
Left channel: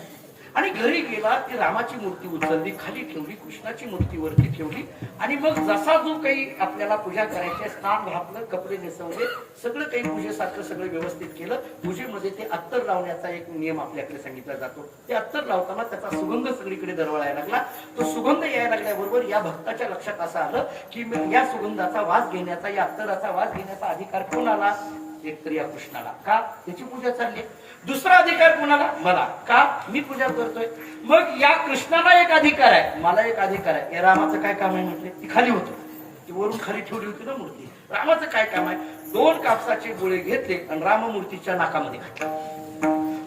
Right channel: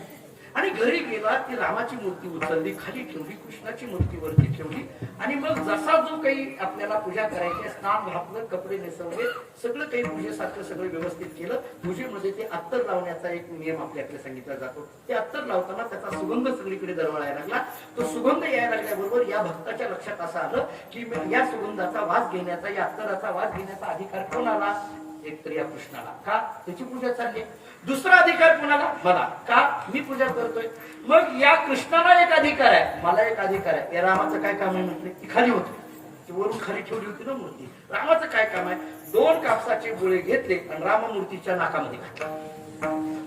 आणि घरी गेला ती रामाची मूर्ती उचलली, खाली ठेवली, कृष्णाची मूर्ती वरती ठेवली आणि मग जसा जो काही आपल्याला पूजा करायची, स्नान घातलं, कपडे नेसवले, सगळं काही पूजेसारखं सगळं व्यवस्थित केलं. पूजेमध्ये ते अत्तर लावण्याचा एक नियम आपल्याकडे सांगितला जातो. ते अत्तर लावताना त्याचा सुगंध सगळीकडे दरवळायला लागला. तो सुगंध यायला लागल्याबरोबर या भक्ताच्या लक्षात असं आलं की या सुगंधाचा वास घेण्याचा, या अत्तराचा वास घेण्याचा अधिकार कोणाला? एक तर या कृष्णाला. का? त्याची पूजा चालली. दुसरा अधिकार कोणाला? मला. का? मी पूजा करतोय. मग या कृष्णाला एक अधिकार आहे, मला एक अधिकार आहे. या रामाचं काय काम आहे म्हटले? ती खाली होती, ती वरून खाली ठेवली होती ना मूर्ती. रामाचं काय काम आहे? 2 कापसाचे गोळे घेतले आणि राममूर्तीच्या नाकामध्ये घातले.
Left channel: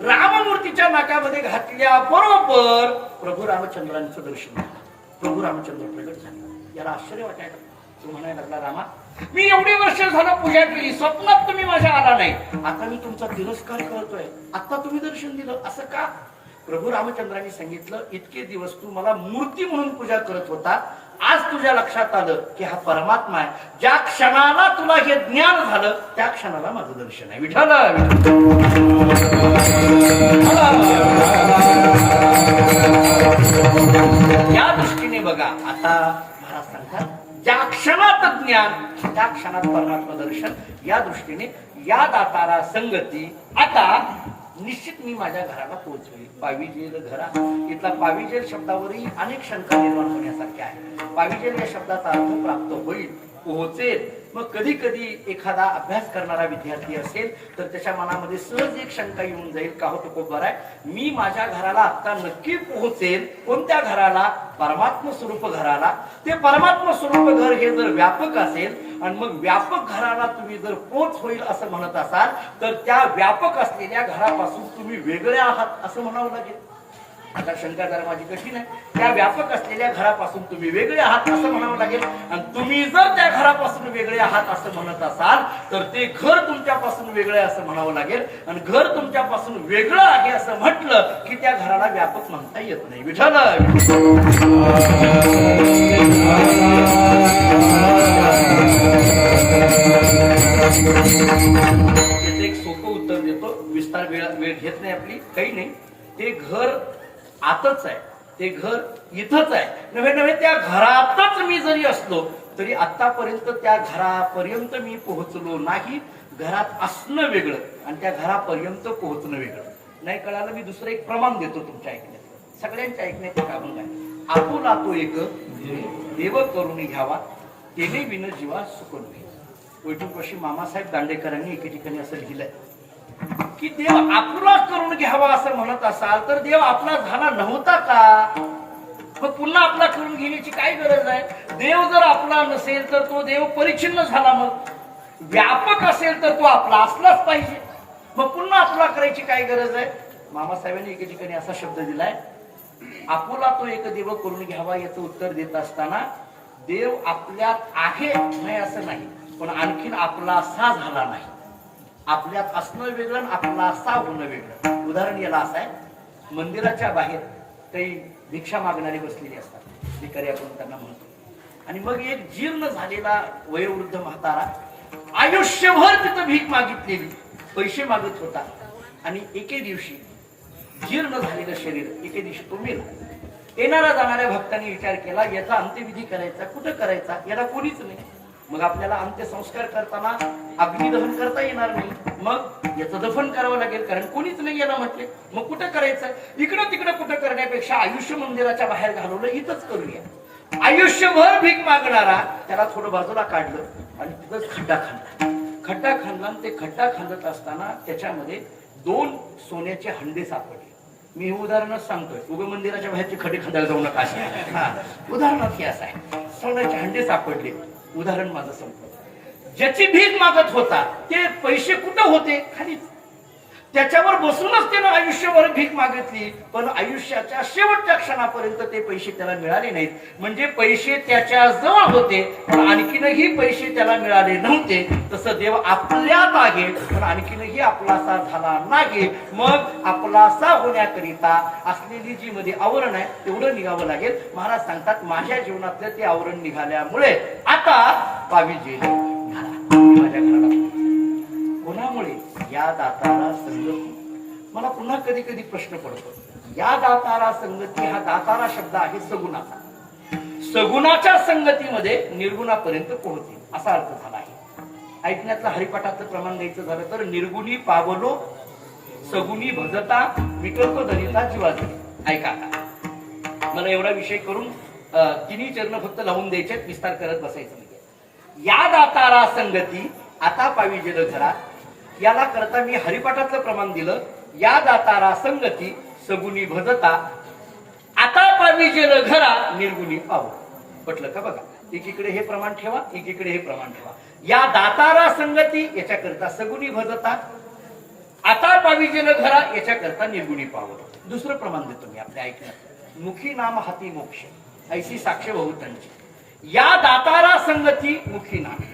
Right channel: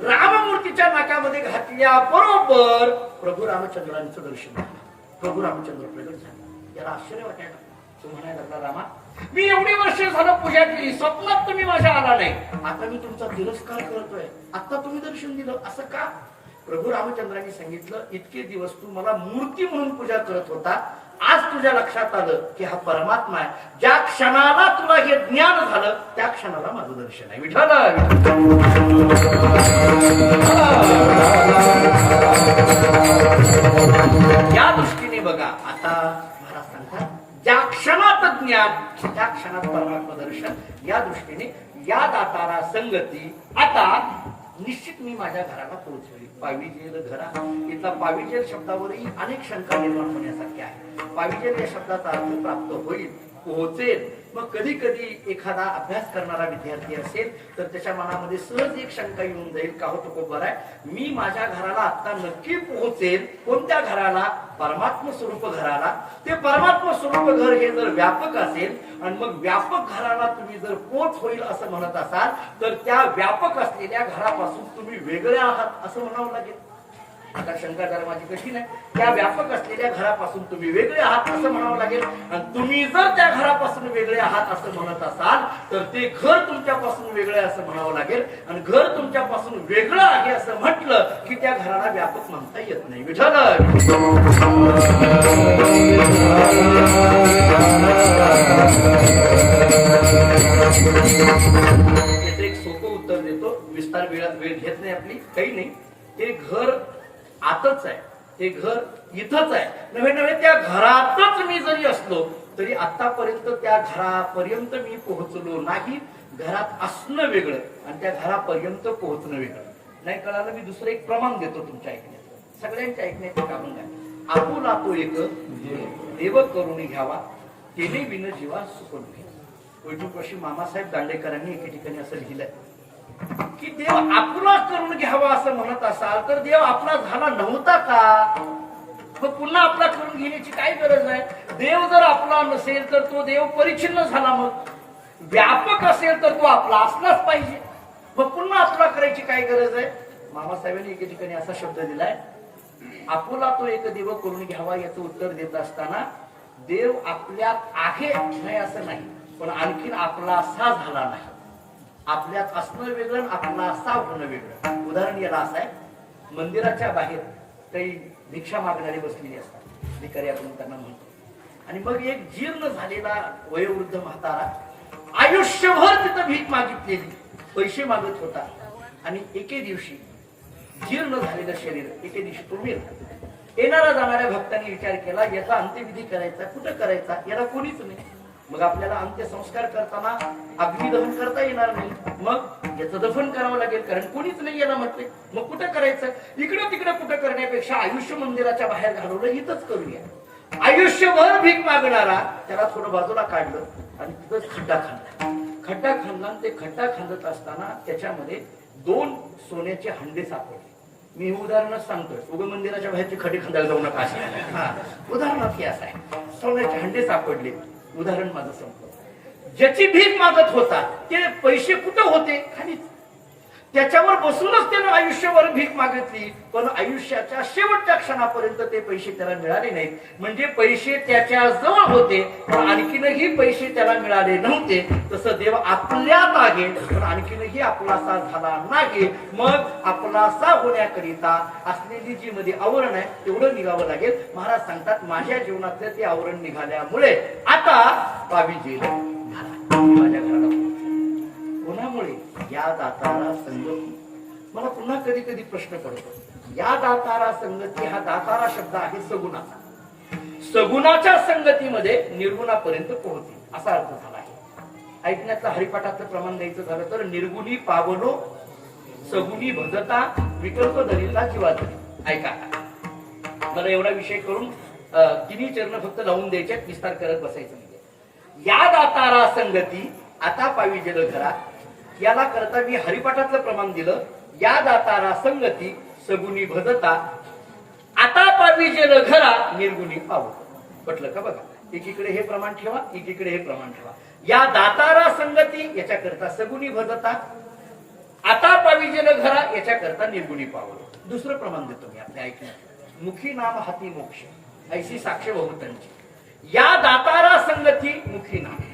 राममूर्तीच्या नाकामध्ये घातल्या बरोबर प्रभू रामचंद्रांचं दर्शन झालं. प्रभू रामचंद्र प्रगट झाले. याला आश्चर्य वाटायला. तो म्हणायला लागला, रामा मी एवढी वर्ष झालं पूजा केली, स्वप्नात तुम्ही माझ्या आला नाही, आता मी तुमचा तिरस्कार करतोय, आता तुम्ही दर्शन दिलं, असं का? प्रभू रामचंद्रांनी सांगितलं, इतके दिवस तू मला मूर्ती म्हणून पूजा करत होता, आज तुझ्या लक्षात आलं की हा परमात्मा आहे. ज्या क्षणाला तुला हे ज्ञान झालं त्या क्षणाला माझं दर्शन आहे. विठ्ठल या दृष्टीने बघा. आता महाराज महाराज सांगतात ज्या क्षणात ज्ञान त्या क्षणात परमात्मा दर्शन, या दृष्टीने या दातारा संगती. आता निश्चित मी माझ्या घराला पोहोचवेल. पाविजेल घरा, इथला पाविजेल शब्दावरही अनेक शंका निर्माण होण्यासारख्या आहे. पाविजेल या शब्दाचा अर्थ प्राप्त होईल, पोहोचेल. मग कधी कधी एखादा अभ्यास करणारा विद्यार्थी असेल तर त्याच्या मनामध्ये सहज एक शंका येऊन जाईल, का होतं खूप आहे, मी माझ्या घराला आता नक्की पोहोचेल. कोणत्या घराला? परमात्म स्वरूप घराला. ते परमात्म स्वरूप घर हे जर व्यापक असेल आणि मग व्यापक घराला तुम्ही जर पोच होईल असं म्हणत असाल तर त्या व्यापक असलेल्या घरापासून तुम्ही वेगळे आहात असं म्हणावं लागेल. आता शंका धर्माची कशी नाही, त्या व्यापक असलेल्या घरापासून तुम्ही वेगळे आहात असं म्हणावं लागेल. आणि तुम्ही जर त्या घरापासून वेगळे आहात असं म्हणत असाल तर ते घर तुमच्यापासून वेगळे असं म्हणावं लागेल. आणि घर तुमच्यापासून वेगळं आहे असं म्हटलं की त्या घराला व्यापक म्हणता येत नाही. विठ्ठल याचं एक सोपं उत्तर देतो, विस्तार वेळ घेत नाही आपली, काही नाही. ते घर आतच आहे, ते घर इथंच आहे. नव्हे नव्हे त्या घरातच मी जरी असलो तरी आतापर्यंत त्या घरापर्यंत मी पोहोचलो नाही. घरात असणं वेगळं आणि त्या घरापर्यंत पोहोचणं वेगळं. नाही कळालं, मी दुसरं एक प्रमाण देतो तुमच्या ऐकण्यात, सगळ्यांच्या ऐकण्याचं काम आहे. आपुला तो एक देव करून घ्यावा, तेने विन जीवा सुकून घे. वैठूपाशी मामासाहेब दांडेकरांनी एके ठिकाणी असं लिहिलंय की देव आपला करून घ्यावा असं म्हणत असाल तर देव आपला झाला नव्हता का? मग पुन्हा आपला करून घेण्याची काय गरज आहे? देव जर आपला नसेल तर तो देव परिच्छिन्न झाला. मग व्यापक असेल तर तो आपला असलाच पाहिजे. मग पुन्हा आपला करायची काय गरज आहे? मामासाहेबांनी एके ठिकाणी असा शब्द दिलाय, आपुला तो एक देव करून घ्यावा. याचं उत्तर देत असताना देव आपल्यात आहे नाही असं नाही, पण आणखीन आपला असा झाला नाही. आपल्यात असणं वेगळं, आपला असा होणं वेगळं. उदाहरण याला असं आहे, मंदिराच्या बाहेर काही भिक्षा मागणारे बसलेले असतात, भिकारी आपण त्यांना म्हणतो. आणि मग एक जीर्ण झालेला वयोवृद्ध म्हातारा आयुष्यभर तिथं भीक मागितलेली, पैसे मागत होता. आणि एके दिवशी जीर्ण झालेलं शरीर, एके दिवशी तो मेला. येणाऱ्या जाणाऱ्या भक्तांनी विचार केला, याचा अंत्यविधी करायचा, कुठं करायचा? याला कोणीच नाही. मग आपल्याला अंत्यसंस्कार करताना अग्निदहन करता येणार नाही, मग याचं दफन करावं लागेल, कारण कोणीच नाही याला म्हटले. मग कुठं करायचं? इकडं तिकडं कुठं करण्यापेक्षा आयुष्य मंदिराच्या बाहेर घालवलं, इथंच करूया. आयुष्यभर भीक मागणारा त्याला थोडं बाजूला काढलं आणि तिथंच खड्डा खांदला. खड्डा खांदला, ते खड्डा खांदत असताना त्याच्यामध्ये 2 सोन्याचे हंडे सापडले. मी हे उदाहरणच सांगतोय, उग मंदिराच्या बाहेरचे खड्डे खांदायला जाऊ नका. उदाहरणार्थ हे असं आहे, सोन्याचे हंडे सापडले. उदाहरण माझं संपलं. ज्याची भीक मागत होता ते पैसे कुठं होते? खालीच. त्याच्यावर बसूनच त्यानं आयुष्यभर भीक मागितली, पण आयुष्याच्या शेवटच्या क्षणापर्यंत ते पैसे त्याला मिळाले नाहीत. म्हणजे पैसे त्याच्या जवळ होते पण आणखीनही पैसे त्याला मिळाले नव्हते. तसं देव आपल्यात आहे पण आणखीनही आपलासा झाला नाही. मग आपलासा होण्याकरिता असलेली जी मध्ये आवरण आहे तेवढं निघावं लागेल. महाराज सांगतात, माझ्या जीवनातलं ते आवरण निघाल्यामुळे आता पाविजेल माझ्या घराला. कोणामुळे? या दातारा संगती. मला पुन्हा कधी कधी प्रश्न पडतो, या दातारा संगती हा दातारा शब्द आहे सगुणाचा. सगुणाच्या संगतीमध्ये निर्गुणापर्यंत पोहोचेल असा अर्थ झाला आहे. ऐकण्यातलं हरिपाठाचं प्रमाण द्यायचं झालं तर निर्गुणी पावलो सगुणी भजता विकल्प धरिता जीवाधरी. ऐका, मला एवढा विषय करून 3 चरण फक्त लावून द्यायचे, विस्तार करत बसायचं नाही. या दातारा संगती आता पाविजेल घरा, याला करता मी हरिपाठाचं प्रमाण दिलं. या दातारा संगती सगुणी भजता आता पाविजेल घरा निर्गुणी पाव. पटलं का? बघा, एकीकडे हे प्रमाण ठेवा, एकीकडे हे प्रमाण ठेवा. या दातारा संगती याच्याकरता सगुणी भजता, आता पाविजेल घरा याच्याकरता निर्गुणी पाव. दुसरं प्रमाण देतो मी आपल्या ऐकण्यात, मुखी नाम हाती मोक्ष ऐशी साक्ष बहुतांची. या दातारा संगती मुखी नाम,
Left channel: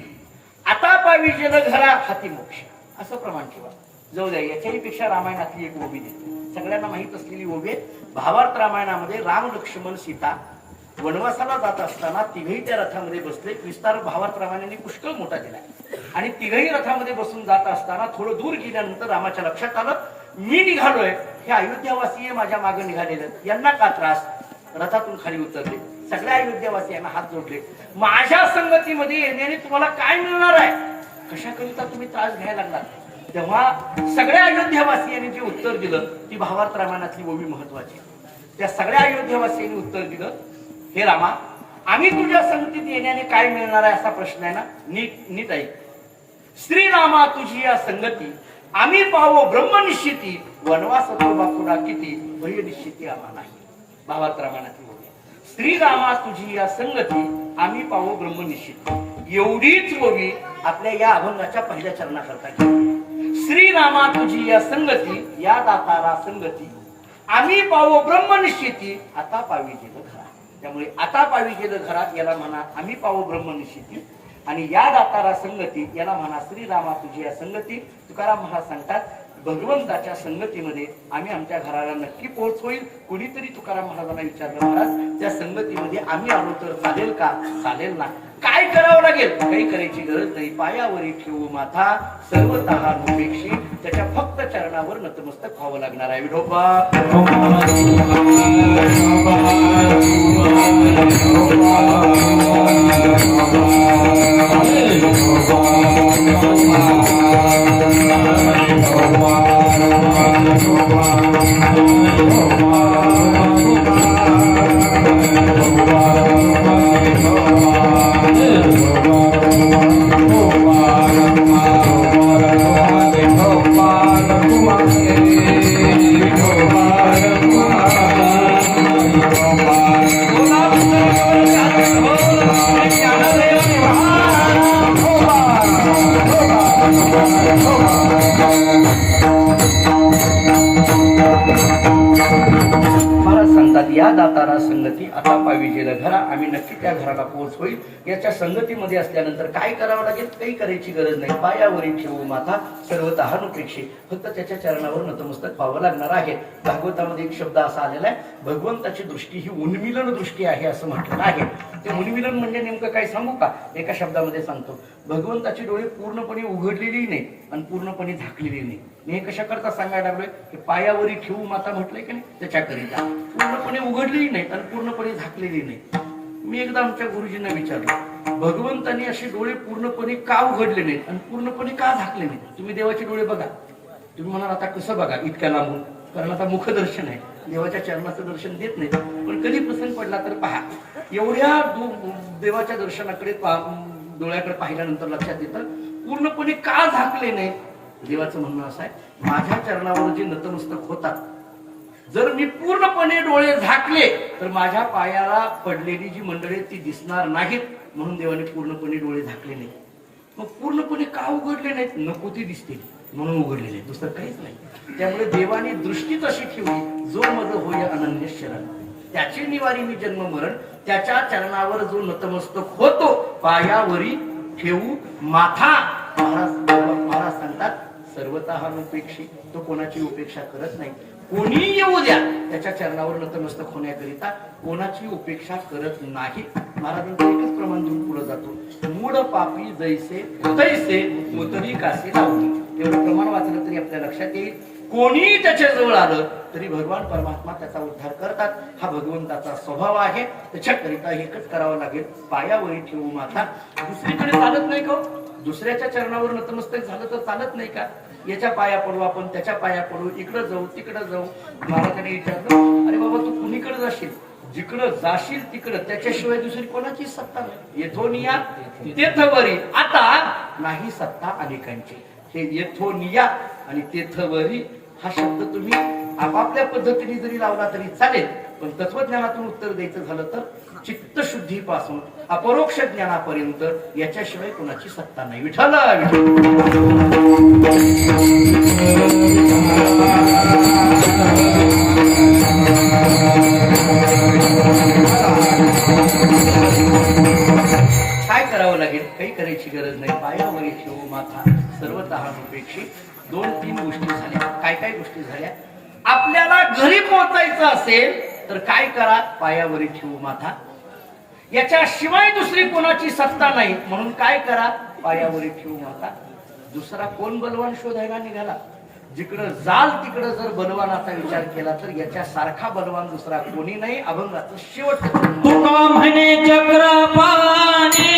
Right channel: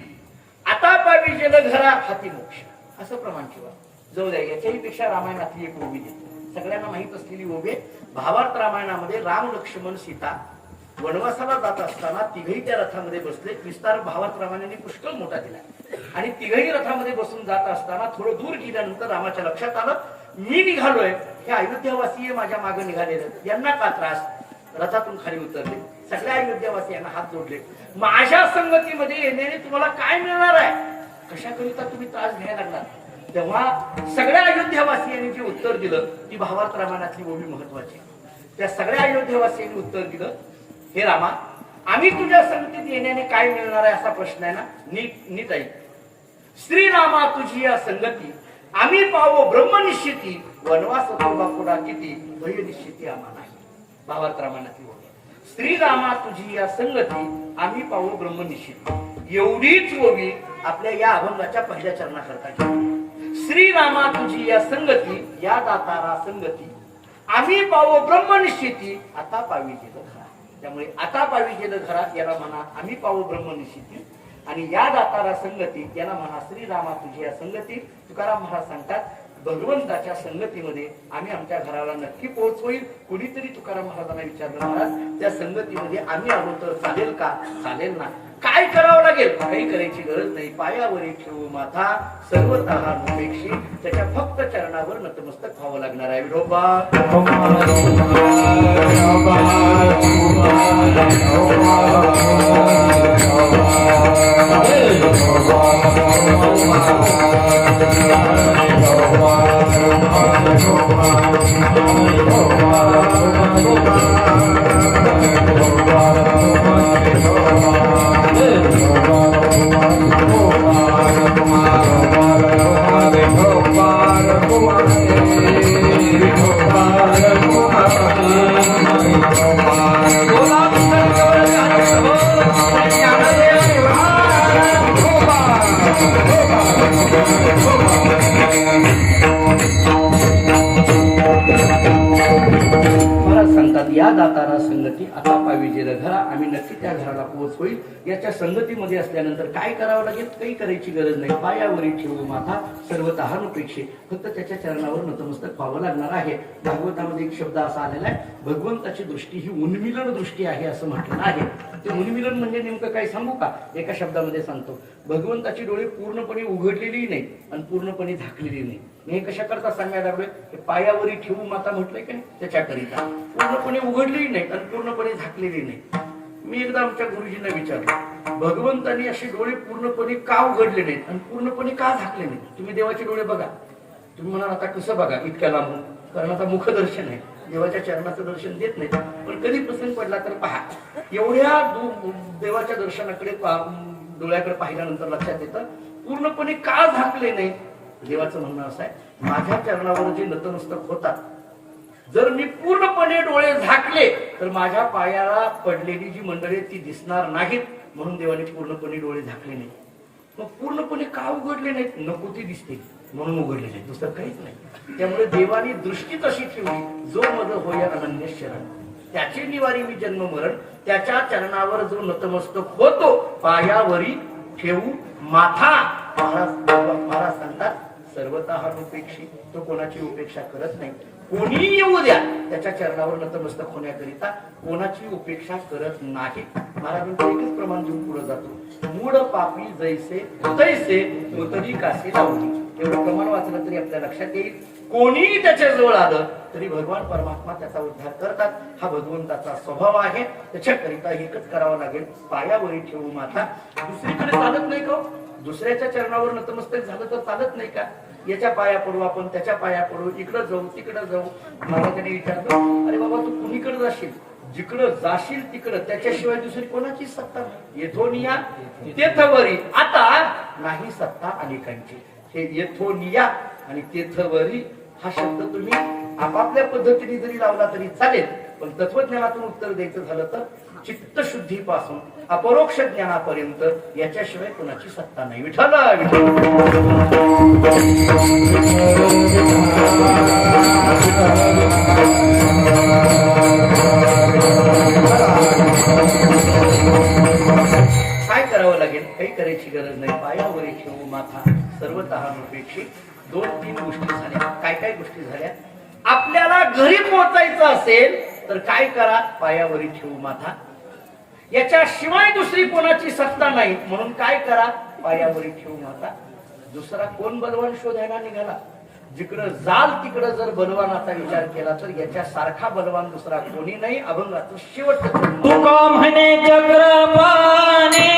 आता पाविजेल घरा हाती मोक्ष असं प्रमाण ठेवा. जाऊ द्या, याच्याही पेक्षा रामायणातली एक ओवी देते, सगळ्यांना माहित असलेली ओवी. भावार्थ रामायणामध्ये राम लक्ष्मण सीता वनवासाला जात असताना तिघही त्या रथामध्ये बसले. विस्तार भावार्थ रामायणाने पुष्कळ मोठा दिला. आणि तिघही रथामध्ये बसून जात असताना थोडं दूर गेल्यानंतर रामाच्या लक्षात आलं, मी निघालोय, हे अयोध्यावासी माझ्या मागे निघालेले, यांना का त्रास? रथातून खाली उतरले. सगळ्या अयोध्यावासियांना हात जोडले. माझ्या संगतीमध्ये येण्याने तुम्हाला काय मिळणार आहे, कशाकरिता तुम्ही त्रास घ्यायला लागला. तेव्हा सगळ्या अयोध्यावासियांनी जे उत्तर दिलं ती भावार्थ रामायणातली ओवी महत्वाची. त्या सगळ्या अयोध्यावासियांनी उत्तर दिलं, हे रामा, आम्ही तुझ्या संगतीत येण्याने काय मिळणार आहे असा प्रश्न आहे ना, नीट ऐक. श्रीरामा तुझी या संगती आम्ही पाहो ब्रह्मनिश्चिती, वनवास तो बाकुडा किती, भय निश्चिती आम्हा नाही. भावार्थ रामायणातली ओवी. श्रीरामा तुझी या संगती आम्ही पाहो ब्रह्मनिश्चिती, एवढीच ओवी आपल्या या अभंगाच्या पहिल्या चरणाकरता केली. श्रीरामा तुझी या संगती, या दातारा संगती आम्ही पाहो ब्रह्मनिश्चिती, आता पावी गेलं घरात. त्यामुळे आता पावी गेलं घरात याला म्हणा आम्ही पाहो ब्रह्मनिश्चिती, आणि या दातारा संगती याला म्हणा श्रीरामा तुझी या संगती. तुकाराम महाराज सांगतात, भगवंताच्या संगतीमध्ये आम्ही आमच्या घराला नक्की पोहोचवईल. कुणीतरी तुकाराम महाराजांना विचारलं, महाराज त्या संगतीमध्ये आम्ही आलो तर चालेल का? चालेल ना. काय करावं लागेल? काही करायची गरज नाही. पायावरी ठेवू माथा सर्वतः नुपेक्षी, त्याच्या फक्त चरणावर नतमस्तक व्हावं लागणार आहे. विठोबा या दातारा संगती आता पावी गेलं घरा, आम्ही नक्की त्या घराला पोहोचवईल. याच्या संगतीमध्ये असल्यानंतर काय करावं लागेल? काही करायची गरज नाही. पायावरी ठेवू माथा सर्वतः नुपेक्षी, फक्त त्याच्या चरणावर नतमस्तक व्हावं लागणार आहे. भागवतामध्ये एक शब्द असा आलेला आहे, भगवंताची दृष्टी ही उन्मिलन दृष्टी आहे असं म्हटलं आहे. ते उन्मिलन म्हणजे नेमकं काय सांगू का? एका शब्दामध्ये सांगतो, भगवंताची डोळे पूर्णपणे उघडलेली नाही आणि पूर्णपणे झाकलेली नाही. हे कशा करता सांगायला लागलोय? की पायावरी ठेवू माता म्हटलंय की नाही, त्याच्याकरिता पूर्णपणे उघडलेली नाही आणि पूर्णपणे झाकलेली नाही. मी एकदा आमच्या गुरुजींना विचारलं, भगवंतांनी असे डोळे पूर्णपणे का उघडले नाहीत आणि पूर्णपणे का झाकले नाहीत? तुम्ही देवाचे डोळे बघा. तुम्ही म्हणाल आता कसं बघा इतक्या लांबून? कारण आता मुखदर्शन आहे, देवाच्या चरणाचं दर्शन देत नाही. पण कधी प्रसंग पडला तर पहा, एवढ्या देवाच्या दर्शनाकडे डोळ्याकडे पाहिल्यानंतर लक्षात येतं पूर्णपणे का झाकले नाही. देवाचं म्हणणं असं आहे, माझ्या चरणावर जे नतमस्तक होतात, जर मी पूर्णपणे डोळे झाकले तर माझ्या पायाला पडलेली जी मंडळी ती दिसणार नाहीत, म्हणून देवाने पूर्णपणे डोळे झाकले नाही. मग पूर्णपणे का उघडले नाहीत? नको ती दिसते म्हणून उघडले नाही, दुसरं काहीच नाही. त्यामुळे देवाने दृष्टीच अशी ठेवली, जो मज होय अनन्य शरण, त्याची निवारी मी जन्म मरण, त्याच्या चरणावर जो नतमस्तक होतो पायावरी ठेवू माथा. महाराज सांगतात, सर्वतः उपेक्षी, तो कोणाची उपेक्षा करत नाही. कोणी येऊ द्या, त्याच्या चरणावर नतमस्तक होण्याकरिता कोणाची उपेक्षा करत नाही. महाराजांचं एकच प्रमाण घेऊन पुढे जातो, मूळ पापी जैसे तैसे उतरी कासे लावली. एवढं प्रमाण वाचलं तरी आपल्या लक्षात येईल, कोणी त्याच्या जवळ आलं तरी भगवान परमात्मा त्याचा उद्धार करतात. हा भगवंताचा स्वभाव आहे. त्याच्याकरिता एकच करावं लागेल, पायावरी ठेवू माथा. दुसरीकडे चालत नाही का? दुसऱ्याच्या चरणावर नतमस्तक झालं तर चालत नाही का? याच्या पाया पडू आपण, त्याच्या पाया पडू, इकडं जाऊ तिकडं जाऊ. महाराजांनी विचारलं, अरे बाबा तू कुणीकडे जाशील? जिकडं जाशील तिकडं, त्याच्याशिवाय दुसरी कोणाची सत्ता नाही. येथोनिया तेथवरी, आता नाही सत्ता अनेकांची. हे येथोनिया आणि तेथवरी हा शब्द तुम्ही आपापल्या पद्धतीने जरी लावला तरी चालेल, पण तत्वज्ञानातून उत्तर द्यायचं झालं तर चित्तशुद्धीपासून अपरोक्ष ज्ञानापर्यंत याच्याशिवाय कोणाची सत्ता नाही. विठ्ठल काय करावं लागेल? काही करायची गरज नाही. पायावरी ठेवू माथा सर्वतः नुपेक्षी. 2-3 गोष्टी झाल्या. काय काय गोष्टी झाल्या? आपल्याला घरी पोहोचायचं असेल तर काय करा? पायावरी ठेवू माथा. याच्याशिवाय दुसरी कोणाची सत्ता नाही, म्हणून काय करा? पायावरी ठेवू माता. दुसरा कोण बलवान शोधायला निघाला? जिकडं जाल तिकडं जर बलवानाचा विचार केला तर याच्यासारखा बलवान दुसरा कोणी नाही. अभंगाचं शेवटचं तुका म्हणे चक्रपाणी